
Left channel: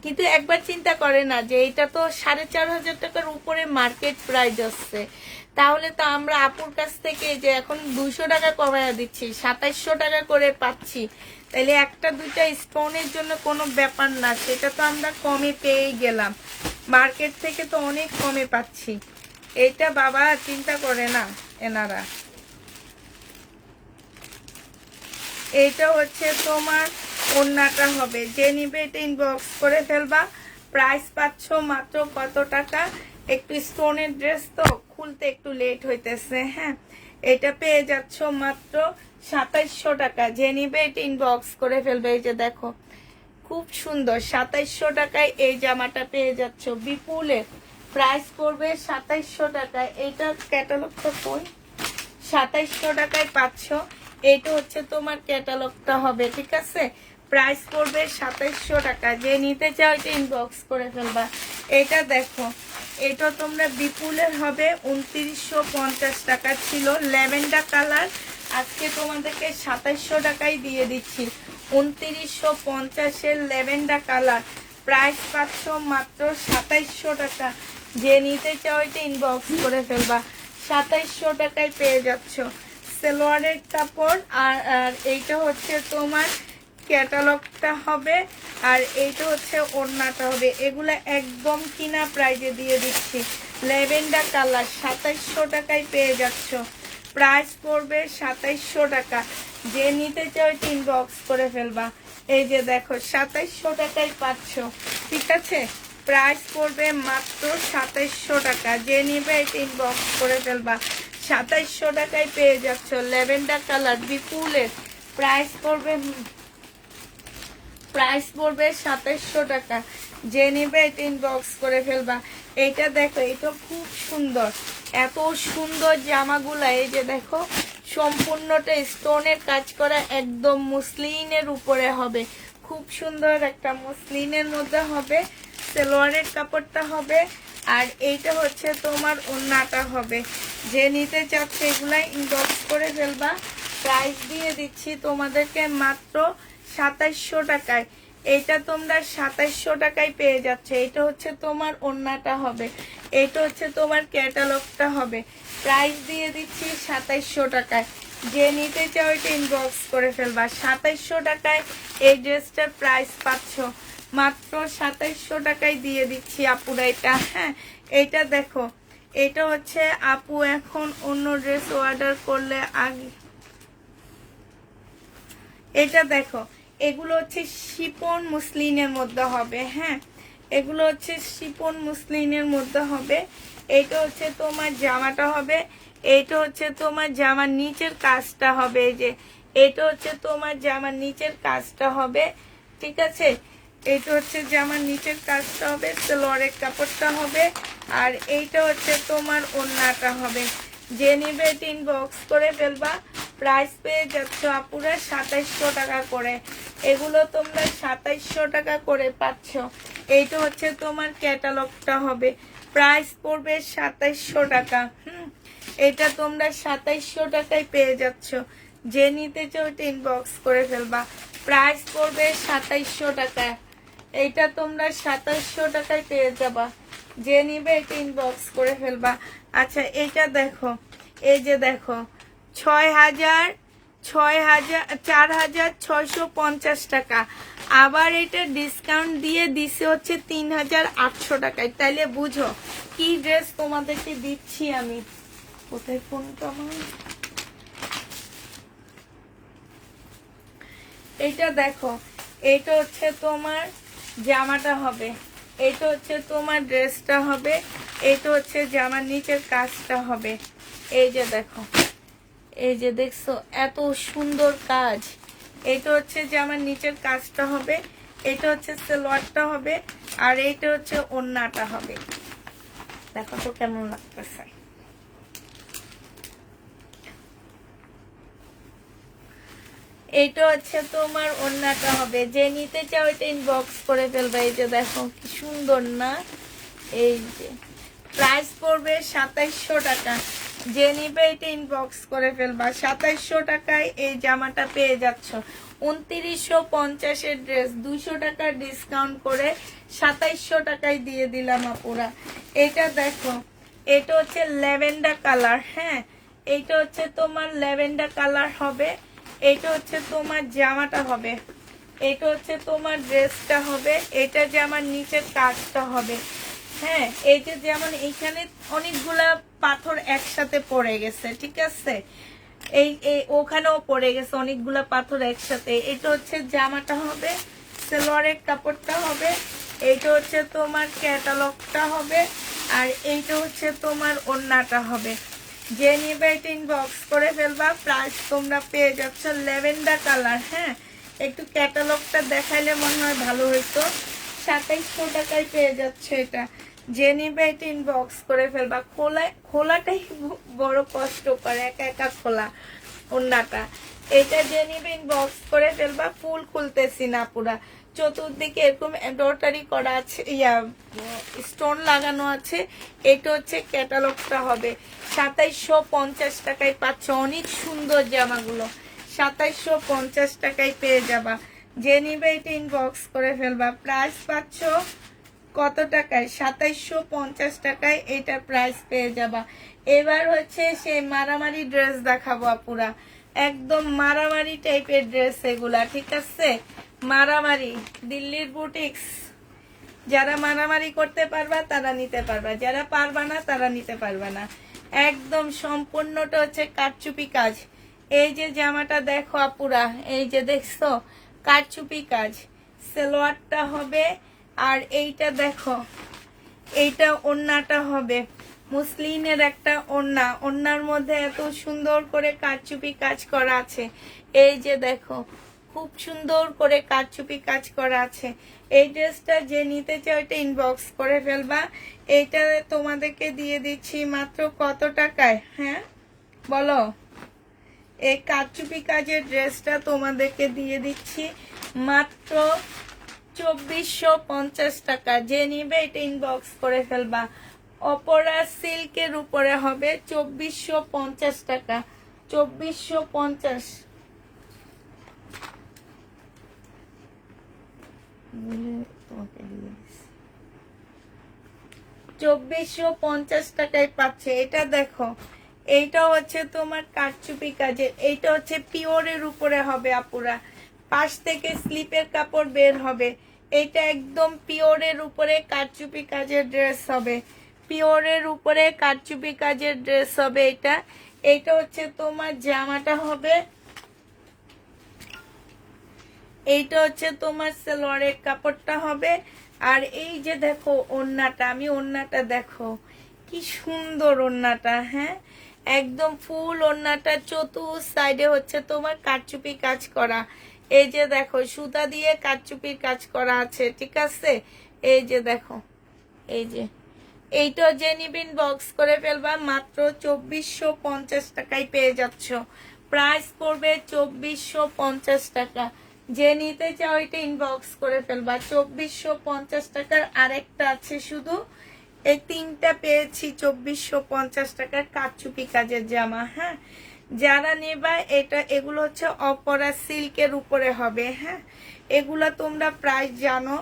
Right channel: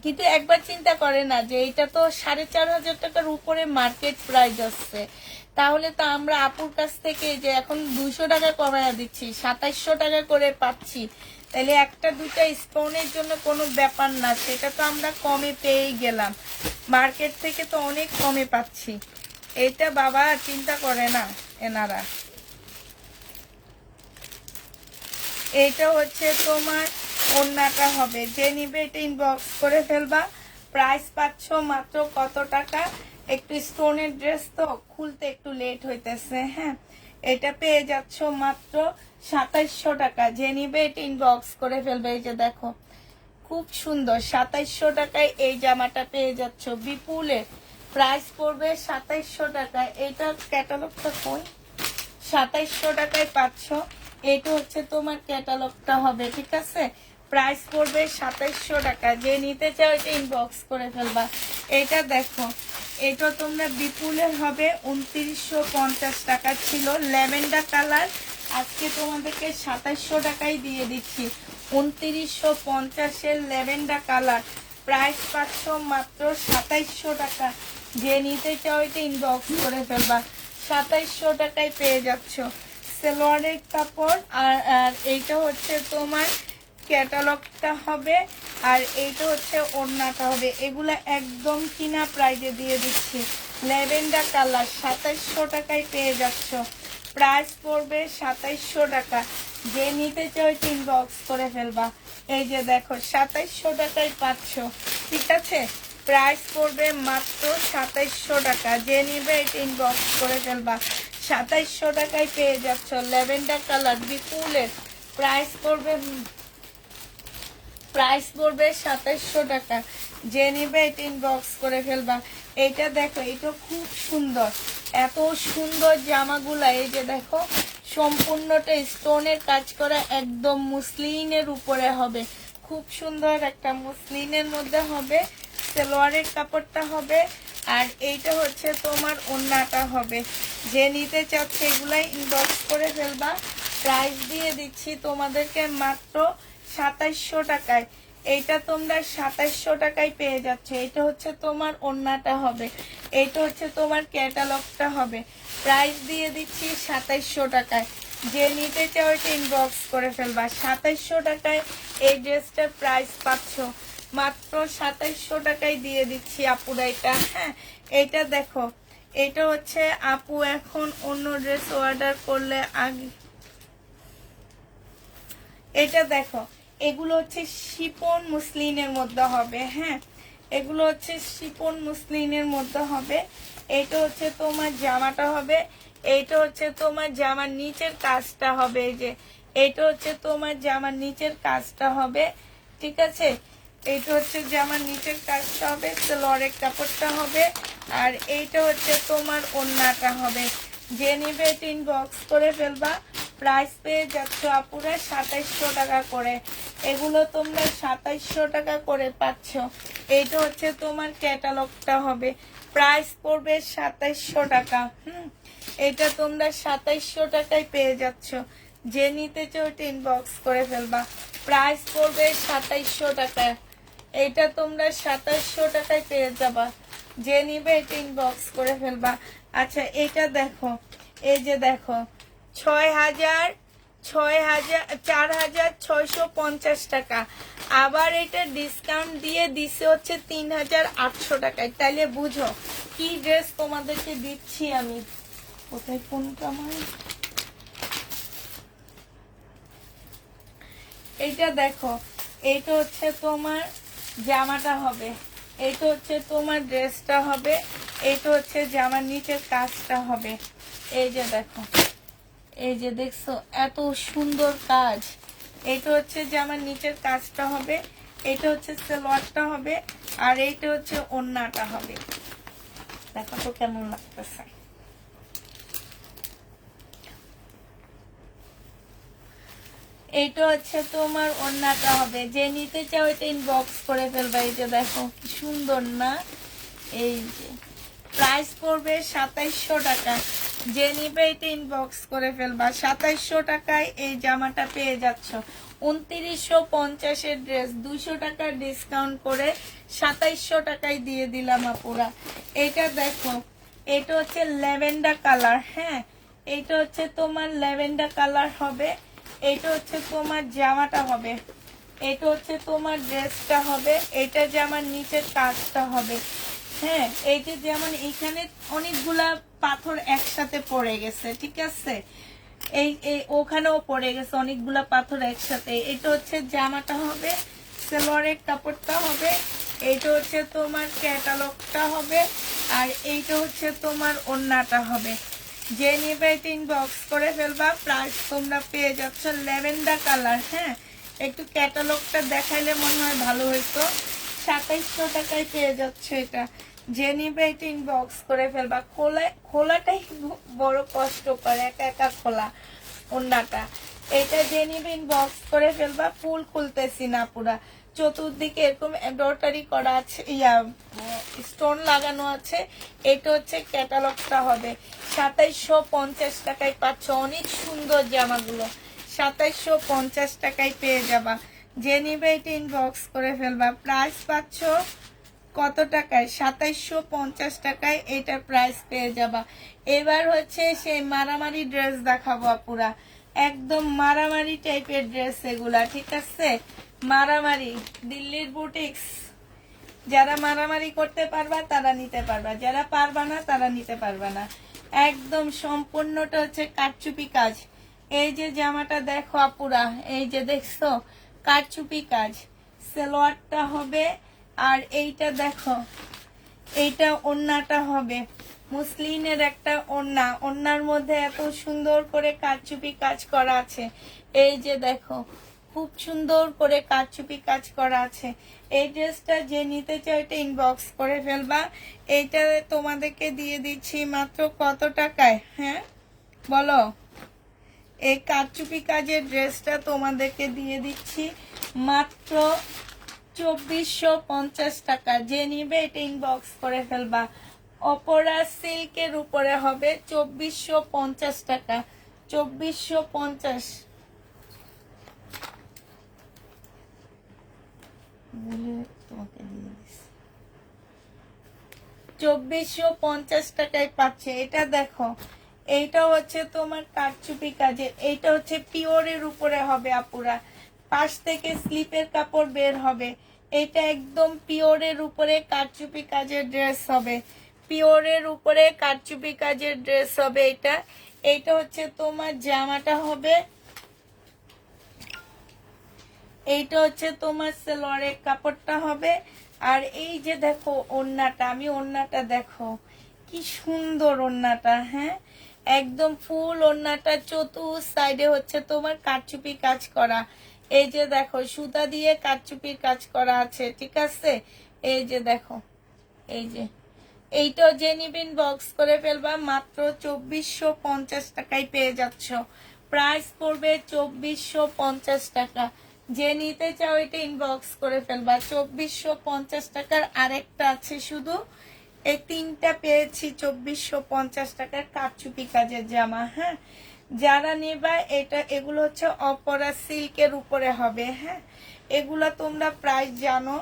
কিন্তু একবার চিন্তা করে না যে এটা তো 4500 টাকার উপরে মার্কেট প্রাইস আসছে। তাহলে তো আমরা আপুর কাছ থেকে যে এখন 200 টাকা কমায়া দিচ্ছি, 2700 টাকা করে পাচ্ছি। তাহলে একটা দুইটা স্টোনের জন্য কোনো ব্যাপার না, সেটা তো আমরা কমে পেয়ে গেলাম। মার্কেট থেকে তো অনেক কমে পাচ্ছি। এটা বাবা চিন্তা করে না এনারা। এটা হচ্ছে তোমার ওড়নাটা হবে। যে নিবে এটা ইনবক্স করে ফেলবা। প্রাইস পাচ্ছ মাত্র কত টাকা? একটু স্টোনের ড্রেস তো খুলতে একটু লেট হইতেছে। হ্যাঁ, এটা পেয়ে যাচ্ছ মাত্র 2700 টাকা। যে নিবে এটা ইনবক্স করে ফেলবে। এই যে দেখো, খুব সুন্দর 2700 টাকায় এই জামাটা পেয়ে যাচ্ছ। বিপুলের প্রাইস পড়বে 2700 টাকা। এটা ক্যাটালগটা কই? 2700 টাকায় পাচ্ছ। এটা হচ্ছে তোমার ক্যাটালগটা হবে, ঠিক আছে? প্রাইস পড়বে 2700 টাকা। যে নিতে চাও এটা ইনবক্স করে ফেলবা। এটা দেখো, এটা তোমরা বিপুলের হবে 2950 টাকা ছিল, ল্যাভেন্ডার কালার। আজকে তোমাদেরকে 2700 টাকায় দিয়ে দিচ্ছি। 2950-এর ল্যাভেন্ডার কালার, প্রাইস পাচ্ছ মাত্র 2700 টাকা। যে নিতে চাও এটা ইনবক্স করে ফেলবা, 2700 টাকায় পেয়ে যাচ্ছ। সালোয়ারের কাপড় আর আর এইটা হচ্ছে তোমার ক্যাটালগটা হবে, আর এইটা হচ্ছে ওড়নাটা হবে। এগুলা একদম কিনা প্রাইজে দিয়ে দিচ্ছি। ল্যাভেন্ডার কালার 2700 টাকায় পেয়ে যাচ্ছ, প্রাইস পড়বে 2700 টাকা। যে নিতে চাও এটা ইনবক্স করে ফেলবা। এই যে দেখো 2700 টাকায় পাচ্ছ, ঠিক আছে? প্রাইস পড়বে মাত্র 2700 টাকা। যে নিবে এটা ইনবক্স করে ফেলবা, 2700 টাকায় পেয়ে যাচ্ছ। ল্যাভেন্ডার কালার বিপুলের প্রাইস পড়বে 2700 টাকা। যে নিবে এটা ইনবক্স করে ফেলবা। এইটা দেখো, এটা খুব সুন্দর, এত সুন্দর জামাগুলা। এই যে দেখো, সম্পূর্ণটা স্টোনের কাজ করা, একদম মুসলিনের উপরে হবে। খুব সুন্দর একটা মুসলিনের মধ্যে হবে। সালোয়ারের কাপড়টা হবে, আর এইটা হচ্ছে তোমার ওড়নাটা হবে। যে নিতে চাচ্ছে এগুলা ইনবক্স করে ফেলবা। প্রাইস দিয়ে দিচ্ছি তোমাদেরকে মাত্র 2700 টাকায়। এইটা তোমরা 2700 টাকায় পেয়ে যাচ্ছে। এটা হচ্ছে তোমার ওড়নাটা হবে, এইটা হচ্ছে তোমার ক্যাটালগটা হবে। প্রাইস দিয়ে দিচ্ছি 2700 টাকায়। যে নিতে চাও এটা ইনবক্স করে ফেলবা। 2700 টাকায় এই ড্রেসটার প্রাইস পাচ্ছ, মাত্র 2700 টাকায় দিয়ে দিচ্ছি আপুরা এটা। হ্যাঁ, এইটা দেখো, এটা হচ্ছে আপু এখন অন্য ড্রেস অর্ডার করলে আগে। এটা দেখো, এগুলো হচ্ছে শিপন মুসলিনের মধ্যে হবে। হ্যাঁ, এগুলো হচ্ছে শিপন মুসলিনের মধ্যে হবে। এটা হচ্ছে তোমার জামাটা হবে, এইটা হচ্ছে তোমার জামার নিচের কাজটা হবে। এই যে এইটা হচ্ছে তোমার জামার নিচের কাজটা হবে, ঠিক আছে? এইটা হচ্ছে জামার নিচের কাজটা হবে, সালোয়ারের কাপড়টা হবে, আর এইটা হচ্ছে তোমার ওড়নাটা হবে। যে নিবে এটা ইনবক্স করে ফেলবা। প্রাইস পেয়ে যাচ্ছ আপুরা 2700 টাকা করে। এগুলো তোমরা 2700 টাকা করে পাচ্ছ। এইটা হচ্ছে তোমার ক্যাটালগটা হবে, প্রাইস পড়বে 2700 টাকা। এটা তোমরা 2700 টাকায় পেয়ে যাচ্ছ। যে নিতে চাও এটা ইনবক্স করে ফেলবা। প্রাইস পড়বে 2700 টাকা। এইটা তোমরা 2700 টাকায় পেয়ে যাবা। যে নিবে এটা ইনবক্স করে ফেলবা। আচ্ছা, এটা দেখো, এই যে দেখো, 4650 টাকা। আবার এটা ডিসকাউন্ট দিয়ে দিছে হচ্ছে 3800 টাকায়। তাইলে বুঝো কি ড্রেস তোমাদেরকে দিচ্ছি আমি। কোথায় ফোনটা আমার? এটা দেখো, এইটা হচ্ছে তোমার জামাটা হবে, এইটা হচ্ছে তোমার ড্রেসটা হবে, এইটা হচ্ছে জামার নিচের কাজটা হবে। এই যে দেখো, এই যে দেখছো এত সুন্দর কাজ। এইটা হচ্ছে জামার নিচের কাজটা হবে, এটা হচ্ছে সালোয়ারটা হবে, আর এইটা হচ্ছে ওড়নাটা হবে। দেখো তো কেমন লাগতেছে। এইটা হচ্ছে তোমার ওড়নাটা হবে। যে নিতে চাও এটা ইনবক্স করে ফেলবা। এই যে দেখো কি সুন্দর না। এই যে প্রাইস পড়বে 2700 টাকা। যে নিবে এটা ইনবক্স করে ফেলবা। 2700 টাকায় এই জামাটা পেয়ে যাচ্ছ। 2950-এর ড্রেস 200 টাকা ডিসকাউন্ট করে 2700 টাকায় দিয়ে দিলাম আপুরা। এটা দেখো, এটা হচ্ছে ল্যাভেন্ডার কালার। হ্যাঁ, এইটা হচ্ছে তোমার ল্যাভেন্ডার কালার হবে, এইটা হচ্ছে তোমার জামাটা হবে, এটা হচ্ছে তোমার ড্রেসটা হবে, এটা জামার নিচের কাজটা হবে। হ্যাঁ, এই যে যেমন এইখানে অনেকগুলা পাথর একসাথে পড়ে গেছে, ঠিক আছে? এই ওখানেও পড়ে গেছে অনেকগুলা পাথর একসাথে। এটা হচ্ছে জামাটা হবে, সালোয়ারের কাপড়টা হবে, এইটা হচ্ছে তোমার ক্যাটালগটা হবে, আর এইটা হচ্ছে তোমার ওড়নাটা হবে। যে নিবে এটা ইনবক্স করে ফেলবা। প্রাইস তোমরা পেয়ে যাচ্ছ ল্যাভেন্ডার কালার। হ্যাঁ, একটু ক্যাটালগটা দেখাইলে মনে হয় ভালো হইতো। 2700 টাকায় পেয়ে যাচ্ছে এটা। যে নিবে এটা ইনবক্স করে ফেলবা। খোলাটাই বড় কষ্ট করে, একা একা খোলা ওড়নাটা। এটা যে নিবে ইনবক্স করে ফেলবা। ফুল খুলতেছি না পুরা, চতুর্দিকে এরকম এমব্রয়ডারি করা আছে, স্টোন লাগানো আছে। এটা হচ্ছে ক্যাটালগটা হবে 2750 টাকায় পাচ্ছ। অনেক সুন্দর জামাগুলো 2750 টাকায় পেয়ে যাবা। যে নিবে এটা ইনবক্স করে ফেলবা। প্রাইস পাচ্ছ কত টাকায়? 2750 টাকায় এটার প্রাইস পেয়ে যাবা। এবার হচ্ছে সেই মারামারি ড্রেস দেখাবো আপুরা, একদম মারামারি টাইপের ড্রেস এগুলা, ঠিক আছে? মারামারি দিল্লির বুটিক্স, যারা মারামারি করতে পারবা তারা নিতে পারবা, যারা পারবা না তারা নিতে পারবা না। একদম সম্পূর্ণটা হচ্ছে কারচুপি কাজ। এই যে জামাটা দেখো আপুরা, এই যে দেখছো কারচুপি কাজ, সালোয়ারটা হবে। আর এইটা দেখো, এইটা ওড়নাটা হবে মুসলিনের একটা ওড়না, ওড়নার মধ্যে এত সুন্দর করে কারচুপি কাজ করা আছে। এই যে দেখো খুব সুন্দর করে কারচুপি কাজ করা আছে। এই ড্রেসটা যে নিতে চাও এটা ইনবক্স করে ফেলবা। এইটা তোমাদেরকে দিয়ে দিচ্ছি মাত্র কত টাকায়? হ্যাঁ বলো। এই কারচুপি কাজের ড্রেসটা তোমাদেরকে দিয়ে দিচ্ছি মাত্র 2450 টাকা। যে নিবে এটা ইনবক্স করে ফেলবা। অপরা সিল্কের উপরে হবে 2450 টাকা। 2450 তোমাকে দিয়ে দিচ্ছি 2450 টাকায় পাচ্ছে। এটা দেখো, এইটা হচ্ছে তোমার কারচুপি কাজের, এইটা হচ্ছে পিওরের উপরে হবে আপুরা। পাশ থেকে স্লিপের কাপড় বের হবে। এইটা একদম পিওরের উপরে কারচুপি কাজের ড্রেস হবে, পিওরের উপরে কারচুপি কাজের ড্রেস হবে এটা। এইটা হচ্ছে তোমার জামাটা হবে, এইটা হচ্ছে তোমার সালোয়ারের কাপড়টা হবে। আর এই যে দেখো ওড়নাটা, আমি ওড়নাটা দেখো কি সুন্দর ওড়নাটা, হ্যাঁ একদম ফুল ওড়নাটা চতুর সাইডে হচ্ছে তোমার কারচুপি কাজ করা। এই যে দেখো সুতা দিয়ে কারচুপির কাজ করা আছে, ঠিক আছে? এই যে দেখো, এই যে এইটা যে নিবেন বক্স করে ফেলবা। মাত্র 2450 টাকায় পেয়ে যাচ্ছ। প্রাইস পড়বে 2450 টাকা। যে নিতে চাও এটা ইনবক্স করে ফেলবা। 2450 টাকার আরেকটা আছে, শুধু এই তিনটা পেয়েছি 2450 টাকার কারচুপি কাজের জামা। হ্যাঁ যারা নেবা এটা, এগুলো হচ্ছে অপরা সিল্কের উপরে হবে। হ্যাঁ এগুলা তোমরা প্রাইস জানো,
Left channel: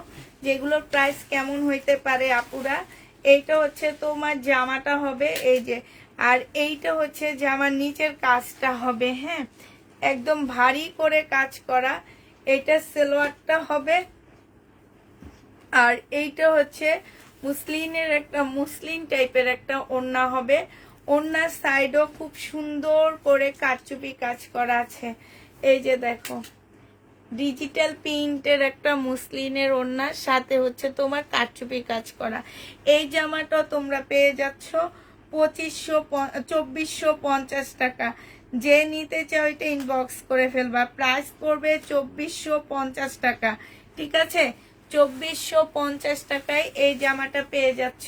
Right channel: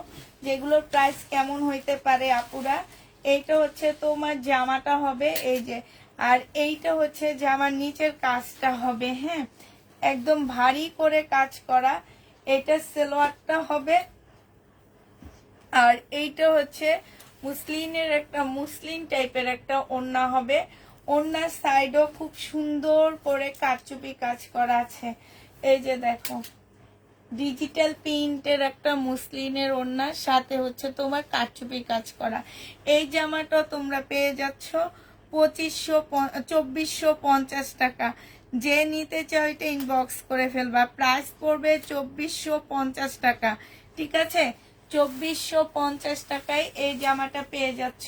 যেগুলোর প্রাইস কেমন হইতে পারে আপুরা। এইটা হচ্ছে তোমার জামাটা হবে, এই যে। আর এইটা হচ্ছে জামার নিচের কাজটা হবে, হ্যাঁ একদম ভারী করে কাজ করা। এটা সালোয়ারটা হবে। আর এইটা হচ্ছে মুসলিনের একটা, মুসলিন টাইপের একটা ওড়না হবে। ওড়নার সাইডও খুব সুন্দর করে কারচুপি কাজ করা আছে। এই যে দেখো ডিজিটাল প্রিন্টের একটা মুসলিনের ওড়না, সাথে হচ্ছে তোমার কারচুপি কাজ করা। এই জামাটা তোমরা পেয়ে যাচ্ছ 2450 টাকা। যে নিতে চাও এটা ইনবক্স করে ফেলবা। প্রাইস পড়বে 2450 টাকা, ঠিক আছে? 2450 টাকায় এই জামাটা পেয়ে যাচ্ছ।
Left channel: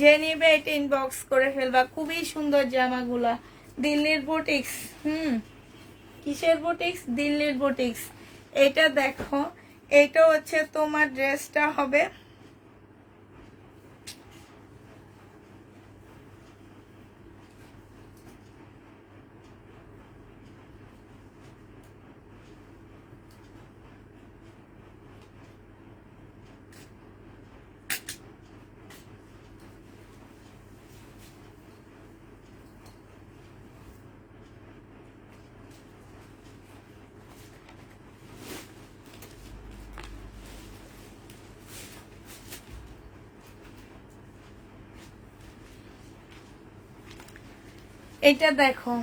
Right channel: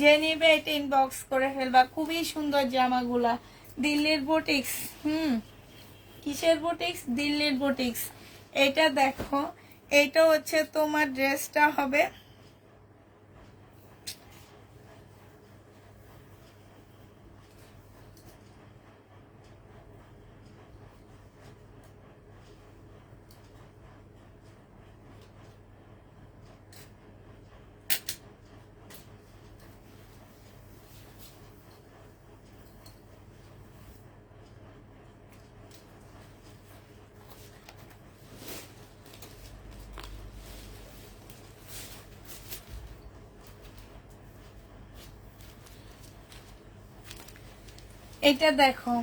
যে নিবে এটা ইনবক্স করে ফেলবা। খুবই সুন্দর জামাগুলা, দিল্লির বুটিক্স। কিসের বুটিক্স? দিল্লির বুটিক্স। এটা দেখো, এটা হচ্ছে তোমার ড্রেসটা হবে, এটা দেখো,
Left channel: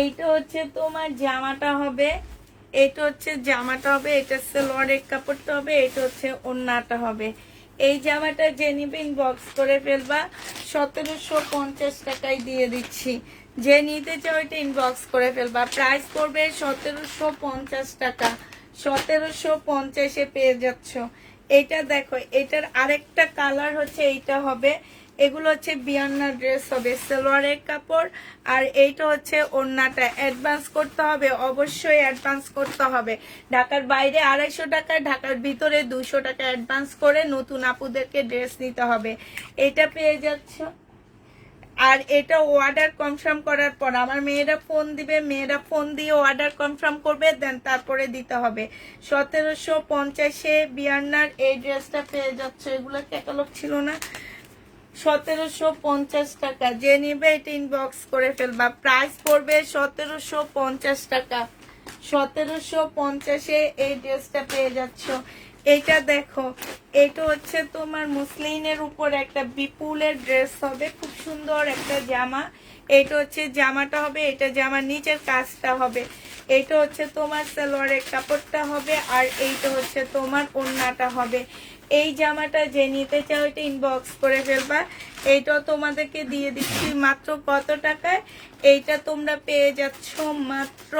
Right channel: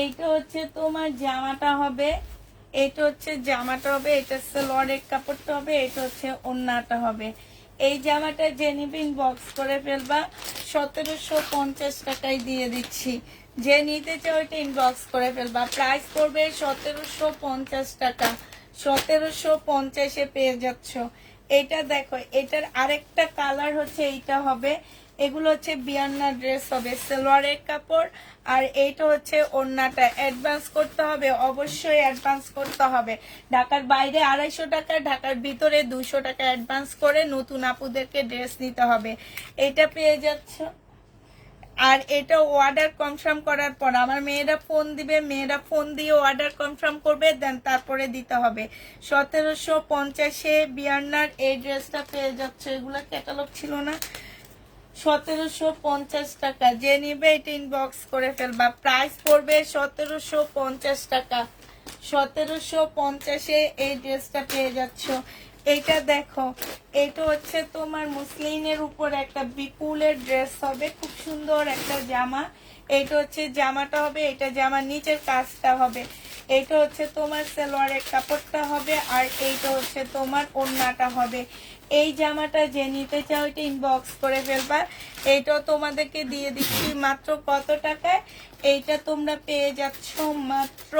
এইটা হচ্ছে তোমার জামাটা হবে, এটা হচ্ছে জামাটা হবে, এটা সালোয়ারের কাপড়টা হবে, এটা হচ্ছে ওড়নাটা হবে। এই জামাটা যে নিবেন বক্স করে ফেলবা। 1750 টাকায় দিয়ে দিচ্ছি। যে নিতে চাও এটা ইনবক্স করে ফেলবা। প্রাইস পড়বে 1750 টাকা। 1750-এ পেয়ে যাচ্ছ। এটা দেখো, এটার আরেকটা কালার হচ্ছে এইটা হবে। এগুলো হচ্ছে বিয়ান্না ড্রেস হবে, সালোয়ারের কাপড়। আর এইটা হচ্ছে ওড়নাটা। অ্যাডভান্স করতে হবে, অবশ্যই অ্যাডভান্স করতে হবে। ঢাকার বাইরে 250 টাকা, ঢাকার ভিতরে 200 টাকা অ্যাডভান্স করে নতুন আপুদেরকে ড্রেস নিতে হবে। এটা পেয়ে যাচ্ছ। আর এটা অর্ডার কনফার্ম করার পর আমার মেয়েরা ফোন দিবে, মেয়েরা ফোন দিয়ে অর্ডার কনফার্ম করবে, দেন তারপরে দিতে হবে। 1750-এ বিয়ান্নার এই ড্রেসটা পেয়ে যাচ্ছে। এগুলো ক্যাটালগ ছিল না। 1750 টাকা। যে নিবে এটা ইনবক্স করে ফেলবা। প্রাইস পড়বে 1750 টাকা। 1750-এ এই ড্রেসটা পেয়ে যাচ্ছ। এটা দেখো, এটা হচ্ছে তোমার মুসলিনের উপর একটা বিপুলের ড্রেস হবে, খুব সুন্দর একটা জামা। এটা হচ্ছে জামাটা হবে, এটা জামার নিচের কাজটা হবে। এটা হচ্ছে তোমার সালোয়ারের কাপড়টা হবে, আর এইটা হচ্ছে তোমার ওড়নাটা হবে। এই জামাটা যে নিতে চাও এটা ইনবক্স করে ফেলবা। এইটা তোমাদেরকে দিয়ে দিচ্ছি মাত্র কত টাকায়? এইটা তোমরা পেয়ে যাচ্ছ মাত্র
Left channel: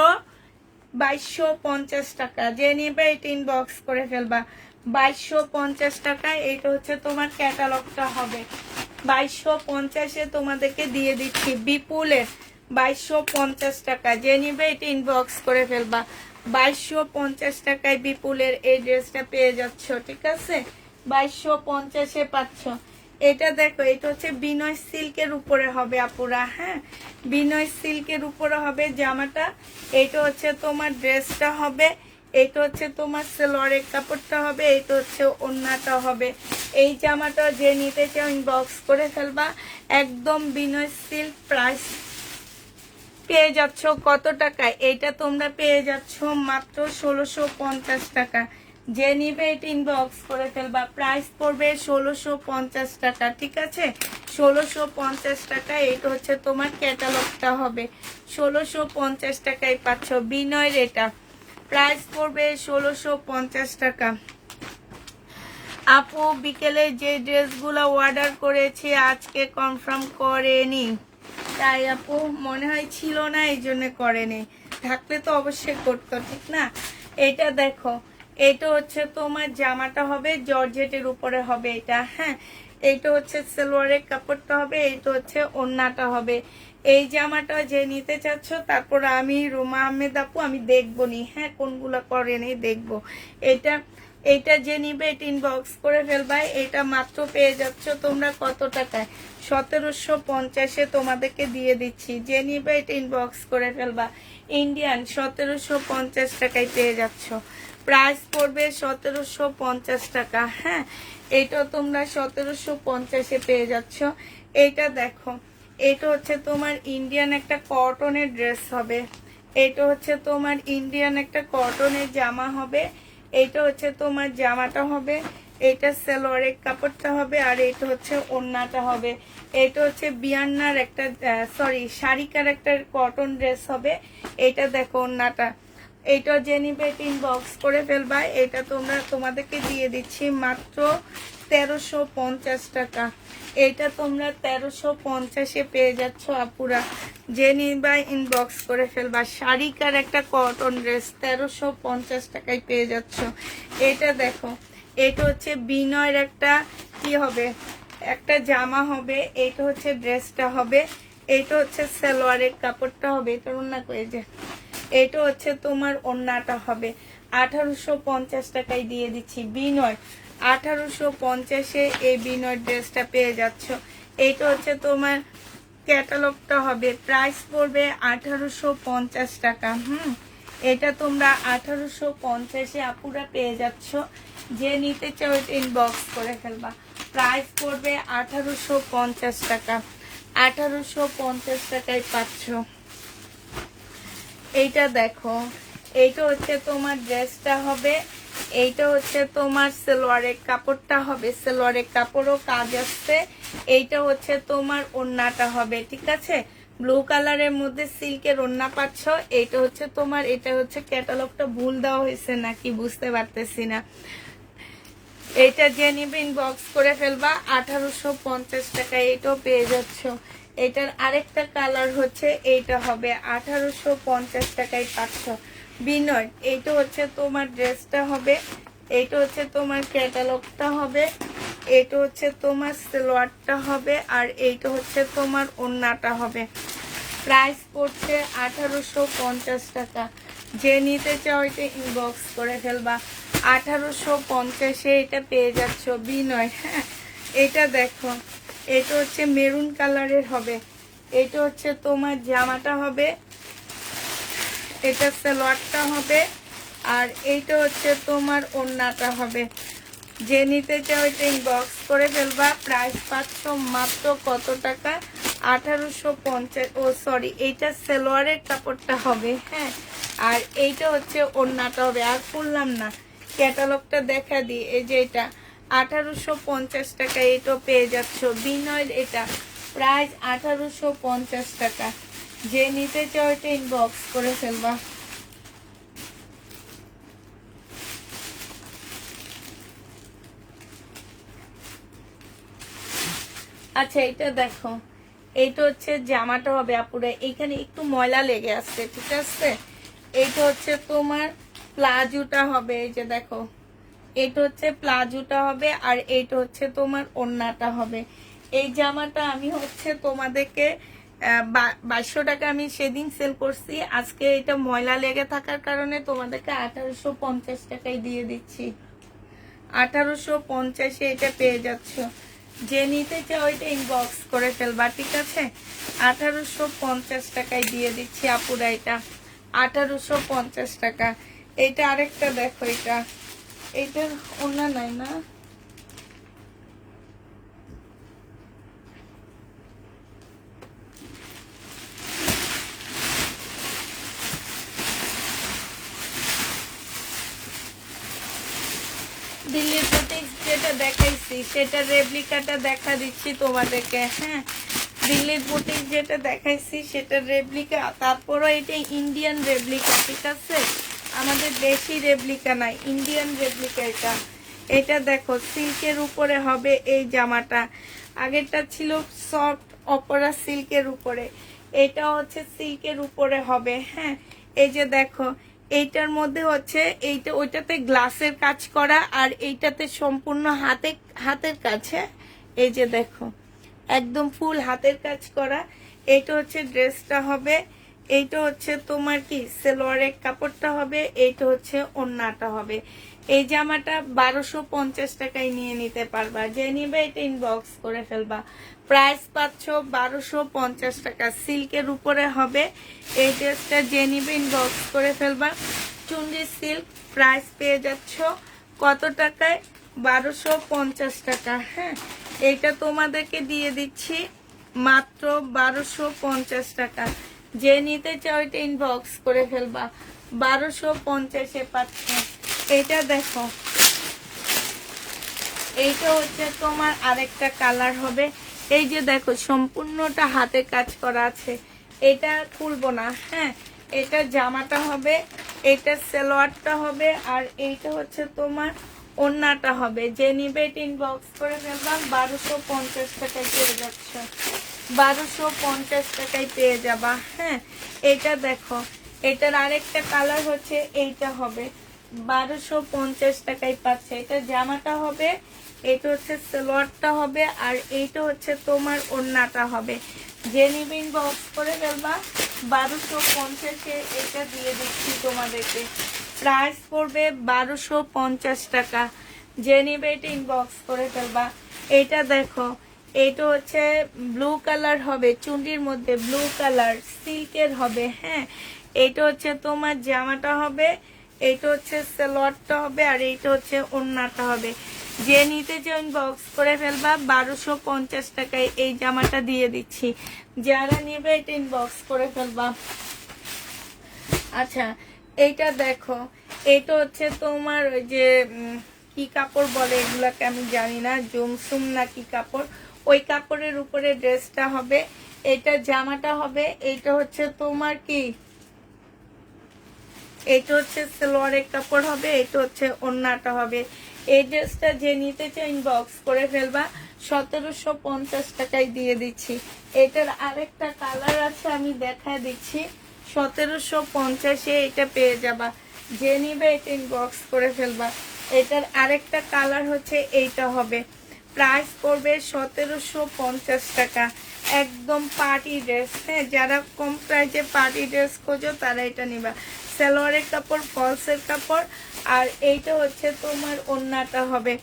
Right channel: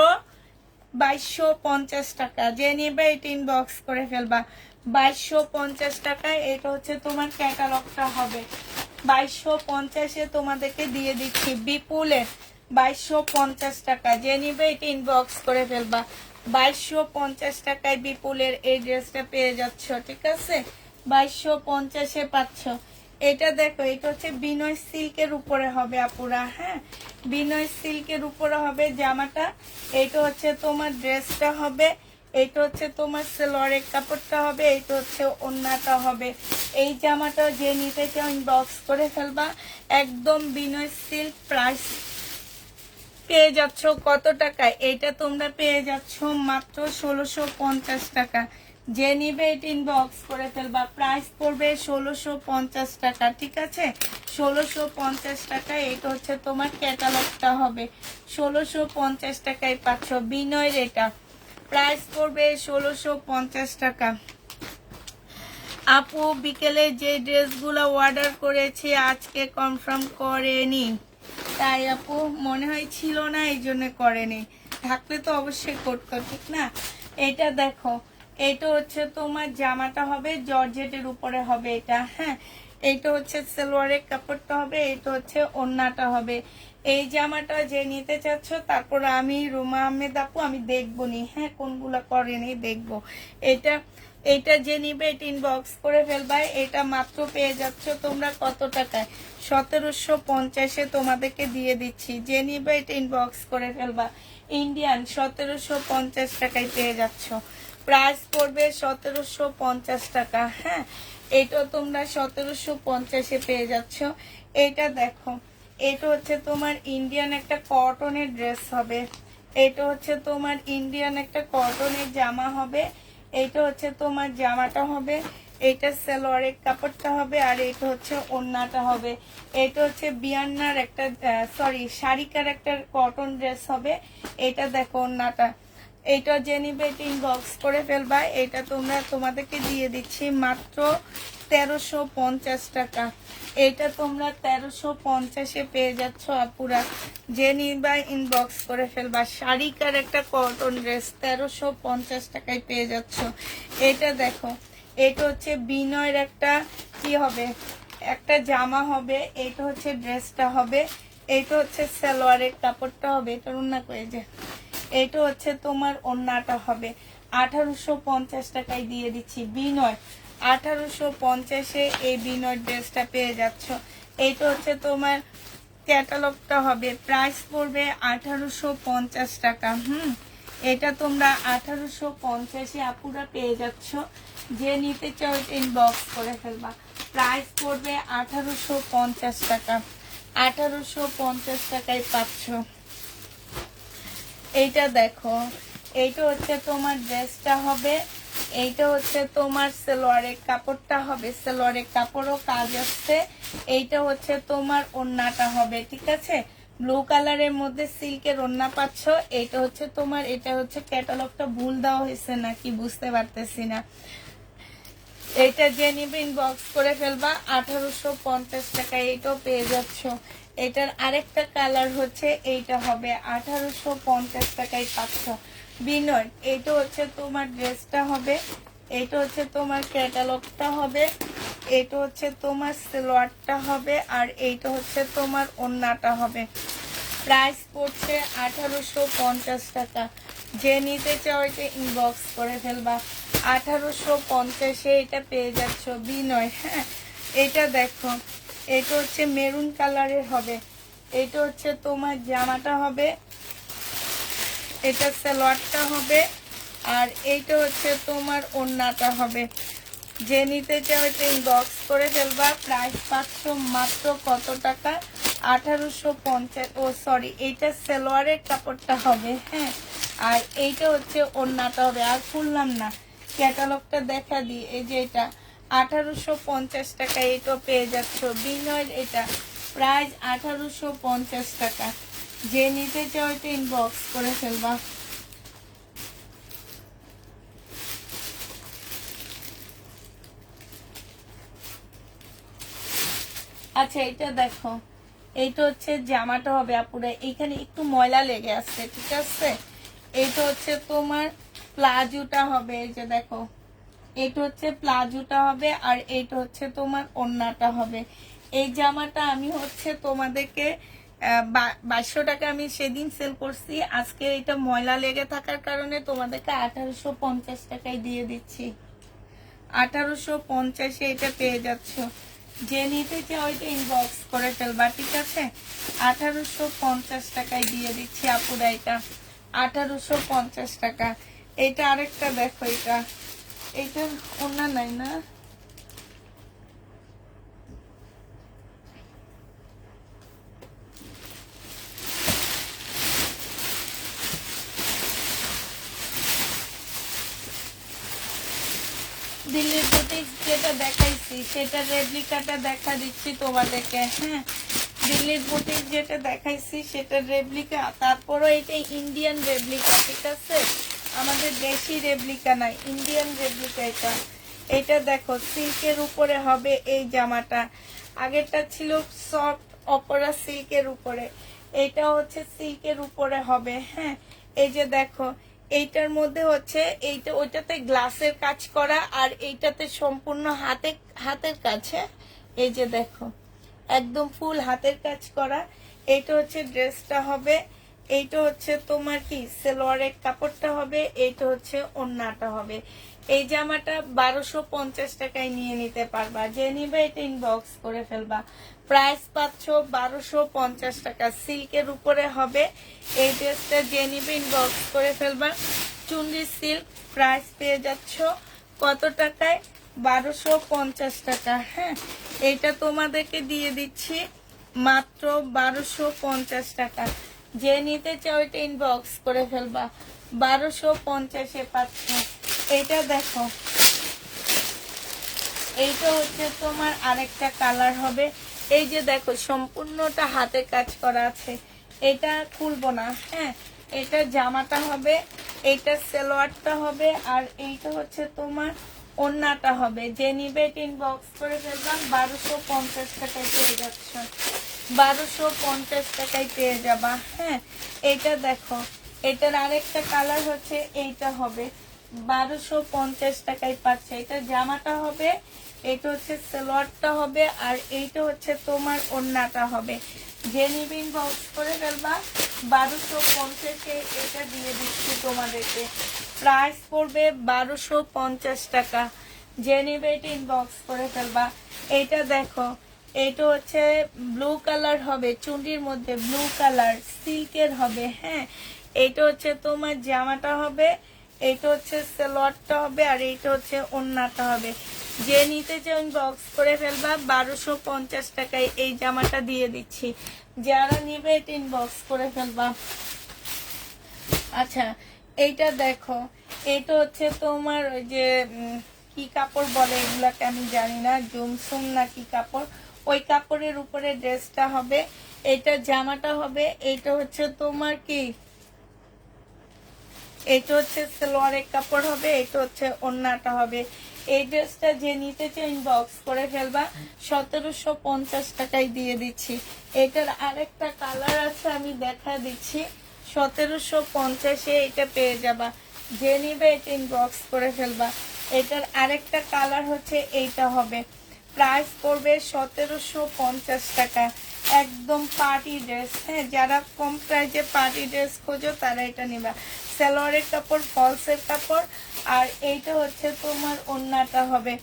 2250 টাকা। যে নেবে এটা ইনবক্স করে ফেলবা। 2250 টাকায়। এটা হচ্ছে তোমার ক্যাটালগটা হবে। 2250-এ তোমাদেরকে দিয়ে দিচ্ছি বিপুলের। 2250 টাকা। যে নিবে এটা ইনবক্স করে ফেলবা। 2250 টাকায় বিপুলের এই ড্রেসটা পেয়ে যাচ্ছ, ঠিক আছে? 2250-এ পাচ্ছ। এটা দেখো, এটা হচ্ছে বিনয় সিল্কের উপরে হবে আপুরা, হ্যাঁ, বিনয় সিল্কের উপরে হবে জামাটা। এটা হচ্ছে তোমার ড্রেসটা হবে, এটা হচ্ছে তোমার সালোয়ারের কাপড়টা হবে, এটা হচ্ছে ওড়নাটা হবে। এই জামাটা যে নিতে চাও ইনবক্স করে ফেলবা। একদম বিনয় সিল্ক। প্রাইস পেয়ে যাচ্ছ কত টাকা? এইটা তোমরা পেয়ে যাচ্ছ মাত্র 1650 টাকা। যে নিবে এটা ইনবক্স করে ফেলবা। প্রাইস পড়বে 1650 টাকা, ঠিক আছে? 1650 টাকা। এটা হচ্ছে তোমার ক্যাটালগটা হবে। 1650 টাকায় পাচ্ছ বিনয়ের এটা। প্রাইস পড়বে 1650 টাকা। আপু বিকেলে যে ড্রেসগুলো অর্ডার করেছি আজকে কনফার্ম করেনি, তাই আপু মনে হয় ছিল না, এই জন্য করেনি। থাকলে তো অবশ্যই করতো, ঠিক না? এটা দেখো, এটা হচ্ছে তোমার জামাটা হবে, জর্জেটের উপরে হবে এটা, হ্যাঁ। এইটা হচ্ছে সালোয়ারের কাপড়টা হবে, এইটা হচ্ছে ওড়নাটা হবে। এই জামাটা যে নিতে চাচ্ছ, তারপর আমি রুমা আহমেদ আপু আমি দেখবো নি, হ্যাঁ, কোনগুলা করেনি দেখবো। এটা এটা যে নিবে এটা ইনবক্স করে ফেলবা। এটা মাত্র পেয়ে যাচ্ছ তোমরা কত টাকায়? 1750-এ তোমাদেরকে দিয়ে দিচ্ছি। যে নিবে এটা ইনবক্স করে ফেলবা। ইন্ডিয়ান 1750 টাকায় পেয়ে যাচ্ছ। প্রাইস পড়বে 1750 টাকা, হ্যাঁ। এটা তোমরা 1750-এ পেয়ে যাচ্ছ। এটা দেখো, এটা হচ্ছে তোমার ইন্ডিয়ান একটা কটনের ড্রেস হবে। এটা হচ্ছে তোমার ইন্ডিয়ান একটা কটনের জামা হবে। এটা হচ্ছে তোমার জামাটা হবে, এটা সালোয়ারের কাপড়টা হবে, আর এটা হচ্ছে ওড়নাটা হবে। এটা হচ্ছে বিয়ান্নার একটা সরি শাড়িকার একটা কটন ড্রেস হবে। এটা দেখো ওড়নাটা। এটা যে নিবে ইনবক্স করে ফেলবা। এটা তোমাদেরকে দিয়ে দিচ্ছি মাত্র 1350 টাকা। এটা তোমরা 1350-এ পেয়ে যাচ্ছ আপুরা। যে নিবা ইনবক্স করে ফেলবা। শাড়িকার একটা কটন ড্রেস 1350 টাকায় পেয়ে যাচ্ছ। এটা দেখো, এটা হচ্ছে বিনয়ের একটা কি হবে, একটা জামা হবে। এটা হচ্ছে ড্রেসটা হবে, এটা হচ্ছে সালোয়ারের কাপড়টা হবে, এটা ওড়না করে যায়। এটা হচ্ছে তোমার ওড়নাটা হবে। 1850 টাকায় দিয়ে দিচ্ছি বিনয়। 1850-এ এই বিনয় ড্রেসটা পেয়ে যাচ্ছ। এইটা হচ্ছে তোমার ক্যাটালগটা হবে। প্রাইস পড়বে 1850 টাকা। এটা তোমরা 1850-এ আপুরা পেয়ে যাচ্ছ। যে নিতে চাও ইনবক্স করে ফেলবা। প্রাইস পড়বে 1850 টাকা। 1850 টাকায় পাচ্ছ। এইটা দেখো, এইটা হচ্ছে তোমার ড্রেসটা হবে, এইটা হচ্ছে তোমার সালোয়ারের কাপড়টা হবে, সালোয়ারের কাপড়ও কাজ আসছে। এইটা হচ্ছে তোমার ওড়নাটা হবে, ঠিক আছে? ব্লু কালারের মধ্যে সিল্কের ওড়না পাচ্ছ। এইটা হচ্ছে তোমার, এটা হচ্ছে ক্যাটালগটা ভুল দেওয়া হয়েছে নাকি বুঝতে পারতেছি না। এইটা যে নিবে ইনবক্স করে ফেলবা। 1850 টাকায় এটাও পেয়ে যাচ্ছ। এটার আরেকটা কালার হচ্ছে এইটা হবে, 1850 টাকায় পাচ্ছ। বিনয়, এইটা হচ্ছে তোমার ড্রেসটা হবে, এইটা হচ্ছে তোমার ক্যাটালগটা হবে, এটা হচ্ছে তোমার সালোয়ারটা হবে, আর এইটা হচ্ছে তোমার ওড়নাটা হবে। প্রাইস পড়ছে 1850 টাকা। যে নিতে চাও এটা ইনবক্স করে ফেলবা। 1850-এ এটা পেয়ে যাচ্ছ বিনয়। হ্যাঁ, এটা দেখো, এটা হচ্ছে মেরুন কালারের হবে। এটা হচ্ছে তোমার জামাটা হবে, এটা সালোয়ারটা হবে, আর এইটা হচ্ছে তোমার ওড়নাটা হবে। যে নিতে চাও এটা ইনবক্স করে ফেলবা। প্রাইস পাচ্ছ মাত্র কত টাকা? 1850। ও সরি, এইটা সালোয়ারের কাপড়টা হবে। হ্যাঁ, আর এইটা হচ্ছে ওড়নাটা হবে। আর খুললাম না, ক্যাটালগটা দেখা দিই। এই যে এটা 1850 টাকা, এটা পেয়ে যাচ্ছ বিনয়। এটা প্রাইস 1850 টাকা। যে নিতে চাও এটা ইনবক্স করে ফেলবা। আচ্ছা, এটা দেখো, এইটা হচ্ছে জামাটা হবে আপুরে। এইখানে একটু ময়লা লেগে আছে, ঠিক আছে। এইটা হচ্ছে তোমার প্লাজোটা হবে। এই যে দেখো, এটা হচ্ছে প্লাজোটা হবে, আর এইটা হচ্ছে তোমার ওড়নাটা হবে। এই জামাটা আমি হচ্ছে তোমাদেরকে 2200 টাকা আমি সেদিন সেল করছি। আজকে এটা ময়লা লেগে থাকার কারণে তোমাদেরকে 1850 টাকায় দিয়ে দিচ্ছি। 1850-এ এটা পেয়ে যাচ্ছ। যে নিতে চাও এটা ইনবক্স করে ফেলবা, ঠিক আছে। 1850 টাকায় দিয়ে দিচ্ছি আপুরা। এটা 1850 টাকা। এটা আরেকটা দেখো, এটা এইটা অন্য নাই না। দিল্লির বুটিক যেটা দেখাইছি সেটা রেপ্লিকাটা দেখা দিচ্ছি তোমাদেরকে। হ্যাঁ, দিল্লির বুটিক যেটা দেখাইছি সেটা রেপ্লিকা, তারপরও এটা ইন্ডিয়ান রেপ্লিকা, ঠিক আছে। আমাদের দেশি রেপ্লিকা নাই, ইন্ডিয়ান রেপ্লিকা এটা। এটা দেখো, সিল্কের উপরে হবে এই জামাটা। আগেরটা ছিল সফট অপরা সিল্কের উপরে, এটা হচ্ছে সিল্কের উপরে হবে। হ্যাঁ, এই যে দেখো, এইটার মধ্যে হচ্ছে এইটা, ওইটাতে গ্লাসের কাজ করা, আর এইটাতে সম্পূর্ণ হাতের কাছে। এই যে দেখো, একদম ফুল হাতের কাজ করা। এইটা হচ্ছে ড্রেসটা হবে। এইটা হচ্ছে তোমার কি সালোয়ারের কাপড়টা হবে। এইটা হচ্ছে ওড়নাটা হবে। এই জামাটা 1250 টাকায় নিয়ে নিতে পারবা। যে নিবে এটা ইনবক্স করে ফেলবা। প্রাইস পাচ্ছ 1250 টাকা, সিল্কের উপরে হবে এই ড্রেসটা। যে নিবে ইনবক্স করে ফেলবা। চুন্ডি সিল্ক, প্রাইস পেয়ে যাচ্ছ কত টাকায়? 1250 টাকা। হ্যাঁ, এইটা তোমাদেরকে দিয়ে দিচ্ছি মাত্র 1250 টাকা। যে নিতে চাও এটা ইনবক্স করে ফেলবা। 1250-এ পাচ্ছ। এটা দেখো, এইটা হচ্ছে তোমার আরেকটা কালার হবে। এই যে দেখো, সম্পূর্ণটা হাতে কাজ করা আছে। এটা খুলবো না। হ্যাঁ, এটা জামাটা হবে, এটা সালোয়ারটা হবে, আর এইটা হচ্ছে তোমার ওড়নাটা হবে। যে নিবে এটা ইনবক্স করে ফেলবা। 1250 টাকায় পেয়ে যাচ্ছ। 1250 টাকায় পেয়ে যাবা। হ্যাঁ, এটা দেখো, এটার আরেকটা কালার হচ্ছে এইটা হবে। 1250 টাকায় পাচ্ছে। এটা জামাটা হবে, এটা হচ্ছে সালোয়ারটা হবে, আর এইটা হচ্ছে তোমার ওড়নাটা হবে। যে নিবে ইনবক্স করে ফেলবা। 1250-এ এটা দিয়ে দিচ্ছি তোমাদেরকে। প্রাইস পড়বে 1250 টাকা। যে নিবে এটা ইনবক্স করে ফেলবা। এটা দেখো, এটা হচ্ছে ব্লু কালার হবে, চুন্ডির মধ্যে ব্লু কালার সিল্কের হবে। হ্যাঁ, এটা হচ্ছে তোমার জামাটা হবে, এটা হচ্ছে সালোয়ারটা হবে, আর এইটা হচ্ছে ওড়নাটা হবে। যে নিতে চাও ইনবক্স করে ফেলবা। 1250 টাকায় এই জামাটা দিয়ে দিচ্ছি। যারা নিবে এটা ইনবক্স করে ফেলবা। আচ্ছা, এইটা দেখো, এটা হচ্ছে তোমার ওই যে কি কাপড় বলে এগুলাকে আমি জানি না, জুমসুম না কি কাপড়, ওই কাপড়ের উপরে ড্রেসটা হবে। এটা জামাটা হবে, এটা হচ্ছে তোমার কি, এটা হচ্ছে সালোয়ারের কাপড় হবে, এটা হচ্ছে ওড়নাটা হবে। এই ড্রেসটা যে নিতে চাই ইনবক্স করে ফেলবা। 1750 টাকায় দিয়ে দিচ্ছি। এটার আরেকটা কালার আছে, আমি দেখা দিচ্ছি। 1750-এ এটা পেয়ে যাবা। যে নিবে এটা ইনবক্স করে ফেলবা। এটার আরেকটা কালার হচ্ছে এইটা হবে। প্রাইস পড়বে 1750 টাকা। একদম পার্টি ড্রেস, হ্যাঁ যারা কম প্রাইসে পার্টি ড্রেস খোঁজো তারা এটা নিবা। সালোয়ারের কাপড়, ফলসের কাপড়, আর এইটা হচ্ছে তোমার ওড়নাটা হবে।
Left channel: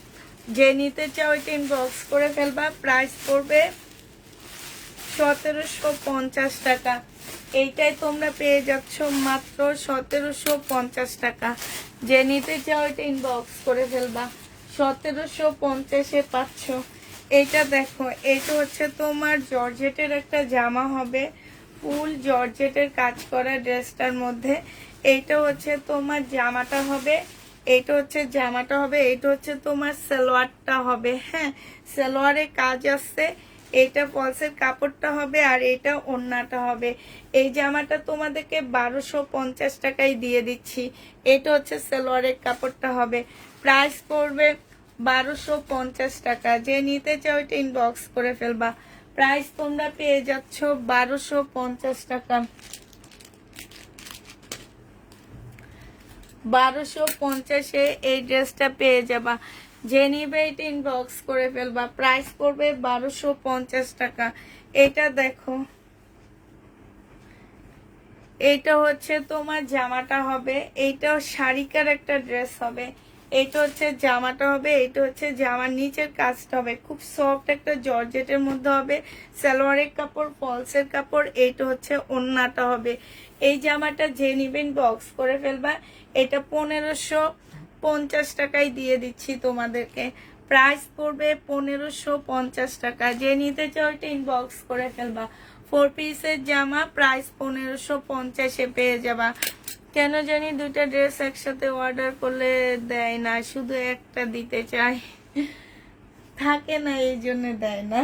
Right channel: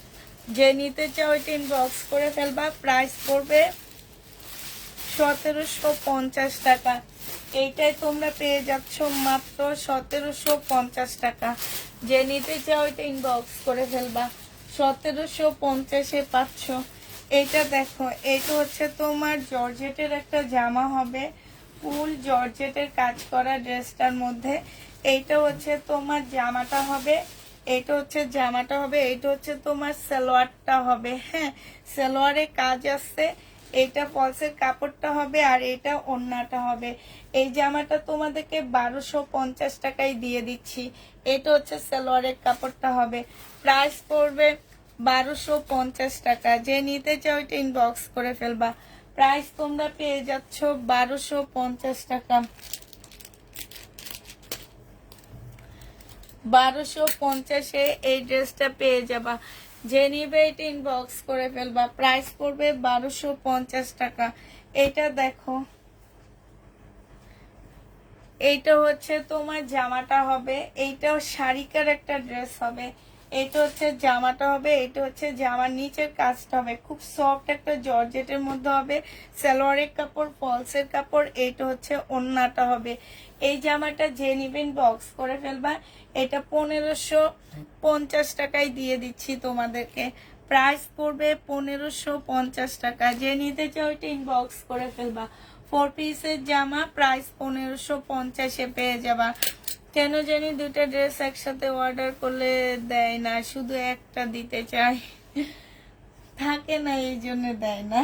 যে নিতে চাও এটা ইনবক্স করে ফেলবা। প্রাইস পড়বে 1750 টাকা। এইটাই তোমরা পেয়ে যাচ্ছ মাত্র 1750 টাকা। যে নিতে চাও এটা ইনবক্স করে ফেলবা। 1750-এ পাচ্ছ। এইটা দেখো, এইটা হচ্ছে তোমার জর্জেটের একটা জামা হবে, ফুল জর্জেটের কাজ করা ড্রেসটার মধ্যে। এইটা হচ্ছে তোমার জামাটা হবে, এইটা হচ্ছে জামাটা হবে, এইটা হচ্ছে তোমার সালোয়ারটা হবে। হ্যাঁ, সালোয়ারে কাজ আসছে। এটা ফলসের কাপড়টা হবে আর এটা ওড়নাটা হবে। এই জামাটা তোমাদেরকে 1250 টাকায় দিয়ে দিচ্ছি। এটা হচ্ছে সালোয়ারের কাপড়টা হবে। প্রাইস পড়বে 1250 টাকা। যে নিতে চাও এটা ইনবক্স করে ফেলবা। প্রাইস তোমরা পেয়ে যাচ্ছ 1250 টাকা। 1250-এ এই ড্রেসটা পেয়ে যাবা। যে নিবে এটা ইনবক্স করে ফেলবা। প্রাইস পড়বে 1250 টাকা। এটা দেখো, এইটা হচ্ছে তোমার জামাটা হবে। এইটাও শাড়িকার একটা ড্রেস হবে। এইটা হচ্ছে জামাটা হবে, এইটা হচ্ছে জামার নিচের কাজটা হবে। খুব সফট একটা জর্জেটের মধ্যে হবে। সালোয়ারের কাপড়, ফলসের কাপড়। এইটা হচ্ছে ওড়নাটা হবে। এই জামাটা যে নিবেন বক্স করে ফেলবা। এটা 1550 টাকায় দিয়ে দিচ্ছি তোমাদেরকে। প্রাইস পড়বে 1550 টাকা। যে নিতে চাও এটা ইনবক্স করে ফেলবা। 4 পিসের জামা, প্রাইস 1550-এ পেয়ে যাবা। কেন জানি দুইটা ড্রেস একসাথে অর্ডার করলে দেয় না, শুধু একটা দিতে চাই, থাকে না, এই জন্য দেয় না।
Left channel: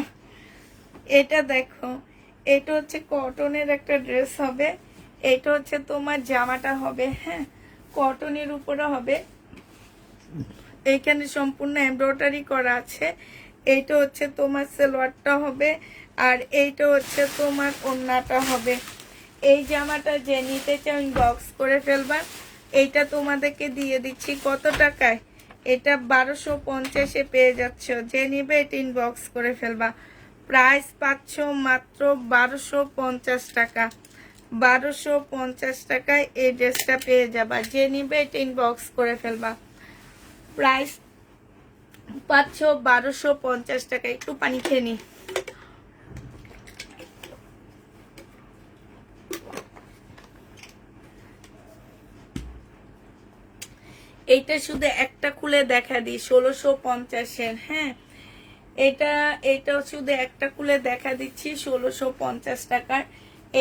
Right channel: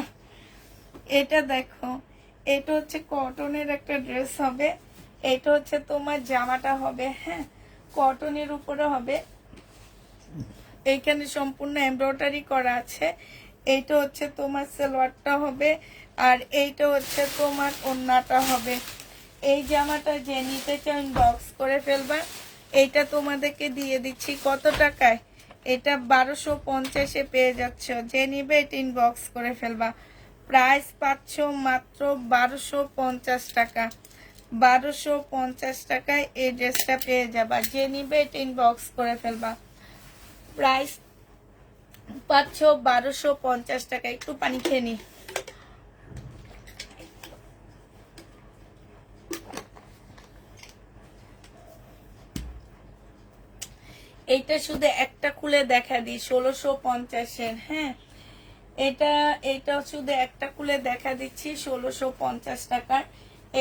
এটা দেখো, এটা হচ্ছে কটনের একটা ড্রেস হবে। এটা হচ্ছে তোমার জামাটা হবে, হ্যাঁ কটনের উপরে হবে। এইখানে সম্পূর্ণ এমব্রয়ডারি করা আছে। এইটা হচ্ছে তোমার সালোয়ারটা হবে আর এইটা হচ্ছে তোমার ওড়নাটা হবে। এই জামাটা যে নিতে চাও ইনবক্স করে ফেলবা। এইটা তোমাদেরকে দিয়ে দিচ্ছি কত টাকায়? এটা 1250-এ পেয়ে যাচ্ছ। যে নিবে এটা ইনবক্স করে ফেলবা। প্রাইস পাচ্ছ মাত্র 1250 টাকা। 1250 টাকায় এই ড্রেসটা পেয়ে যাবা। যে নিবে এটা ইনবক্স করে ফেলবা। প্রাইস পাচ্ছ 1250 টাকা। একটু পানি খেয়ে নি। এইটা শুধু একটা খুলে দেখা দিই, 1650-এর। হ্যাঁ, এটা শুধু একটা খুলে দেখা দিচ্ছি 1650 টাকার।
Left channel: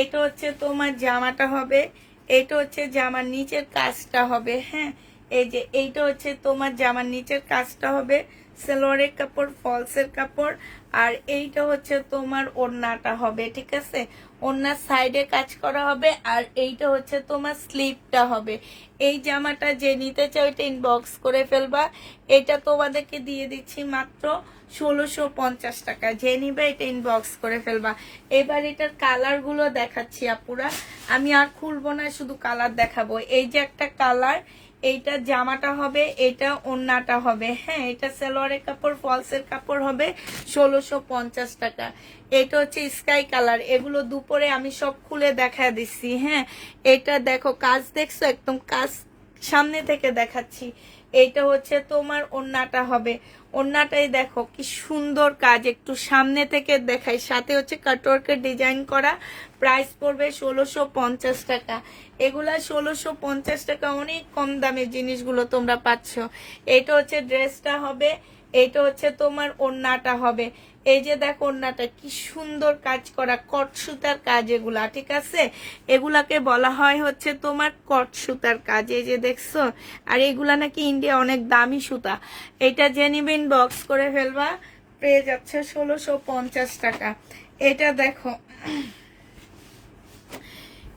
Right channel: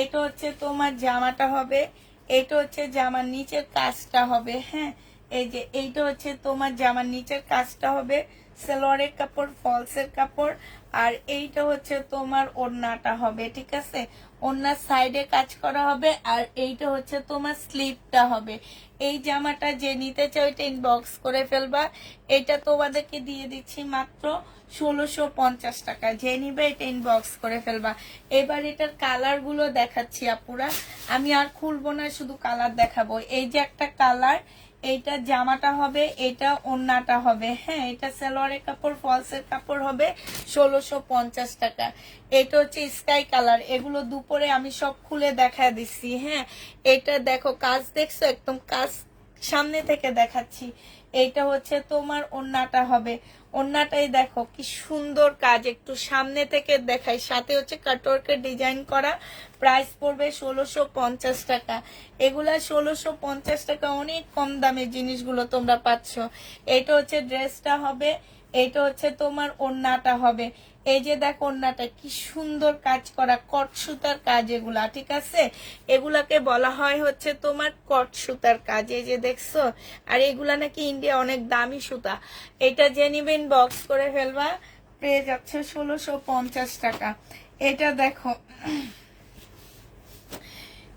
এটা হচ্ছে তোমার জামাটা হবে। এটা হচ্ছে জামার নিচের কাজটা হবে। হ্যাঁ, এই যে এইটা হচ্ছে তোমার জামার নিচের কাজটা হবে। সালোয়ারের কাপড়, ফলসের কাপড়, আর এইটা হচ্ছে তোমার ওড়নাটা হবে। ঠিক আছে, ওড়নার সাইডে কাজ করা হবে আর এইটা হচ্ছে তোমার স্লিভটা হবে। এই জামাটা যে নিতে চাও এটা ইনবক্স করে ফেলবা। এটা তোমাদেরকে দিয়ে দিচ্ছি মাত্র 1650 টাকা। যে নিবে এটা ইনবক্স করে ফেলবা। এবার এটার কালার গুলো দেখাচ্ছি আপুরা, আমি আর খুলবো না, শুধু কালার দেখাবো। এই যে একটা কালার, এইটা জামাটা হবে, এটা ওড়নাটা হবে। হ্যাঁ, এটা সালোয়ারের কাপড়, ফলসের কাপড় হবে 1650 টাকা। এটা হচ্ছে স্কাই কালার। এগুলো দুপুরে আমি সব খুলে দেখা দিচ্ছি। হ্যাঁ, এটা দেখো কাজ দেখছো, একদম কাজ সামনে থেকে দেখাচ্ছি। এইটা হচ্ছে তোমার ওড়নাটা হবে। ওড়নাটাই দেখো কি সুন্দর কাজ, একটু সামনে থেকে দেখাই। সাথে হচ্ছে কাটওয়ার্কের ডিজাইন করা। প্রাইস পড়বে 1650 টাকা। এগুলা 1650 টাকা, অনেক কম দামে জিনিসগুলো তোমরা পাচ্ছ। এটা হচ্ছে ড্রেসটা হবে, এটা হচ্ছে তোমার ওড়নাটা হবে। এই যে দেখো ওড়নাটা কি সুন্দর কাজ করা, কট সুতার কাজ এগুলা। ঠিক আছে, এগুলাকে বলা হয় হচ্ছে তোমার কট সুতার কাজ। এই যে দেখছো, আর এগুলা নাকি ইন্ডিয়া অনেক দামি সুতা। এটা যে নিবেন বক্স করে ফেলবা, পেয়ে যাচ্ছে 1650 টাকা। এটা দেখো,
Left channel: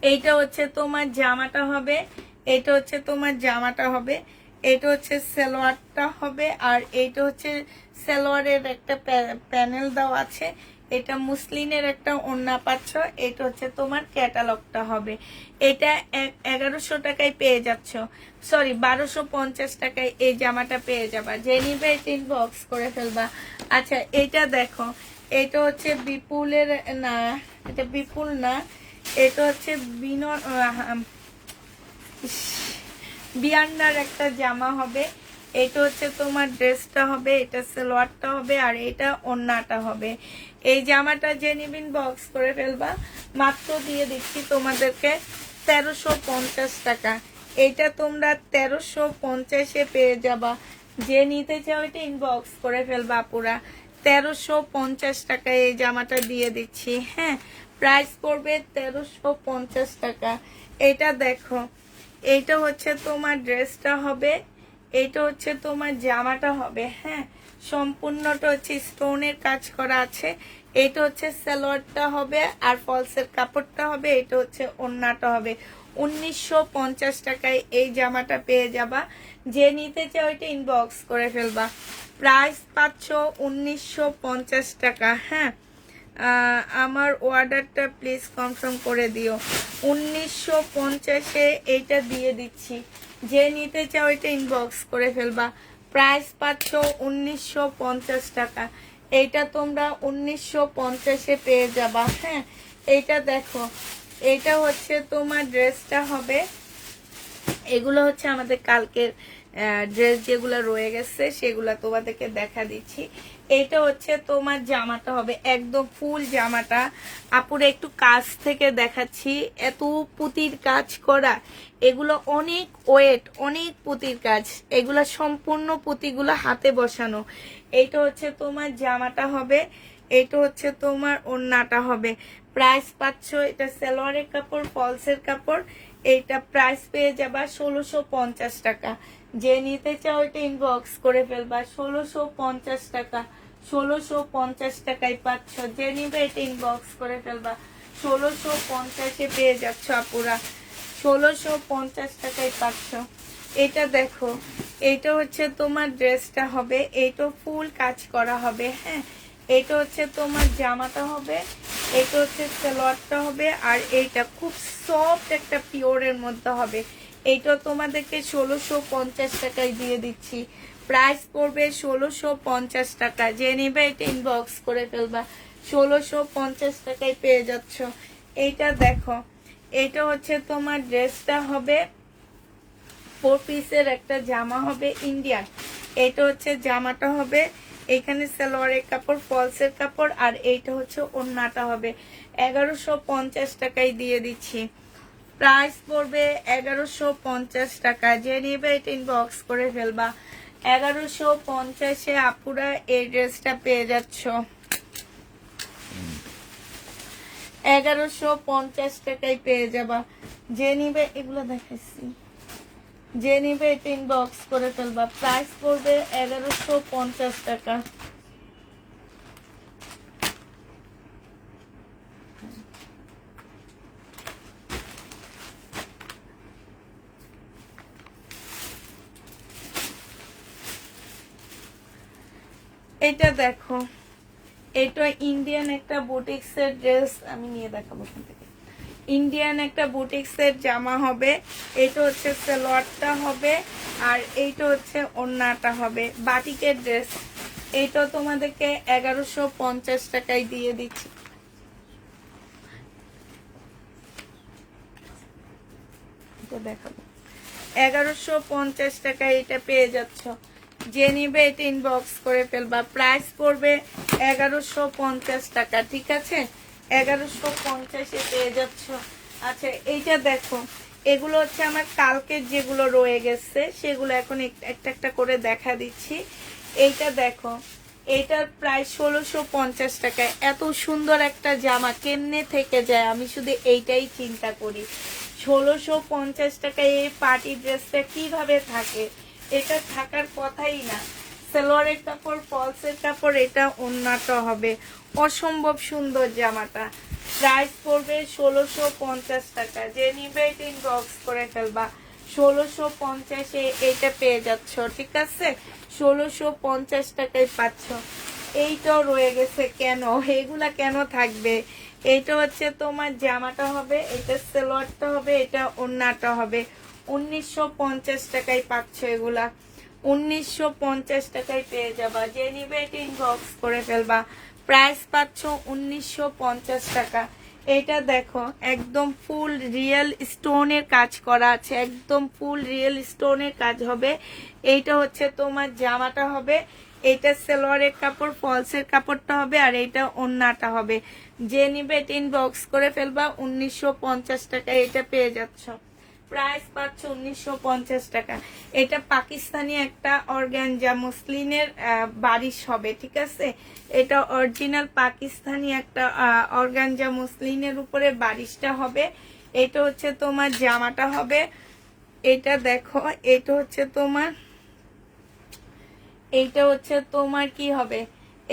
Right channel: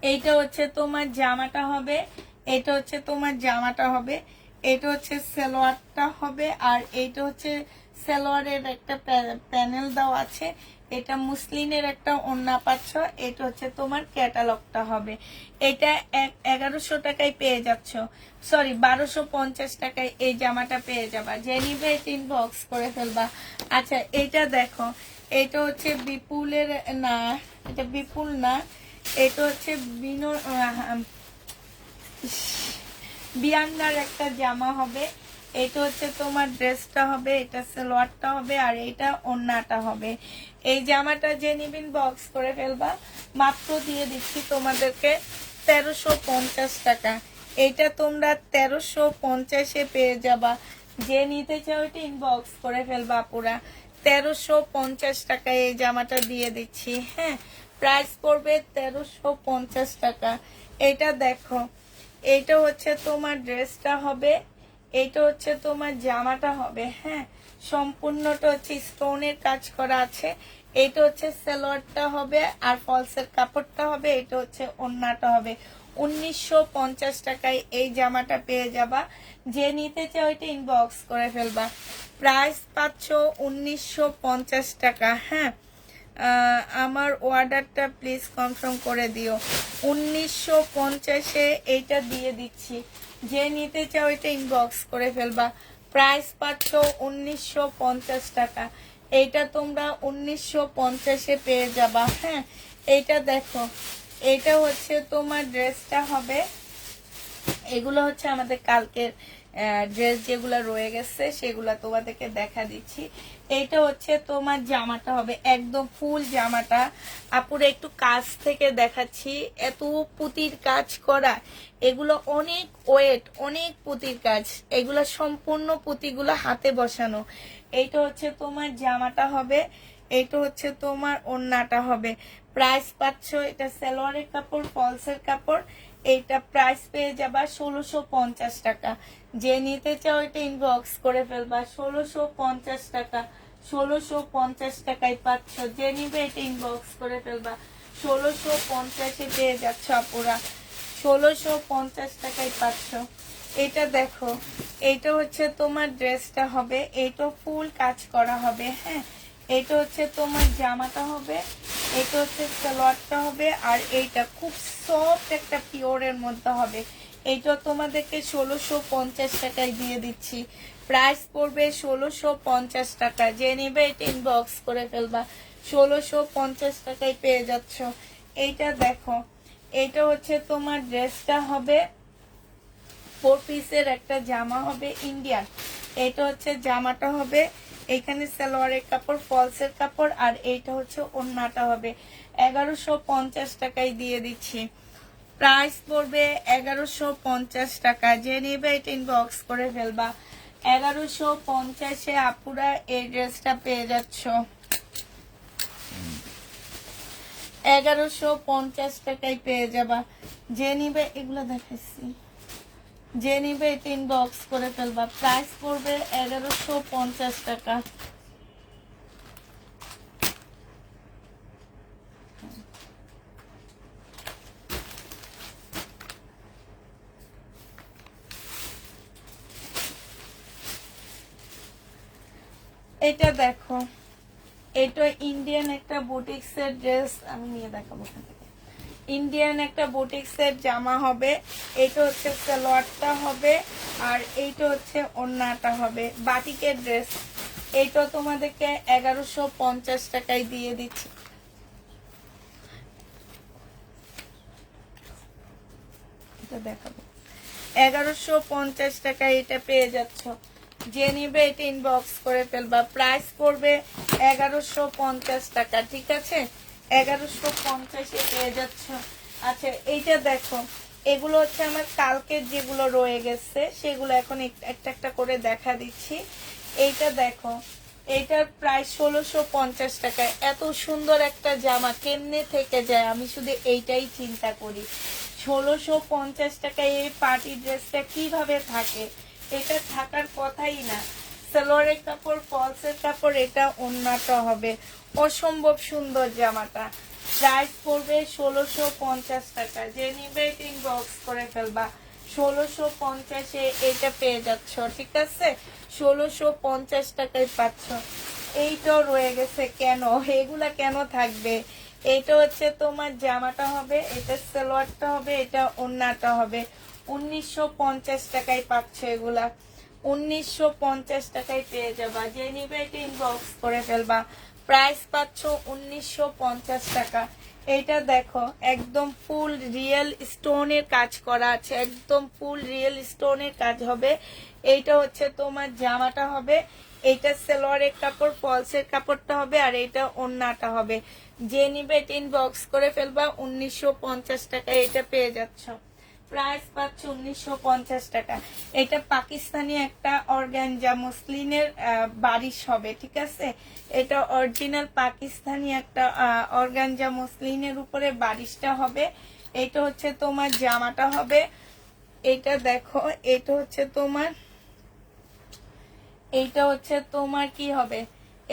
এইটা হচ্ছে তোমার জামাটা হবে, এটা হচ্ছে তোমার জামাটা হবে, এটা হচ্ছে সালোয়ারটা হবে, আর এইটা হচ্ছে সালোয়ারের একটা প্যানেল দেওয়া আছে। এটা মুসলিনের একটা ওড়না পাচ্ছ। এটা হচ্ছে তোমার ক্যাটালগটা হবে। এটা 1100 টাকায় পেয়ে যাচ্ছ, সরি 1250 টাকায় এই জামাটা পেয়ে যাবা। যে নিবে ইনবক্স করে ফেলবা। আচ্ছা এটা দেখো, এটা হচ্ছে বিপুলের না, এটা বিপুল না, এটা হচ্ছে বিয়ান্নার একটা জামা হবে। এটা হচ্ছে তোমার ড্রেসটা হবে, এটা সালোয়ারটা হবে, আর এটা ওড়নাটা হবে। এই জামাটা যে নিবেন বক্স করে ফেলবা। মাত্র দিয়ে দিচ্ছি তোমাদেরকে 1350 টাকা। এটা তোমরা 1350-এ পেয়ে যাবা। যে নিতে চাও এটা ইনবক্স করে ফেলবা পুরা। 1350 টাকায় এই জামাটা দিয়ে দিচ্ছি। হ্যাঁ, প্রাইস পড়বে 1350 টাকা। এটা দেখো, এইটা হচ্ছে তোমার ড্রেসটা হবে, এটা হচ্ছে তোমার জামাটা হবে। হ্যাঁ, সম্পূর্ণটা হচ্ছে স্টোনের কাজ করা আছে। এটা হচ্ছে সালোয়ারটা হবে, আর ফলসের কাপড়টা হবে। এটা হচ্ছে ওড়নাটা হবে। 1950 টাকায় এই জামাটা পেয়ে যাবা। যে নিতে চাও এটা ইনবক্স করে ফেলবা। প্রাইস পাচ্ছ 1950 টাকা। হ্যাঁ, আমার অর্ডারটা প্লিজ কনফার্ম করে দিও। 1950-এ এইটা দিয়ে দিচ্ছি। যে নিতে চাও এটা ইনবক্স করে ফেলবা। প্রাইস পাচ্ছ 1950 টাকা। এইটা তোমরা 1950-এ পেয়ে যাবা। হ্যাঁ, এইটা দেখো, এটা হচ্ছে তোমার ড্রেসটা হবে। এগুলো হচ্ছে আমাদের কালকের ড্রেস যেগুলো রয়ে গেছে সেগুলো তোমাদেরকে দেখা দিচ্ছি। এটা হচ্ছে তোমার জামাটা হবে, একদম ফুল জামাটা। আপুরে একটু কাছ থেকে দেখাচ্ছি, এত পুতির কাজ করা, এগুলো অনেক ওয়েট, অনেক পুতির কাজ। এগুলো সম্পূর্ণ পুতিগুলো হাতে বসানো। এইটা হচ্ছে তোমার জামাটা হবে, এটা হচ্ছে তোমার ওড়নাটা হবে। প্রাইস পাচ্ছ, এটা সালোয়ারের কাপড়, ফলসের কাপড়। এইটা প্রাইস পেয়ে যাবা 1650 টাকা। যে নিতে চাও এটা ইনবক্স করে ফেলবা। 1650 টাকা, 1650 টাকায় পাচ্ছ। যে নিবে এটা ইনবক্স করে ফেলবা। 1650-এ পেয়ে যাচ্ছ আপুরা, 1650 টাকায় পাচ্ছ। এটা দেখো, এইটা হচ্ছে তোমার ড্রেসটা হবে, এইটা ফুল কাজ করা হবে। হ্যাঁ, এটা হচ্ছে তোমার জামাটা হবে, এটা হচ্ছে সালোয়ারটা হবে, আর এইটা খুব সফট একটা পিওরের মধ্যে হবে। এইটা তোমাদেরকে 1650 টাকায় দিয়ে দিচ্ছি। প্রাইস পড়বে 1650 টাকা। যে নিবে এটা ইনবক্স করে ফেলবা। 1650 টাকায় পেয়ে যাচ্ছ। এইটা দেখো, এটা হচ্ছে তোমার ড্রেসটা হবে, 4 পিসের একটা জামা হবে ইন্ডিয়ান। এটা হচ্ছে জামাটা হবে, এখানে সালোয়ারের কাপড়, ফলসের কাপড়, আর এইটা হচ্ছে ওড়নাটা হবে। 1150 টাকায় দিয়ে দিচ্ছি। প্রাইস পড়বে 1150 টাকা। যে নিবে এটা ইনবক্স করে ফেলবা। 1150-এ আপুরা এই ড্রেসটা পেয়ে যাচ্ছ। 1150 টাকায় পেয়ে যাবা। যে নিবে, এগুলো দেখাচ্ছি, যে নিবে এটা ইনবক্স করে ফেলবা। প্রাইস পড়বে 1150 টাকা। এটা দেখো, এটা ইন্ডিয়ান একটা বুটিক্সের ড্রেস, আমি নিয়ে দেখাবো এখান থেকে। ইন্ডিয়ান একটা বুটিক্সের জামা হবে, এটা হচ্ছে সালোয়ারটা হবে, আর এইটা হচ্ছে ওড়নাটা হবে। বাটিকের ড্রেস, এইটা তোমাদেরকে 1150 টাকায় দিয়ে দিচ্ছি। এটা দেখাবো, 1150 টাকায় এটা পেয়ে যাচ্ছ। যে নিবে এটা ইনবক্স করে ফেলবা। প্রাইস পড়বে 1150 টাকা। ঠিক আছে, 1150-এ পেয়ে যাচ্ছ। আচ্ছা এইটা দেখো, এগুলো হচ্ছে আমার কালকের যেগুলো রয়ে গেছে সেগুলো এখন একটা একটা করে দেখা দিচ্ছি। এইটা দেখো, এইটার প্রায় 1650 টাকায়। এত সুন্দর একটা জামা কেমনে থেকে যায়, আমি শুধু এইটাই চিন্তা করি। 1650 টাকায় এই পার্টি ড্রেসটা কিভাবে থাকে? এটা থাকার কথাই না। সালোয়ারের কাপড়, ফলসের কাপড়, এটা ওড়নাটা হবে। অসম্ভব সুন্দর জামাটা। প্রাইস পড়বে 1650 টাকা। যে নিবে এটা ইনবক্স করে ফেলবা। 1650-এ এটা পেয়ে যাচ্ছ। ঠিক আছে, 1650 টাকায় পাচ্ছ। এইটাও রয়ে গেছে কেন, এগুলা কেন থাকবে? এইটা হচ্ছে তোমার জামাটা হবে, এটা সালোয়ারটা হবে, এটা ওড়নাটা হবে। 1950 টাকায় পাচ্ছ এগুলা, 1950 টাকায় পেয়ে যাবা। যে নিবে এটা ইনবক্স করে ফেলবা। প্রাইস পাচ্ছ 1950 টাকা। এটা দেখো একদম ফুল রিয়েল স্টোনের কাজ করা আছে, একদম ফুল রিয়েল স্টোনের কাজ হবে। এইটা হচ্ছে তোমার জামাটা হবে, এইটা সালোয়ারের কাপড়, ফলসের কাপড়টা হবে, আর এইটা ওড়নাটা হবে। যে নিবে এটা ইনবক্স করে ফেলবা। 1950 টাকা এটা পেয়ে যাচ্ছ। প্রাইস পাচ্ছ 1950 টাকা। এটা পাকিস্তানি একটা অর্গানজা মসলিনের বারিশ হবে, ঠিক আছে? এটা অরিজিনাল পাকিস্তানি একটা অর্গানজা মসলিনের উপরে বারিশটা হবে। এটা হচ্ছে তোমার জামাটা হবে। এটা দেখো, এটা হচ্ছে তোমার, এইটা হচ্ছে তোমার কি হবে,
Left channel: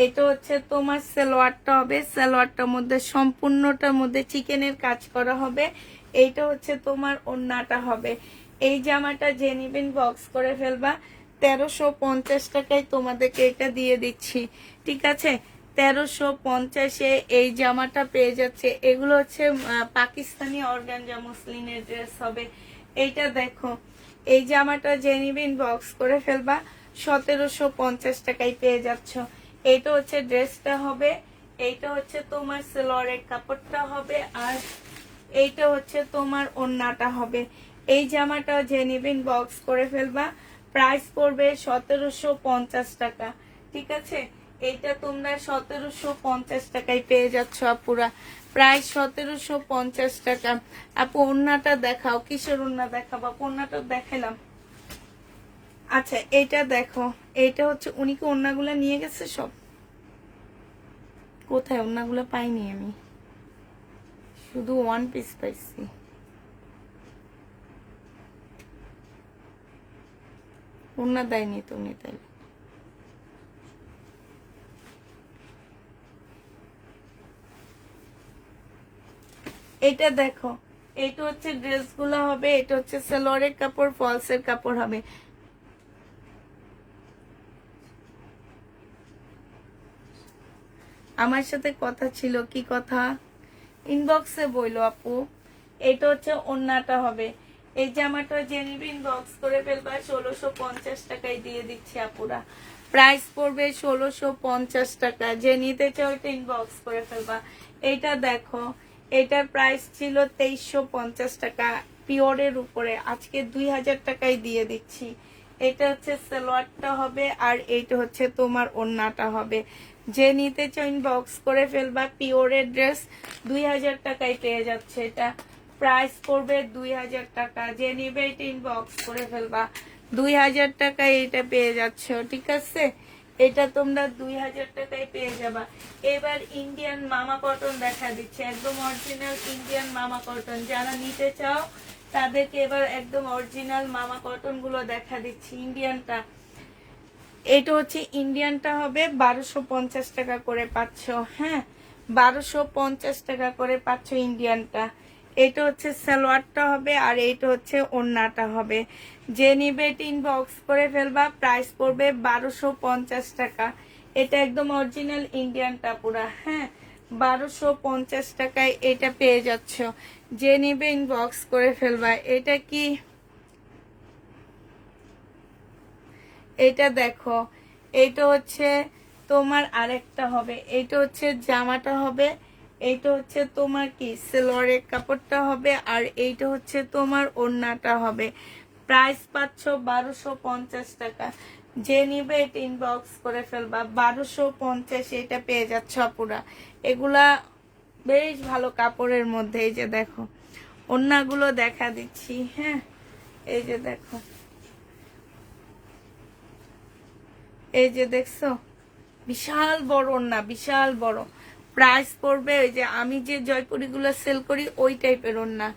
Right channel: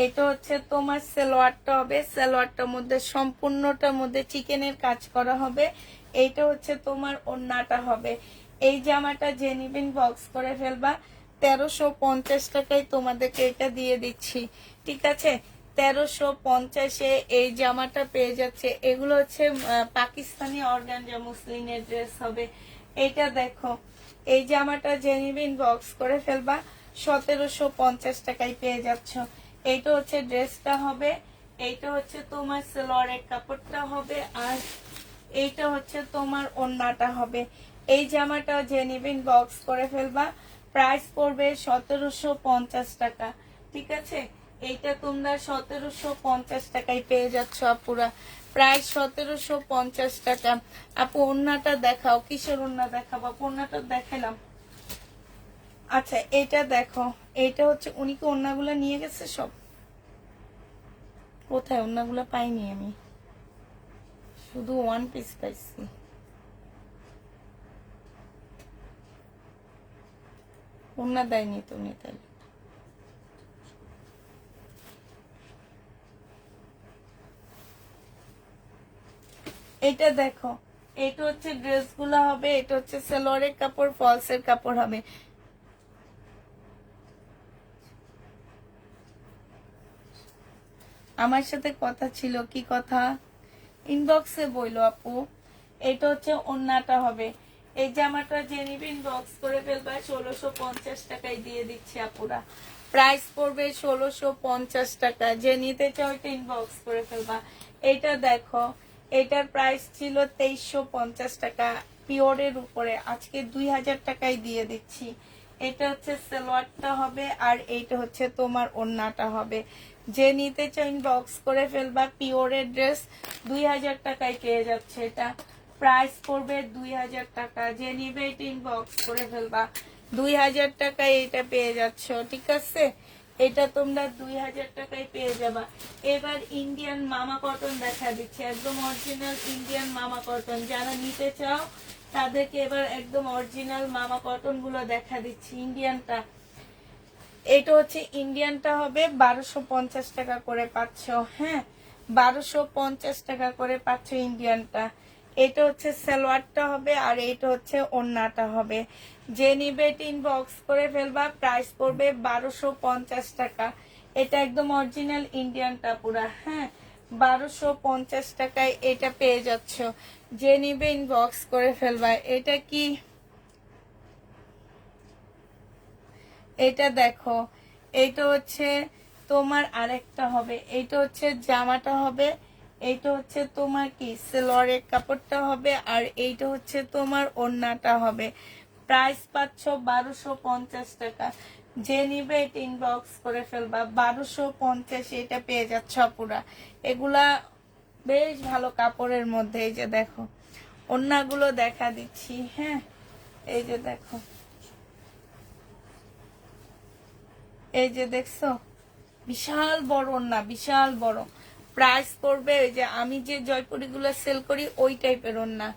এটা হচ্ছে তোমার সালোয়ারটা হবে। সালোয়ারটার মধ্যে সম্পূর্ণটার মধ্যে চিকেনের কাজ করা হবে। এইটা হচ্ছে তোমার ওড়নাটা হবে। এই জামাটা যে নিবেন বক্স করে ফেলবা। 1350 টাকায় তোমাদেরকে এটা দিয়ে দিচ্ছি, ঠিক আছে? 1350-এ এই জামাটা পেয়ে যাচ্ছে। এগুলো হচ্ছে পাকিস্তানি অর্গানজা মুসলিনের ড্রেস হবে। এইটা দেখো, এই জামাটা যে নিবেন বক্স করে ফেলবা। 1750 টাকায় পেয়ে যাচ্ছ। এইটা হচ্ছে ড্রেসটা হবে, এইটা হচ্ছে তোমার সালোয়ারের কাপড়টা হবে, আর এইটা হচ্ছে তোমার ওড়নাটা হবে। এই জামাটা যে নিবেন বক্স করে ফেলবা। প্রাইস পড়বে 1750 টাকা, ঠিক আছে? এইটা তোমরা 1750 টাকায় পেয়ে যাচ্ছ আপুরা। প্রাইস 1750 টাকা। আপু ওড়নাটা দেখাও, কিসের ওড়না দেখাবো? ওড়নাটা দেখালাম। আচ্ছা এটা দেখো, এটা হচ্ছে উনি কি ওড়নাগুলো নিয়ে গেছে সব? কোথায় ওড়নাগুলো? পাইনি আমি, শুধু ওয়ান পিস পাইছি। ওড়না দেয়নি তুমি তাহলে? এটা দেখো, এটা হচ্ছে ড্রেসগুলো হবে, এটা হচ্ছে সালোয়ারের কাপড়, ফলসের কাপড় হবে। আমার সাথে কথা ছিল, কি কথা? ইনবক্সে বইলো আপু। এটা হচ্ছে ওড়নাটা হবে। এই জামাটা যে নিবে ইনবক্স করে ফেলবা। 1650 টাকায় দিয়ে দিচ্ছি আপুরা। প্রাইস পড়বে 1650 টাকা। যে নিতে চাও এটা ইনবক্স করে ফেলবা। এটা দেখো, এটার প্রাইস ছিল 2350 টাকা পিওরের উপরে, আজকে 2000 টাকায় দিয়ে দিচ্ছি। এটা হচ্ছে সালোয়ারটা হবে, আর এইটা হচ্ছে তোমার ওড়নাটা হবে। যে নিতে চাও ইনবক্স করে ফেলবা। পিওরের ড্রেস 2000 টাকায় পেয়ে যাচ্ছে। এটা প্রাইস পড়বে 2000 টাকা। যে নিবে এটা ইনবক্স করে ফেলবা। 2000 টাকায় এটা পেয়ে যাচ্ছ, ঠিক আছে? এটা তোমরা 2000 টাকায় পেয়ে যাবা। এবার ইন্ডিয়ান মামা কটন দেখা দিচ্ছে, একদম অরিজিনাল ইন্ডিয়ান মামা কটন। যারা নিতে চাও তাদেরকে এবার একদম অরিজিনাল মামা কটন গুলো দেখা দিচ্ছি। ইন্ডিয়ানটা, এটা হচ্ছে ইন্ডিয়ানটা হবে 1250 টাকা করে পাচ্ছ। হ্যাঁ, 1250 টাকা করে পাচ্ছ ইন্ডিয়ানটা। এটা হচ্ছে সালোয়ারটা হবে, আর এইটা হচ্ছে ওড়নাটা হবে। যে নিবে এটা ইনবক্স করে ফেলবা। প্রাইস পড়বে 1250 টাকা। এটা একদম অরিজিনাল ইন্ডিয়ানটা পুরা। হ্যাঁ, 1250 টাকায় এটা পেয়ে যাচ্ছ। যে নিবে ইনবক্স করে ফেলবা। এটা কি, এটা দেখো, এটা হচ্ছে তোমার আরেকটা হবে। এটা হচ্ছে জামাটা হবে, এইটা হচ্ছে তোমার কি সালোয়ারের কাপড়টা হবে, আর এইটা হচ্ছে তোমার ওড়নাটা হবে। প্রাইস পাচ্ছ 1250 টাকা। যে নিবে এটা ইনবক্স করে ফেলবা। 1250 এটা পেয়ে যাচ্ছ আপুরা। এগুলা বেশ ভালো কাপড়ের মধ্যে। এই যে দেখো, ওড়নাগুলো দেখা দিচ্ছি। হ্যাঁ, এই যে দেখো, এই যে দেখছো, বিশাল বড় ওড়না, বিশাল বড়। প্রাইস পড়বে, ওই যে আমি যে জয়পুরি গুলো সেল করি ওই টাইপের ওড়না।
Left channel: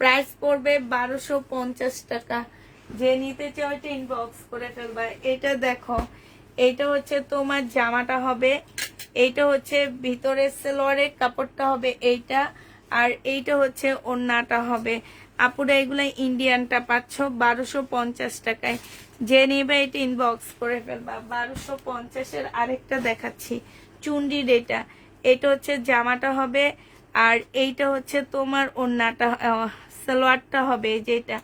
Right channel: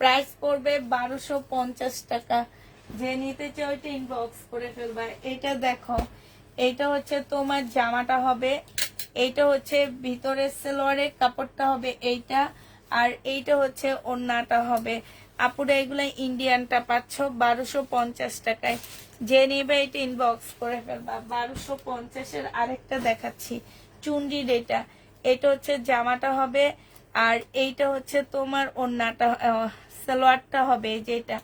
প্রাইস পড়বে 1250 টাকা। যে নিতে চাও এটা ইনবক্স করে ফেলবা। এটা দেখো, এইটা হচ্ছে তোমার জামাটা হবে, এইটা হচ্ছে ভিতরের সালোয়ারের কাপড়টা হবে এইটা, আর এইটা হচ্ছে ওড়নাটা হবে। আপুরা এগুলা ইন্ডিয়ানটা পাচ্ছ 1250 টাকায়। যে নিবে এটা ইনবক্স করে ফেলবা। 1250-এর আরেকটা দেখাচ্ছি চুনরির, এটা হচ্ছে জামাটা হবে, আর এইটা হচ্ছে তোমার ওড়নাটা, সালোয়ারটা হবে যেটা,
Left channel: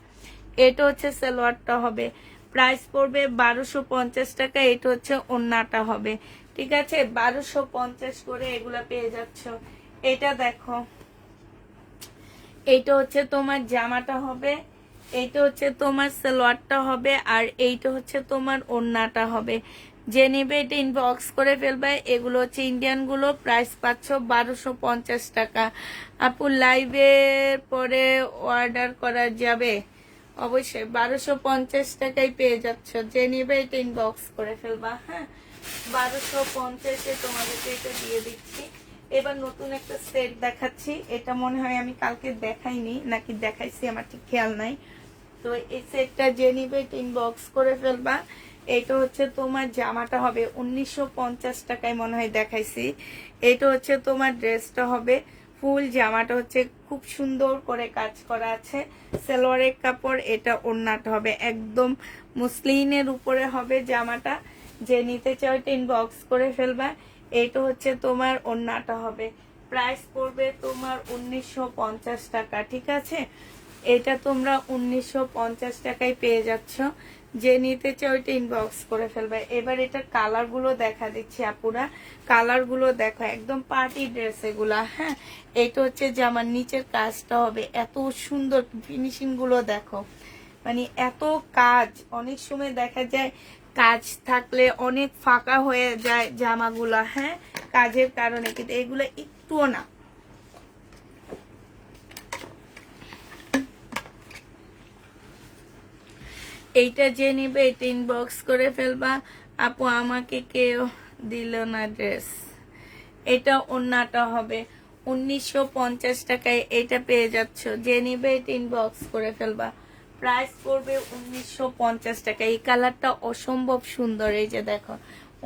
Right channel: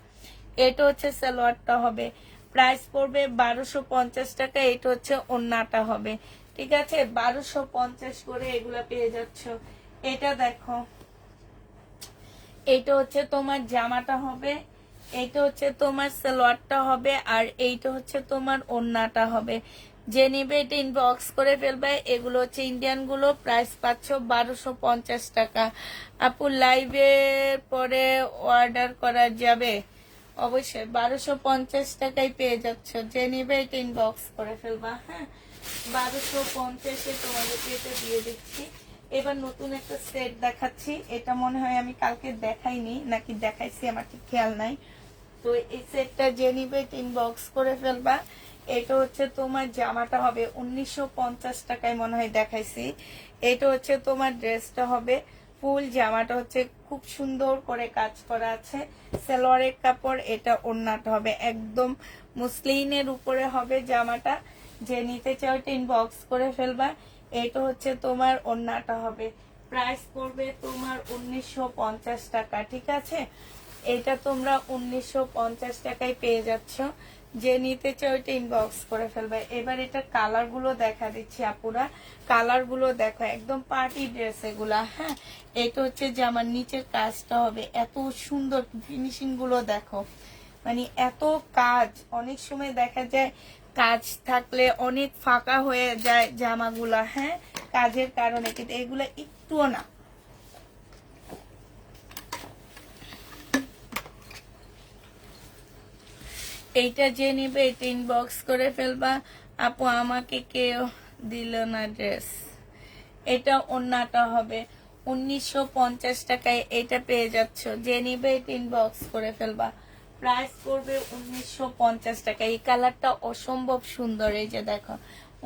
এটা হচ্ছে সালোয়ারটা হবে। প্রাইস পড়বে 1250 টাকা। এটা হচ্ছে ওড়নাটা হবে, ঠিক আছে? 1250 করে এগুলা পেয়ে যাচ্ছ। এটা দেখো, এইটা হচ্ছে তোমার জামাটা হবে, এইটা হচ্ছে তোমার সালোয়ারটা হবে, আর এইটা হচ্ছে তোমার ওড়নাটা হবে। যে নিবে এটা ইনবক্স করে ফেলবে। এগুলো হচ্ছে ইন্ডিয়ান গুলো, প্রাইস পাচ্ছ 1250 টাকা। আপু লাইভের পরে অর্ডার করা যাবে? অবশ্যই 1250 টাকায় পেয়ে যাচ্ছ। যে নিবে এটা ইনবক্স করে ফেলবা। হ্যাঁ, 1250-এ তোমাদেরকে এটা দিয়ে দিচ্ছি। এবার নতুন একটা সেট দেখাচ্ছি, এটা মনে হয় আমি কালকে দেখাইনি নাকি দেখাইছি, আমার ঠিক খেয়াল নাই। তো এই সেটটা যে নিবে ইনবক্স করে ফেলবা। এটা হচ্ছে তোমার জামাটা হবে 1950 টাকায় মনে হয় দেখাইছি। এটা হচ্ছে তোমার ড্রেসটা হবে, ফুল জামাটা হচ্ছে খুব সুন্দর করে কাজ করা আছে, সালোয়ারের কাপড়। এটা ওড়নাটা হবে একদম মুসলিনের উপরে হবে জামাটা। যে নিতে চাও এটা ইনবক্স করে ফেলবা। এটা হচ্ছে তোমার ওড়নাটা হবে, প্রাইস পড়বে তোমার 1950 টাকা, ঠিক আছে? এটা তোমরা 1950 টাকায় পেয়ে যাচ্ছ। যে নিতে চাও ওইটা ইনবক্স করে ফেলবে। এবার এটা কালার গুলো দেখা দিচ্ছি আপুরা, কালার গুলো দেখো, একদম পার্টি ড্রেস এগুলা। হ্যাঁ, এটা হচ্ছে জামার নিচের কাজটা হবে, এত সুন্দর ফিনিশিং গুলো দেখো, মানে এত কাজ। অনেক সময় দেখা যায় কাজ থাকলে অনেক ফাঁকা হয়ে যায় জামাগুলা, হ্যাঁ, কাজের কারণে, কিন্তু এগুলা একটুও না। এইটা যে নিবে এটা ইনবক্স করে ফেলবা। আপু আমাকে কেউ দিল না ড্রেস, এটা ওড়নাটা হবে 1950 টাকায়, এটা পেয়ে যাচ্ছ। যে নিবে এটা ইনবক্স করে ফেলবা। প্রাইস পড়বে 1950 টাকা। এই কালারটা অসম্ভব সুন্দর, এই যে দেখো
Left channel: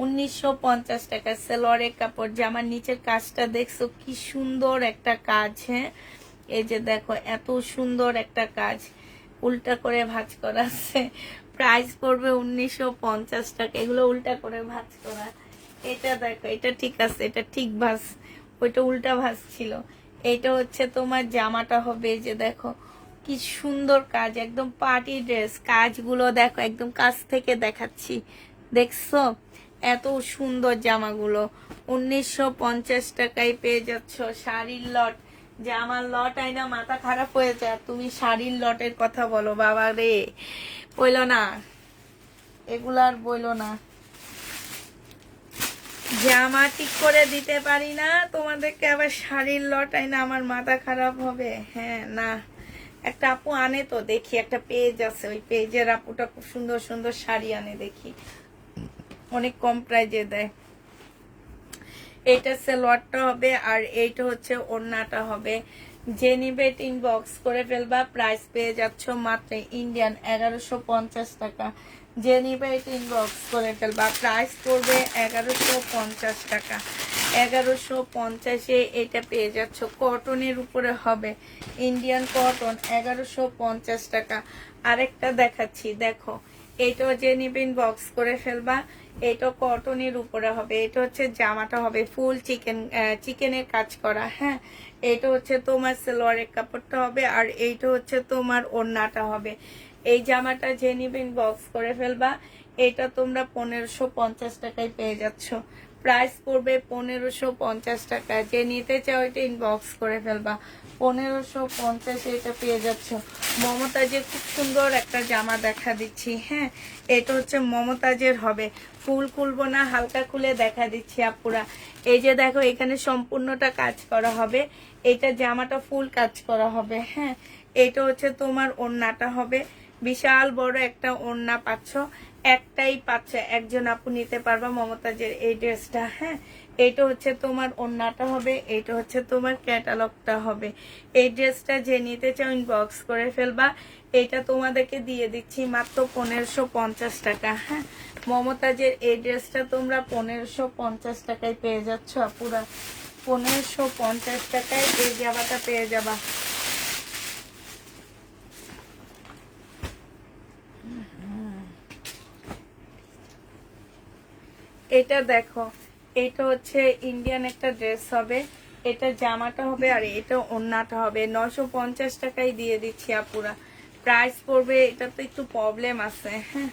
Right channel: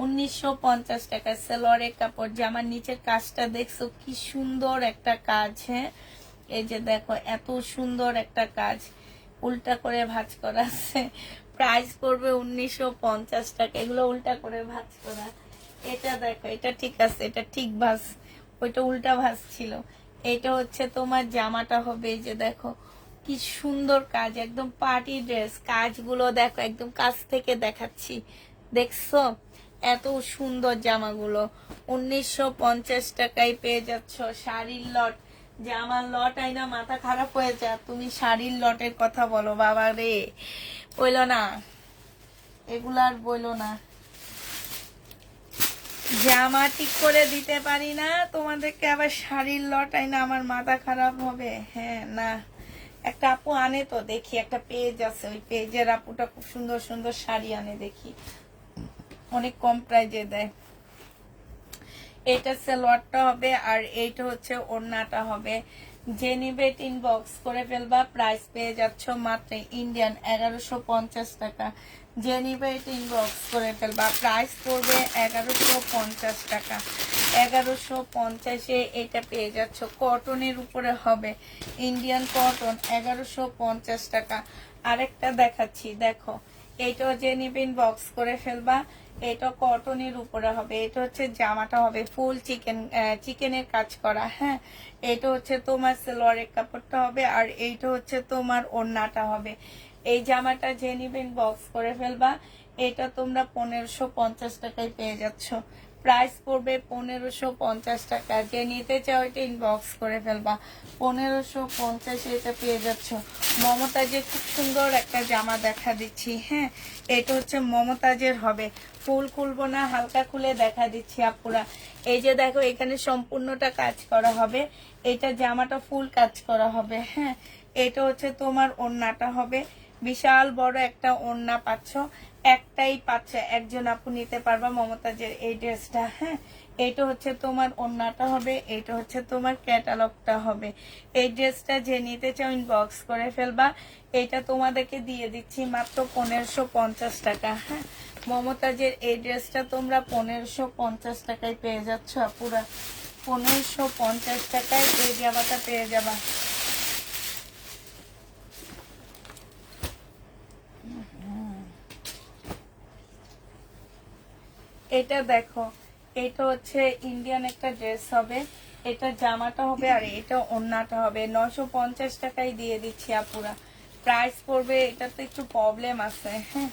1950 টাকা। সালোয়ারের কাপড়, জামার নিচের কাজটা দেখছো কি সুন্দর একটা কাজ। হ্যাঁ, এই যে দেখো এত সুন্দর একটা কাজ, উল্টা করে ভাঁজ করা আছে। প্রাইস পড়বে 1950 টাকা। এগুলো উল্টা করে ভাঁজ করা। এটা দেখো, এটা ঠিক আছে, এটা ঠিক ভাঁজ, ওইটা উল্টা ভাঁজ ছিল। এটা হচ্ছে তোমার জামাটা হবে, এই যে দেখো কি সুন্দর কাজ, একদম পার্টি ড্রেস। কাজগুলো দেখো, একদম কাছ থেকে দেখাচ্ছি, দেখছো এত সুন্দর জামাগুলো 1950 টাকায় পেয়ে যাচ্ছ। শাড়ির লট, জামার লট আইনা মাথা খারাপ হয়ে যায়, তুমি শাড়ির লটের কথা বলো, বাবা রে, বইলো না এগুলো, আর বইলো না। জামা ঠিক করে দিতে পারি না তোমাদেরকে, আবার শাড়ির লট আইনা আমার মাথা খারাপ হবে। হ্যাঁ, না, একটা আপু আনে তো দেখি, একটা পেজ আছে, ওই পেজের আপুটা খুব সুন্দর সুন্দর শাড়ি আনে দেখি, অনেক কম প্রাইজে দেয়। এটা সালোয়ারটা হবে, আর এইটা হচ্ছে ওড়নাটা হবে। যে নিবে ইনবক্স করে ফেলবা। প্রাইস পেয়ে যাচ্ছ মাত্র ইন্ডিয়ান 1150 টাকা। যে নিবে ইনবক্স করে ফেলবা। প্রাইস পড়বে 1150 টাকা। 1150-এ এটা পেয়ে যাচ্ছ, কটনের উপরে হবে, ইন্ডিয়ান কটন, 1150 টাকা। আরেকটা দেখাচ্ছি, দেখো এইটা যে নিবে ইনবক্স করে ফেলবা। এটা কটনের উপরে হবে, এটা হচ্ছে জামাটা হবে ফুল চিকেনের কাজ করা। হ্যাঁ, এটা হচ্ছে তোমার সালোয়ারের কাপড়টা হবে, আর এইটা হচ্ছে তোমার ওড়নাটা হবে। এই জামাটা যে নিবেন বক্স করে ফেলবা। এটা তোমরা 1550 টাকায় পেয়ে যাচ্ছ। প্রাইস পড়বে 1550 টাকা। যে নিতে চাও এটা ইনবক্স করে ফেলবা। 1550 এটা পেয়ে যাচ্ছ। মমতাজের খুব সুন্দর একটা জামা দেখা দিচ্ছি। হ্যাঁ, এটা হচ্ছে মমতাজের হবে, ফুল খুলবো না, হালকা খুলে দেখা দিচ্ছি আপুরা। এই যে দেখো এখানে সম্পূর্ণটা কাজ করা হবে, এটা জামাটা ফুল কাজ করা হবে। হ্যাঁ, এটা হচ্ছে তোমার ওড়নাটা হবে, বিশাল বড় একটা ওড়না পাচ্ছ, একটাই পাচ্ছ, একজন আপু নিতে পারবা মমতাজের এই ড্রেসটা। হ্যাঁ, এইটা হচ্ছে তোমার ওড়নাটা হবে, এইটা হচ্ছে তোমার ক্যাটালগটা হবে। এই ড্রেসটা যে নিতে চাও ইনবক্স করে ফেলবা। এটা তোমাদেরকে দিয়ে দিচ্ছি মাত্র 1550 টাকা। হ্যাঁ, মমতাজের এই ড্রেসটা তোমরা 1550 টাকায় পেয়ে যাচ্ছ পুরো, 1550 টাকায় এই জামাটা পেয়ে যাবা। এটা দেখো, এটা হচ্ছে ইন্ডিয়ান একটা ড্রেস হবে, এটা জামাটা হবে আর এটা ওড়নাটা হবে। 950 টাকায় দিয়ে দিচ্ছি আপুরা। প্রাইস পড়বে, এটা তো একটু প্রবলেম আছে। হ্যাঁ,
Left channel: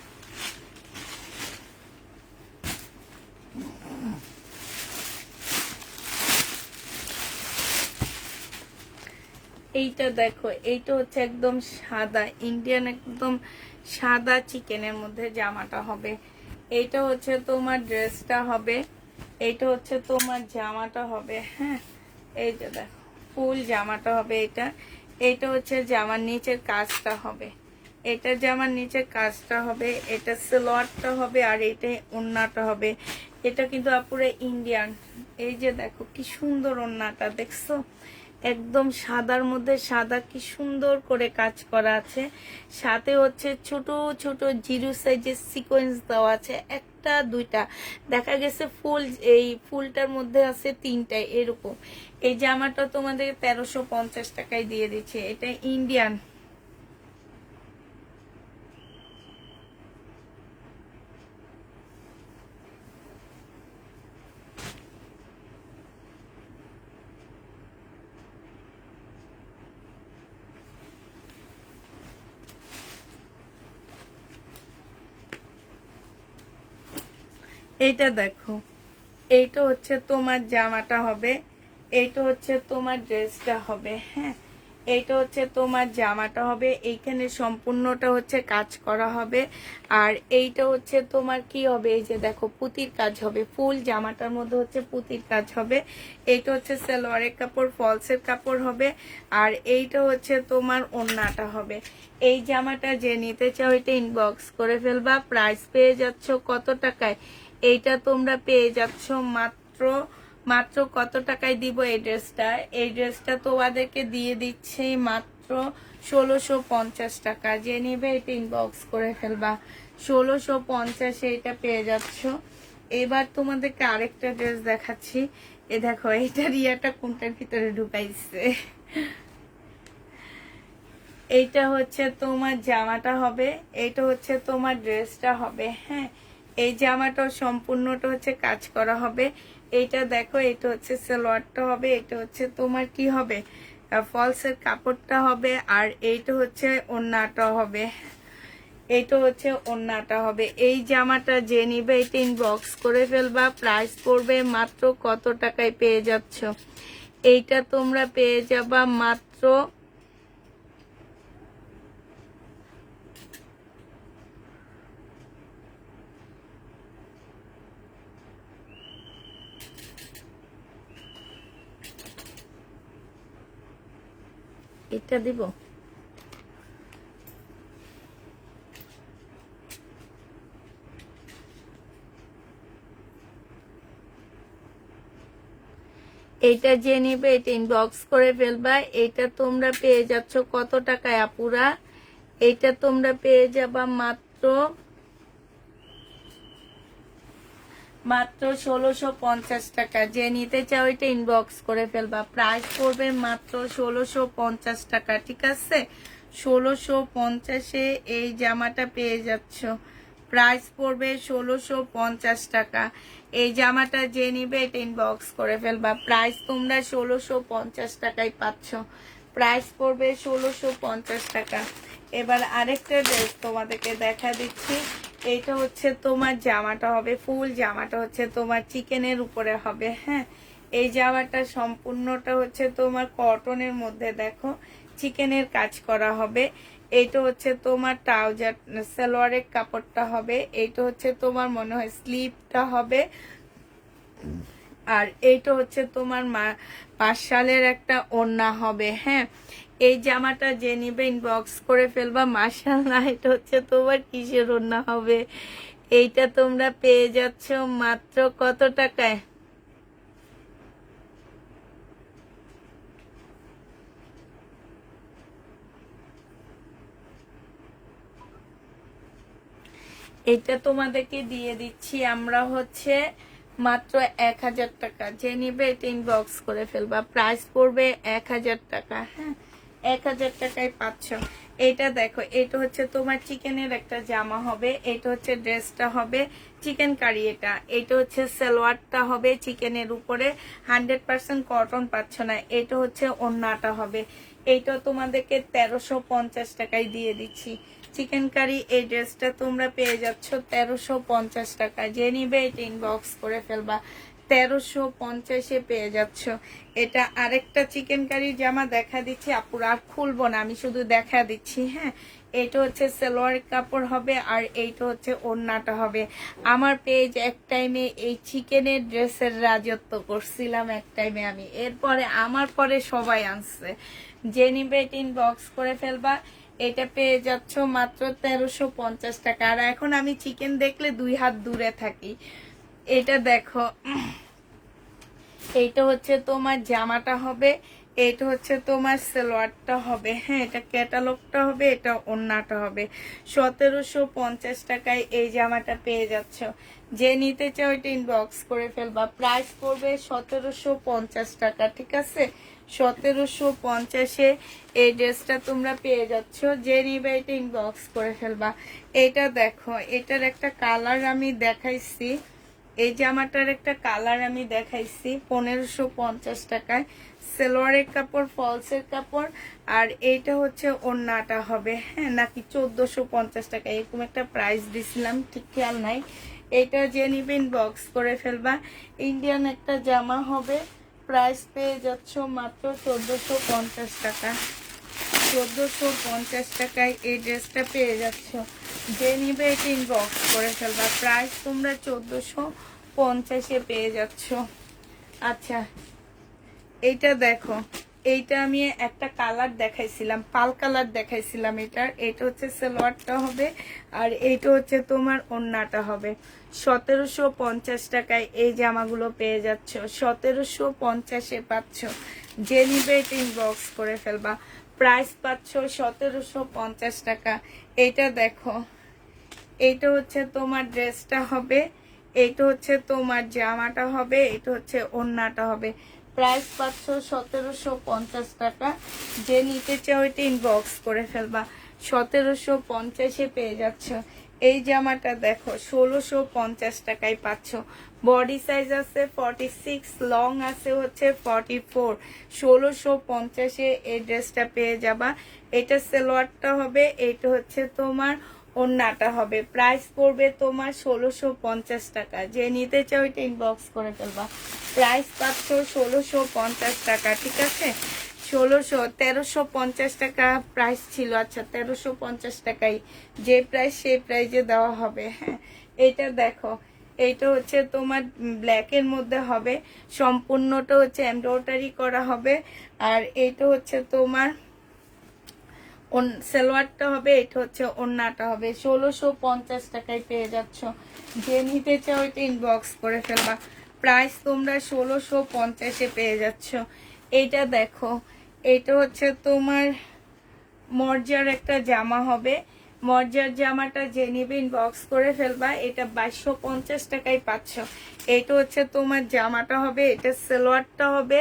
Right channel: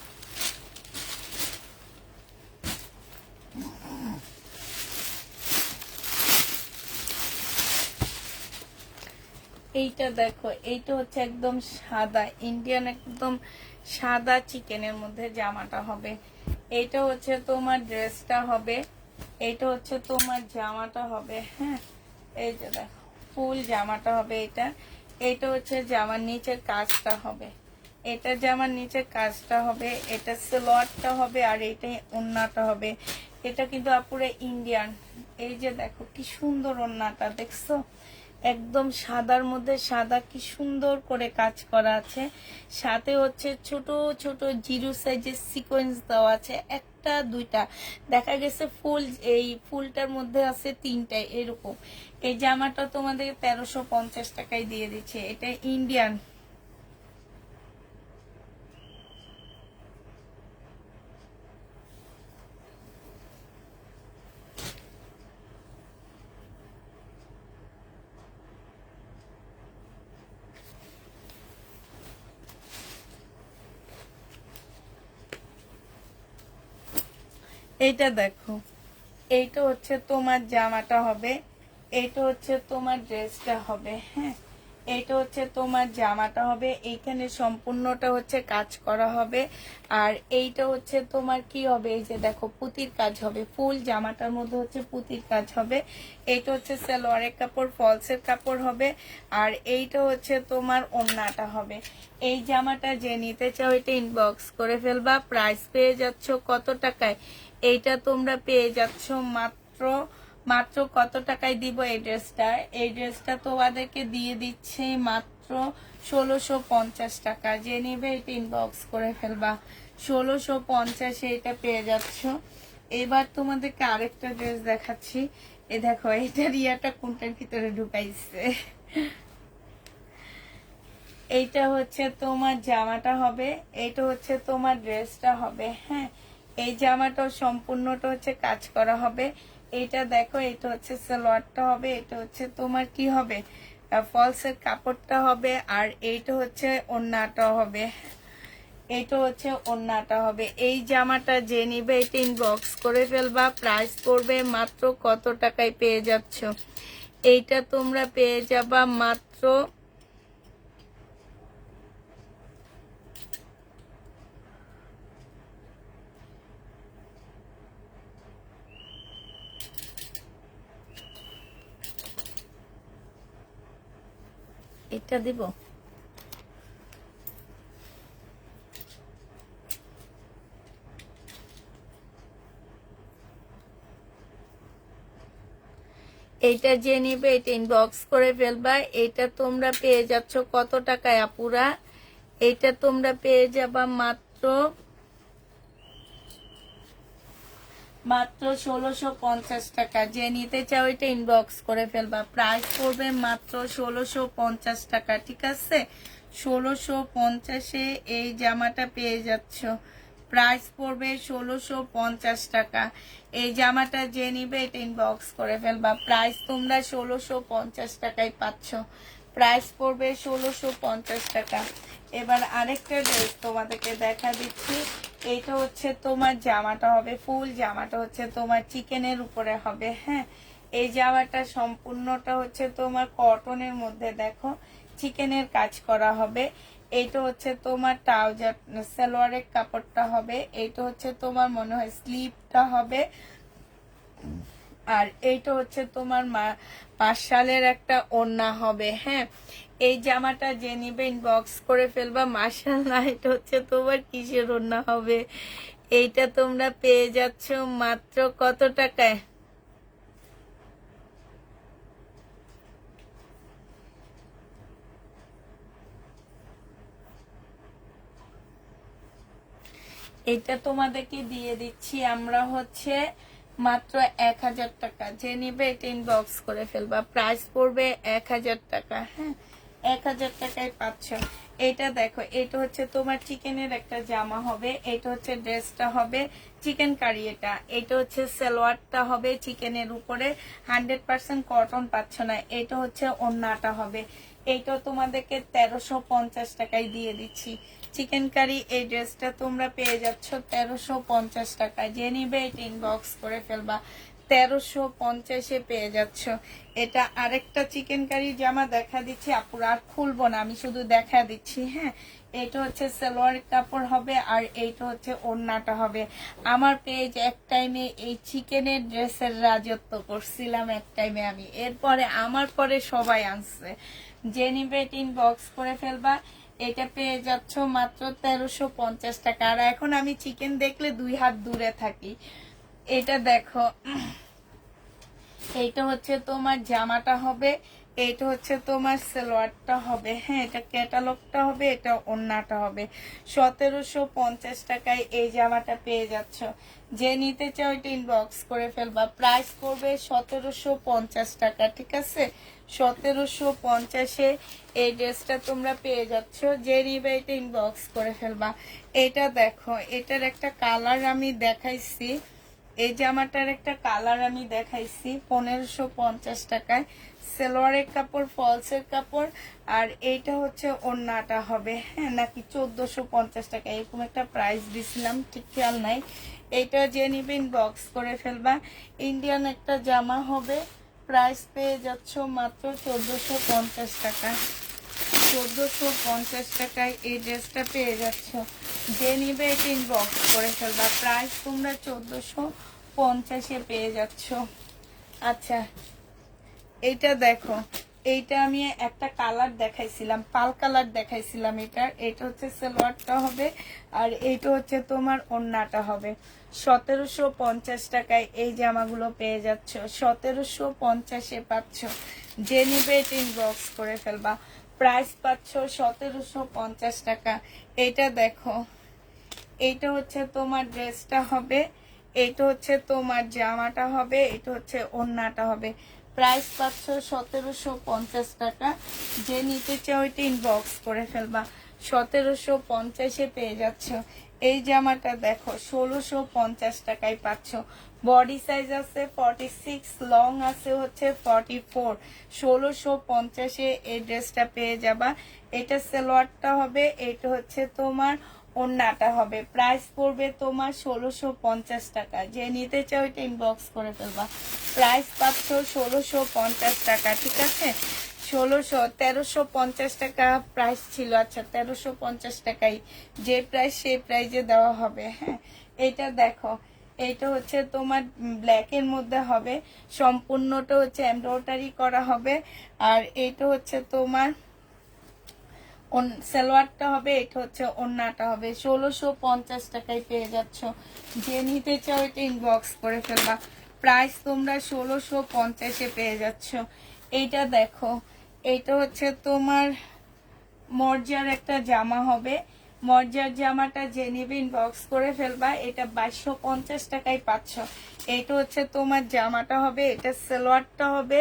এইটা দেখো, এইটা হচ্ছে একদম সাদা ইন্ডিয়ান, একদম সাদা চিকেনের মধ্যে জামাটা হবে। এইটা হচ্ছে তোমার ড্রেসটা হবে, এইটা হচ্ছে তোমার জামাটা হবে। হ্যাঁ, এই যে দেখো ফুল জামাটা হবে এটা। এইটা হচ্ছে জামার নিচের কাজটা হবে, এটা জামার নিচের কাজটা হবে, এটা সালোয়ারটা হবে আর এটা ওড়নাটা হবে। এটা কিন্তু আপুরে ইন্ডিয়ান। এই যে দেখো কি সুন্দর ওড়নাটা, দেখছো? একদম সাদার মধ্যে সাদা, কি সুন্দর করে কাজ করা আছে। সাথে হচ্ছে ছোট ছোট জিরো সাইজের সিকোয়েন্স দেওয়া আছে, একটা দুইটা, দেখা গেছে ফুল, এই ফুলটার মধ্যে আছে তিনটায় এরকম। এই জামাটা তোমাদের 1350 টাকায় দিয়ে দিচ্ছে, এটা ইন্ডিয়ান। এইটা দেখো, এইটা হচ্ছে তোমার জামাটা হবে, এইটা হচ্ছে তোমার ড্রেসটা হবে। হ্যাঁ, এইটা হচ্ছে তোমার জামাটা হবে, এইখানে সম্পূর্ণটা হচ্ছে কাজ করা হবে। আর এইটা হচ্ছে তোমার কি হবে, এই যে দেখো পুতির কাজ হবে, ফুল জামাটার মধ্যে হচ্ছে পুতির কাজ হবে। এইটা হচ্ছে সালোয়ারের কাপড়, ফলসের কাপড় হবে। আর এইটা হচ্ছে তোমার ওড়নাটা হবে। এই জামাটা যে নিতে চাও এটা ইনবক্স করে ফেলবা। প্রাইস পেয়ে যাচ্ছ কত টাকায়? এইটা তোমরা পেয়ে যাচ্ছ মাত্র মাত্র কত টাকায় দিব এই ড্রেসটা? এই ড্রেসটা তোমাদেরকে দিয়ে দিচ্ছি মাত্র 1650 টাকা। যে নেবে এটা ইনবক্স করে ফেলবা। 1650 এটা পেয়ে যাচ্ছ। এবার তোমাদেরকে আরেকটা ড্রেস দেখাচ্ছি। এ দেখো, এটা রিয়াটা কোনটার ভিতরে ঢুকাইছে। এইটা হচ্ছে তোমার জামাটা হবে, এইটা হচ্ছে তোমার ড্রেসটা হবে। হ্যাঁ, এই জামাটা সম্পূর্ণটা হচ্ছে কাজ করা হবে। এইটা দেখো, এটা হচ্ছে সালোয়ারটা হবে, এটা হচ্ছে তোমার কি হবে, ফলসের কাপড়টা হবে। আর এইটা হচ্ছে ওড়নাটা হবে, এইটা হচ্ছে ওড়নাটা হবে। এই জামাটা যে নিবে এটা ইনবক্স করে ফেলবা। প্রাইস পড়বে মাত্র কত টাকায় পেয়ে যাচ্ছ? এইটা তোমরা পেয়ে যাবা মাত্র, এটা দিব, এইটা যে নিবে এটা ইনবক্স করে ফেলবা। এটা তোমরা পেয়ে যাচ্ছ কত টাকায় আপুরা? এইটা তোমরা পেয়ে যাবা মাত্র মাত্র 1650 টাকা। যে নিতে চাও এটা ইনবক্স করে ফেলবা। প্রাইস পড়বে মাত্র 1650 টাকা, ঠিক আছে? 1650-এ এই জামাটা পেয়ে যাচ্ছ। প্রাইস পড়বে 1650 টাকা। এই জামাটা যে নিবে এটা ইনবক্স করে ফেলবা। প্রাইস তোমরা 1650 টাকায় পাচ্ছ। প্রাইস পড়বে 1650 টাকা। এবার আরেকটা ড্রেস তোমাদেরকে দেখা দিচ্ছি। এইটা হচ্ছে তোমার জামাটা হবে, ফুল জামাটা হচ্ছে তোমার চিকেনের উপরে হবে। হ্যাঁ, এই জামাটা সম্পূর্ণটা হচ্ছে তোমার কটনের মধ্যে দেখো চিকেনের কাজ করা হবে। এইটা হচ্ছে তোমার ট্রাউজার, সালোয়ারের কাপড়টা হবে। এইটা হচ্ছে তোমার মনে হয় স্লিভটা হবে। আর এইটা হচ্ছে তোমার মার্শালের একটা ওড়না হবে। হ্যাঁ, এই জামাটা যে নিবে ইনবক্স করে ফেলবা। মার্শাল্লাহ, এটা হচ্ছে তোমার কিসের ওড়না হবে? এইটা তোমরা পেয়ে যাচ্ছ মাত্র কত টাকায়? এটা তোমাদেরকে দিয়ে দিচ্ছি আমরা হচ্ছে মাত্র 1000 টাকা। যে নিবে এটা ইনবক্স করে ফেলবা। প্রাইস পড়বে 1000 টাকা। হ্যাঁ, 1000 টাকায় পাচ্ছ। এটা দেখো, এটা হচ্ছে তোমার চিকেনের একটা জামা হবে, এটা হচ্ছে ড্রেসটা হবে চিকেন কারি। এটা হচ্ছে সালোয়ারটা হবে চিকেনের উপরে, 100% কটন পাচ্ছ না। এটা হচ্ছে ওড়নাটা হবে। এইটা তোমাদেরকে 1350 টাকায় দিয়ে দিচ্ছি। চিকেন কারি এই ড্রেসটা তোমরা পেয়ে যাচ্ছ 1350 টাকা। যে নিবে এটা ইনবক্স করে ফেলবা, 1350-এ পেয়ে যাচ্ছ। এটা আরেকটা চিকেন কারি জামা দেখা দিচ্ছি আপুরা, আর খুলবো না, আমি শুধু দেখা দিচ্ছি। হ্যাঁ, এটা হচ্ছে সালোয়ার কাপড় হবে, আর এইটা হচ্ছে ওড়নাটা হবে। আমার পেজ এক টাইমে এই চিকেনের ড্রেসের রাজত্ব করছিলাম এক টাইমে আমি, এরপরে আমার পরে সবাই আনছে। যে নিবে ইনবক্স করে ফেলবা। এটা পেয়ে যাচ্ছ মাত্র 1350 টাকা। আর এখন আমি চিকেন দেখলে 2 হাত দূরে থাকি। এটা দেখো, এইটা হচ্ছে তোমার জামাটা হবে, এটা হচ্ছে তোমার সালোয়ারটা হবে। হ্যাঁ, এটা ক্যাটালগটা হবে, এটা ওড়নাটা হবে। 1750 টাকায় এই জামাটা পেয়ে যাচ্ছ। যে নিতে চাও এটা ইনবক্স করে ফেলবা। প্রাইস পড়বে 1750 টাকা, ঠিক আছে? 1750-এ এই ড্রেসটা তোমরা পেয়ে যাচ্ছ। যে নিবে এটা ইনবক্স করে ফেলবা। এটা দেখো, এটার একটা কালার আমি দেখাইছি, এই জামাটার একটা কালার আমি দেখাইছি 1550 টাকায়। সালোয়ারের কাপড়, ফলসের কাপড়, আর এইটা হচ্ছে ওড়নাটা হবে। হ্যাঁ, নাকি 1450 টাকা এরকম একটা প্রাইস দিছিলাম, ঠিক খেয়াল নাই। এটা যে নিবেন বক্স করে ফেলবা। ইন্ডিয়ান একটা জামা হবে, প্রাইস পেয়ে যাচ্ছ মাত্র 1450 টাকা। 1450 টাকায় এই ড্রেসটা পেয়ে যাচ্ছ। যে নিবে এটা ইনবক্স করে ফেলবা। প্রাইস তোমরা 1450-এ পেয়ে যাচ্ছ। আচ্ছা, এইটা দেখো, এইটা আমি একটা কালার দেখাইছিলাম, পাল কালার দেখাইছিলাম। এটা হচ্ছে সালোয়ারটা হবে, আর এইটা হচ্ছে তোমার ওড়নাটা হবে। 1750 টাকায় এই জামাগুলো পেয়ে যাচ্ছ। 1750-এ পাচ্ছ। যে নিবে এটা ইনবক্স করে ফেলবা। প্রাইস পাচ্ছ 1750 টাকা। এটা দেখো, এইটা হচ্ছে তোমার ড্রেসটা হবে, এটা হচ্ছে তোমার জামাটা হবে, এটা হচ্ছে ওড়নাটা হবে। প্রাইস পাচ্ছ 1750 টাকা। যে নিতে চাও এটা ইনবক্স করে ফেলবা। 1750-এ পেয়ে যাচ্ছ। এই জামাটা দেখো 1650 টাকায় পাচ্ছ। বডি সাইজ আছে 46, লং আছে হচ্ছে 44। 1650-এ এই ড্রেসটা পেয়ে যাবা। এটা সালোয়ারটা হবে, এটা হচ্ছে তোমার ওড়নাটা হবে। প্রাইস পড়বে তোমার 1650 টাকা। যে নিতে চাও এটা ইনবক্স করে ফেলবা। প্রাইস পাচ্ছ 1650 টাকা, ঠিক আছে? 1350 টাকা প্রাইস ছিল। আচ্ছা, 1350 টাকাই যে প্রাইস সেই প্রাইজে দেওয়া হবে। হ্যাঁ, এটা দেখো, এইটা হচ্ছে তোমার ব্ল্যাকের মধ্যে হবে, সম্পূর্ণটা হচ্ছে এমব্রয়ডারি করা হবে। আর এইটা হচ্ছে তোমার সালোয়ারটা হবে, এটা হচ্ছে ওড়নাটা হবে। 1650 টাকায় পেয়ে যাচ্ছ। যে নিতে চাও এটা ইনবক্স করে ফেলবা। প্রাইস তোমরা 1650-এ পেয়ে যাচ্ছ। এইটা দেখো, এটা হচ্ছে তোমার মর্জার একটা জামা হবে। মর্জার জামাটা যে নিবে ইনবক্স করে ফেলবা। এটা 2250 টাকায় পাচ্ছ। এটা হচ্ছে তোমার জামাটা হবে, এটা সালোয়ারটা হবে,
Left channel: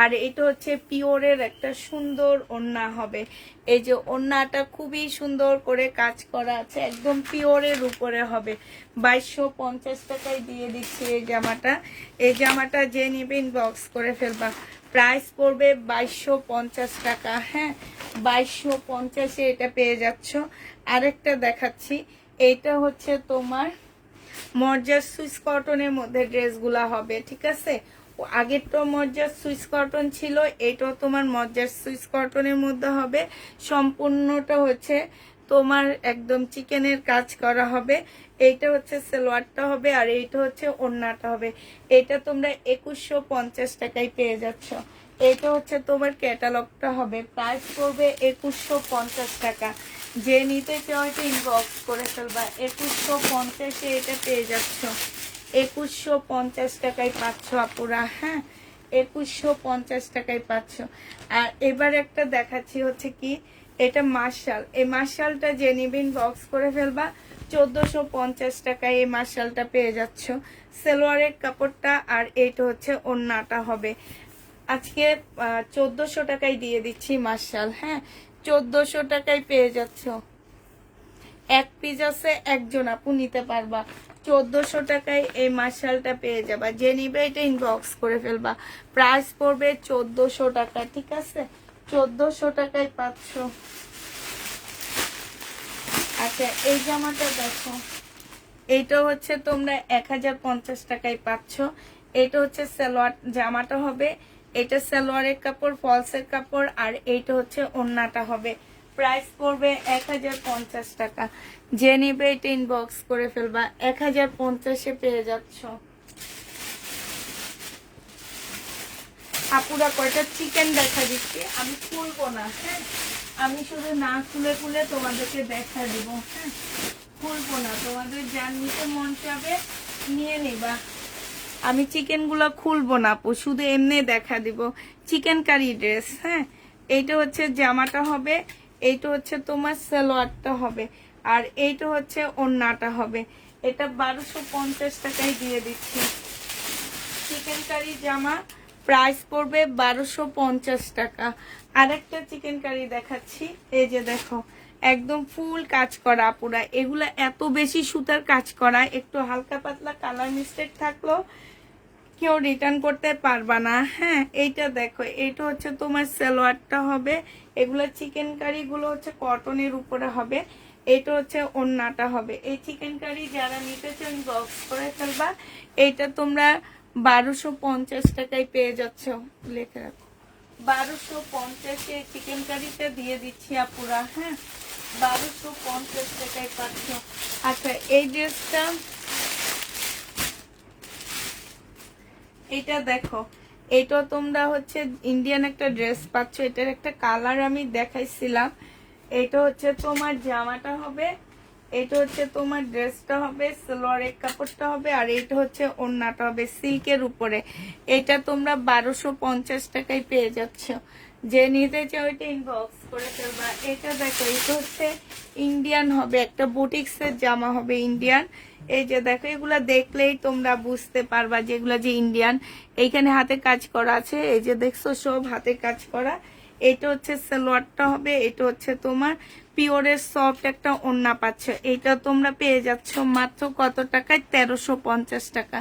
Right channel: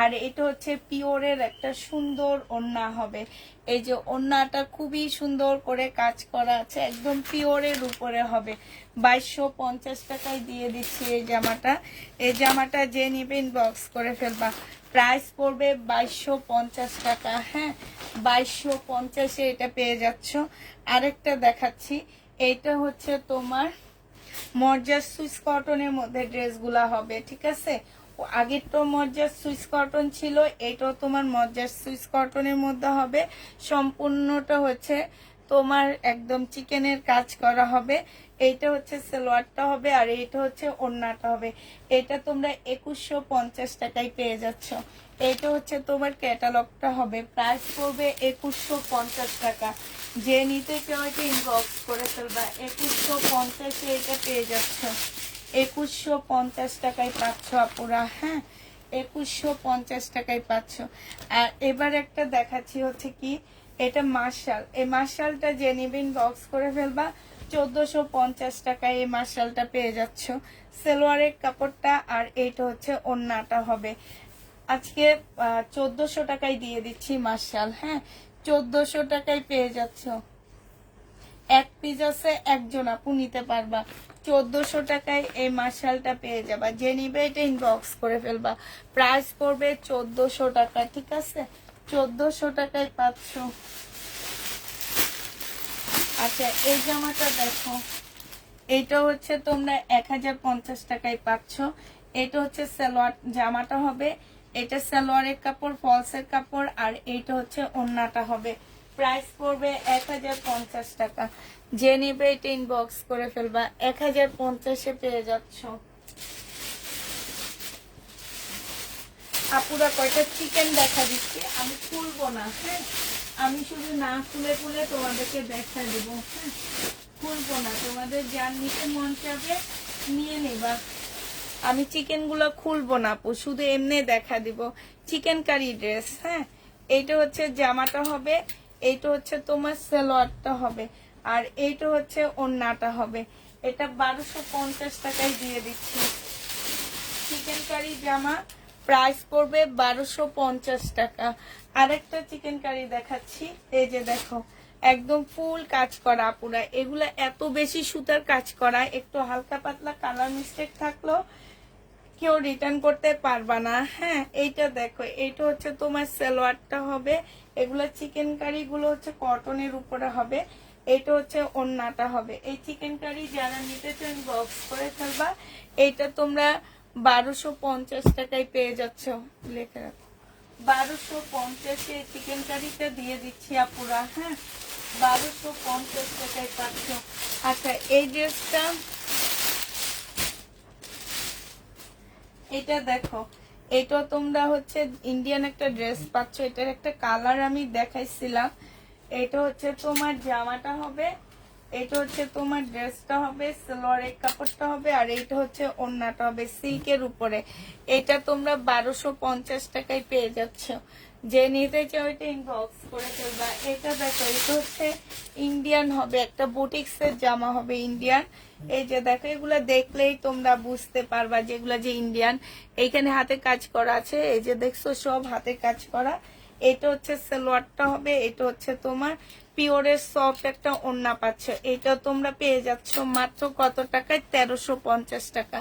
আর এটা হচ্ছে পিওরের একটা সুন্দর ওড়না হবে। এই যে ওড়নাটা খুবই সুন্দর করে কাজ করা আছে, একদম পিওরের উপরে হবে। 2250 টাকায় দিয়ে দিচ্ছি এই জামাটা। এই জামাটা যে নিবে ইনবক্স করে ফেলবা। প্রাইস পড়বে 2250 টাকা। হ্যাঁ, 2250-এ এটা পেয়ে যাচ্ছ। আরেকটা দেখাচ্ছি, এটা হচ্ছে তোমার মর্জার সুইস কটনের মধ্যে ড্রেসগুলা হবে, ঠিক আছে? আগের তো মর্জার সুইস কটন ছিল, এটাও তোমার মর্জার সুইস কটনের মধ্যে হবে। সম্পূর্ণটা হচ্ছে তোমার একদম চিকেনের কাজ করা হবে। এইটা হচ্ছে সালোয়ারটা হবে, আর এইটা হচ্ছে ওড়নাটা হবে। এটা তোমরা 2150 টাকায় পেয়ে যাচ্ছ। এটা হচ্ছে তোমার ক্যাটালগটা হবে। প্রাইস পড়বে 2150 টাকা। যে নিতে চাও এটা ইনবক্স করে ফেলবা। 2150-এ এটা পেয়ে যাচ্ছ। 2150 টাকায় পাচ্ছ আপুরা। হ্যাঁ, 2150 টাকায় পাচ্ছ। আর এবার একটা দেখাচ্ছি হচ্ছে কি, এটা মার্শাল। এই মার্শালটা যে নিবেন বক্স করে ফেলবা। 1450 টাকায় এই মার্শালটা পেয়ে যাচ্ছ। সালোয়ারের কাপড়টা, আর এইটা হচ্ছে ওড়নাটা হবে। আজকে 1400 টাকায় দিয়ে দিচ্ছি মার্শাল। হ্যাঁ, 1400 টাকায় পেয়ে যাচ্ছ। এক পিস আছে, একজন আপু নিতে পারবা। 1400 টাকায় এই মার্শালটা পেয়ে যাবা। যে নিবে এটা ইনবক্স করে ফেলবা। প্রাইস পড়বে 1400 টাকা, ঠিক আছে? 1400 টাকায় পাচ্ছ। আচ্ছা, এই জামাটা দেখো, এটা হচ্ছে তোমরা 1050 টাকায় পাচ্ছ। এটা হচ্ছে সালোয়ার, জামাটা হবে এটা সালোয়ারের কাপড়, ফলসের কাপড়, আর এইটা হচ্ছে ওড়নাটা হবে। প্রাইস পড়বে 1050 টাকা। যে নিবে এটা ইনবক্স করে ফেলবা। 1050-এ পেয়ে যাচ্ছ। আপুরা কয়টা চিকেন দেখা দিচ্ছে, আমি খুলবো না, হ্যাঁ? আমি শুধু না খুলে খুলে তোমাদেরকে দেখা দিব, হ্যাঁ? খুলবো না, তোমাদের যার নিতে মন চাবে নিয়ে নিবা। আমি চিকেন গুলো খুলবো না আপু, শুধু এমনি দেখা দিব। চিকেন কারি ড্রেস, হ্যাঁ? এইটা হচ্ছে জামাটা হবে, এইটা হচ্ছে তোমার সালোয়ারটা হবে, আর এইটা হচ্ছে ওড়নাটা হবে। এটা 1250 টাকায় দিয়ে দিচ্ছি। চিকেন কারি জামা, প্রাইস পড়বে 1250 টাকা। আরেকটা চিকেন কারি দেখাচ্ছি, এই যে দেখো, একদম ফুল কাজ করা আপুরা। এগুলা এত বেশি সুতার কাজ করা, একটু হালকা পাতলা কালার মিস্টেক থাকলো কেউ রিটার্ন করতে পারবা না, হ্যাঁ? এইটা দেখো, এইটা হচ্ছে তোমার সালোয়ারটা হবে। এগুলো চিকেন কারি গুলো হচ্ছে কটনের উপরে হবে। এটা হচ্ছে ওড়নাটা হবে। এই চিকেন কারি যারা নিতে চান বক্স করে ফেলবা। এইটা তোমরা 1250 টাকায় পেয়ে যাচ্ছ। লিখে রাখো, 1250 এই চিকেন কারিটা দিয়ে দিচ্ছি আপুরা, হ্যাঁ? 1250 টাকায় পাচ্ছ। আচ্ছা, এই ড্রেসটা, এটা দেখো, এটা তোমরা হচ্ছে ইন্ডিয়ান একটা ড্রেস পাচ্ছ। এটার একটা কালার আমি দেখাইছিলাম। এটা হচ্ছে তোমার জামাটা হবে, এটা হচ্ছে তোমার ড্রেসটা হবে, সালোয়ারের কাপড়টা হবে, আর এইটা হচ্ছে ওড়নাটা হবে সিল্কের উপরে। এটা তোমরা 1250 টাকায় পেয়ে যাচ্ছ। যে নিতে চাও এটা ইনবক্স করে ফেলবা। এটা দেখো, এটা হচ্ছে ইন্ডিয়ান হবে, একটা বুটিক্সের জামা হবে ইন্ডিয়ান। এই যে দেখো, এগুলা দেখলেই তোমরা বুঝতে পারবা যেগুলা যে ইন্ডিয়ান। এইখানে হাতে কাজ করা আছে, এই যে দেখছো সব হাতে কাজ করা। এটা হচ্ছে সালোয়ারটা হবে, এটা হচ্ছে তোমার পিওরের সফট একটা ওড়না পাচ্ছ। এটা তোমরা পেয়ে যাচ্ছ মাত্র কত টাকায়? 1350 টাকা।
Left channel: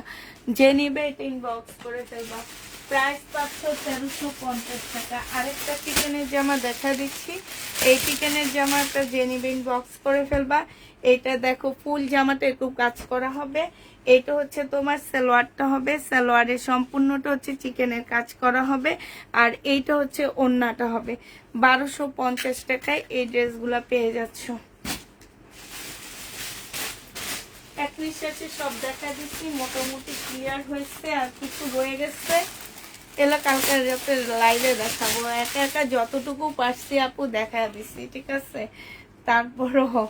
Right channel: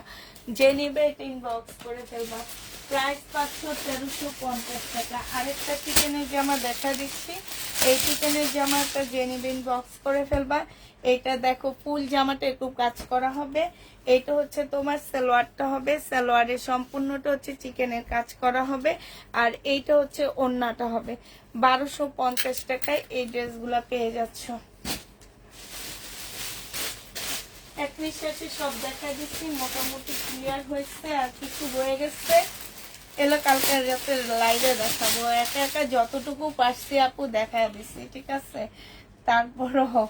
যে নিবে এটা ইনবক্স করে ফেলবা। প্রাইস পাচ্ছ 1350 টাকা। আরেকটা চিকেনের জামা দেখা দিচ্ছি। এই চিকেনের জামাটা যে নিবে ইনবক্স করে ফেলবা। এটা দেখো, ফুল জামাটা একটু কাজ করা হবে। এটা হচ্ছে তোমার সালোয়ারটা হবে, সালোয়ারের সম্পূর্ণটা হচ্ছে চিকেনের কাজ করা হবে, আর এইটা হচ্ছে ওড়নাটা হবে। 1250 টাকায় এই ড্রেসগুলা পেয়ে যাচ্ছ। এক নিঃশ্বাসে সব দেখা দিচ্ছি, মোটামুটি ক্লিয়ার হয়েছে, আর কিছু রয়ে গেছে এলা কালকে রাতে লাইভে দেখাবো। একা একা যতটুকু পারছি আপু দেখা দিচ্ছি, ঠিক আছে? তারপরও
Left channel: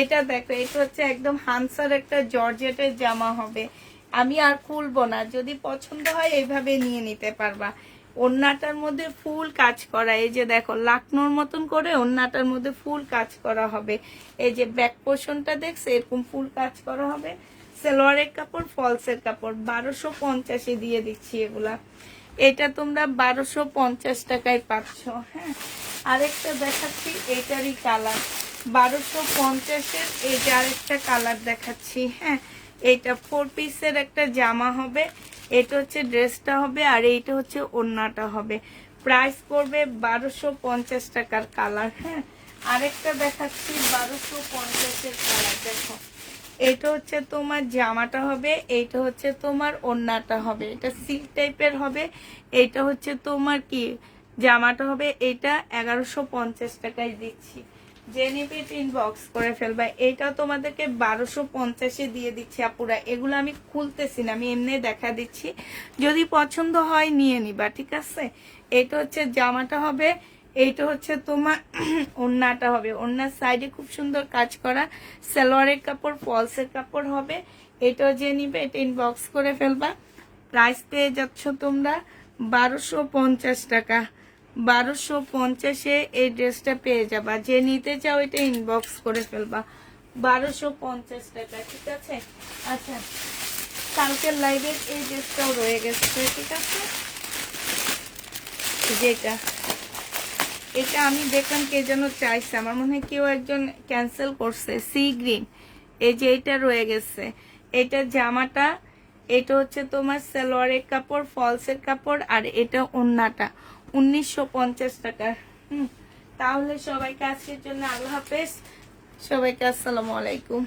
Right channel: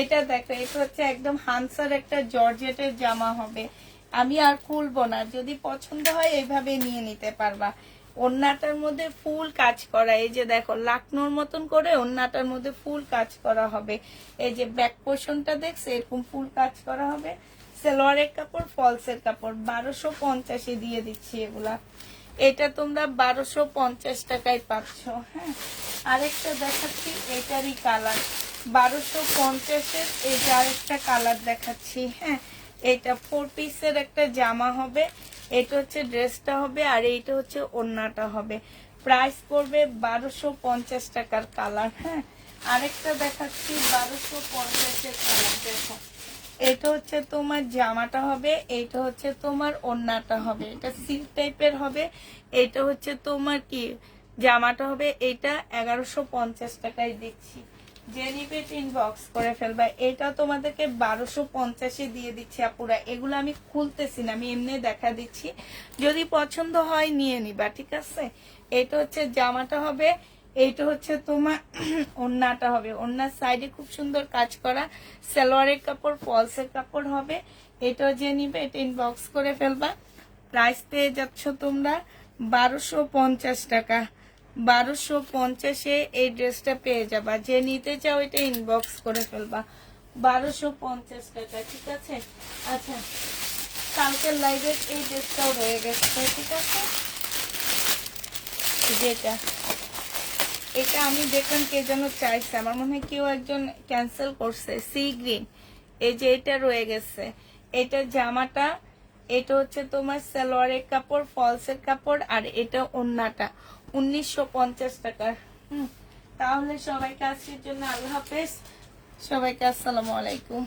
এটা দেখো, এটা হচ্ছে একদম হানসার একটা জর্জেটের জামা হবে। আমি আর খুলবো না, যদি পছন্দ হয় এইভাবে নিয়ে নিতে পারবা। ওড়নাটার মধ্যে ফুল কাজ করা, এই যে দেখো লাকনোর মতন করে ওড়নাটার মধ্যে ফুল কাজ করা হবে। এই যে ব্যাক পোর্শনটা দেখছে, এরকম ফুল কাজ করা হবে। সালোয়ারের কাপড়, ফলসের কাপড়। 1250-এ দিয়ে দিচ্ছি এগুলা। এটা তোমরা 1250 টাকায় পাচ্ছ, হ্যাঁ? আরেকটা দেখাচ্ছি, এটারই কালার 1250-এর। এইটা আরেকটা কালার দেখাচ্ছি, হ্যাঁ? এটা 4 পিসের একটা জামা হবে, এটা হচ্ছে ড্রেসটা হবে, আর এইটা হচ্ছে ওড়নাটা হবে। প্রাইস পড়বে 1250 টাকার কালার, হ্যাঁ? আরেকটা দেখাচ্ছি 1250-এর কালার। দেখো, এটা হচ্ছে তোমার জামাটা হবে, এইটা হচ্ছে তোমার ওড়নাটা হবে। এটা সিল্ক টাইপের হবে। এটা হচ্ছে তোমার কি জামাটা হবে, এটা 1150 টাকায় দিচ্ছি। যে নিবে ইনবক্স করে ফেলবা। এটা তোমাদেরকে 1250-এ দিয়ে দিচ্ছি আপুরা। এগুলো আমি খুলতেছি না, আমি এমনি দেখা দিচ্ছি। যদি পছন্দ হয় নিয়ে নিবা, ঠিক আছে? এটা হচ্ছে জামাটা হবে, এইটা হচ্ছে তোমার ওড়নাটা হবে। ওড়নার সাইডে খুব সুন্দর কাজ করা, সালোয়ারের কাপড়, ফলসের কাপড় হবে। এটাও যে নিবে এটা ইনবক্স করে ফেলবা। প্রাইস পেয়ে যাচ্ছ তোমরা 1250 টাকা। 1250-এ এই ড্রেসটা পেয়ে যাবা। যে নিতে চাও এটা ইনবক্স করে ফেলবা। 1250 টাকা, ঠিক আছে? আচ্ছা, কালকের লাইভের এই ড্রেসটাও রয়ে গেছে, ঠিক আছে? যেটা এটা আমি দেখলাম কে যেন চাইছে, আমার মনে হয় কেউ একজন ক্যান্সেল করছে। সি গ্রিন, এই যে এটা রয়ে গেছে, এটা জামাটা, এটা হচ্ছে তোমার সালোয়ারের কাপড়, ফলসের কাপড়, আর এটা ওন্নাটা 1950 টাকা। তাহলে সবাইকে আজকের জন্য আল্লাহ হাফেজ, সবাইকে আসসালামু আলাইকুম।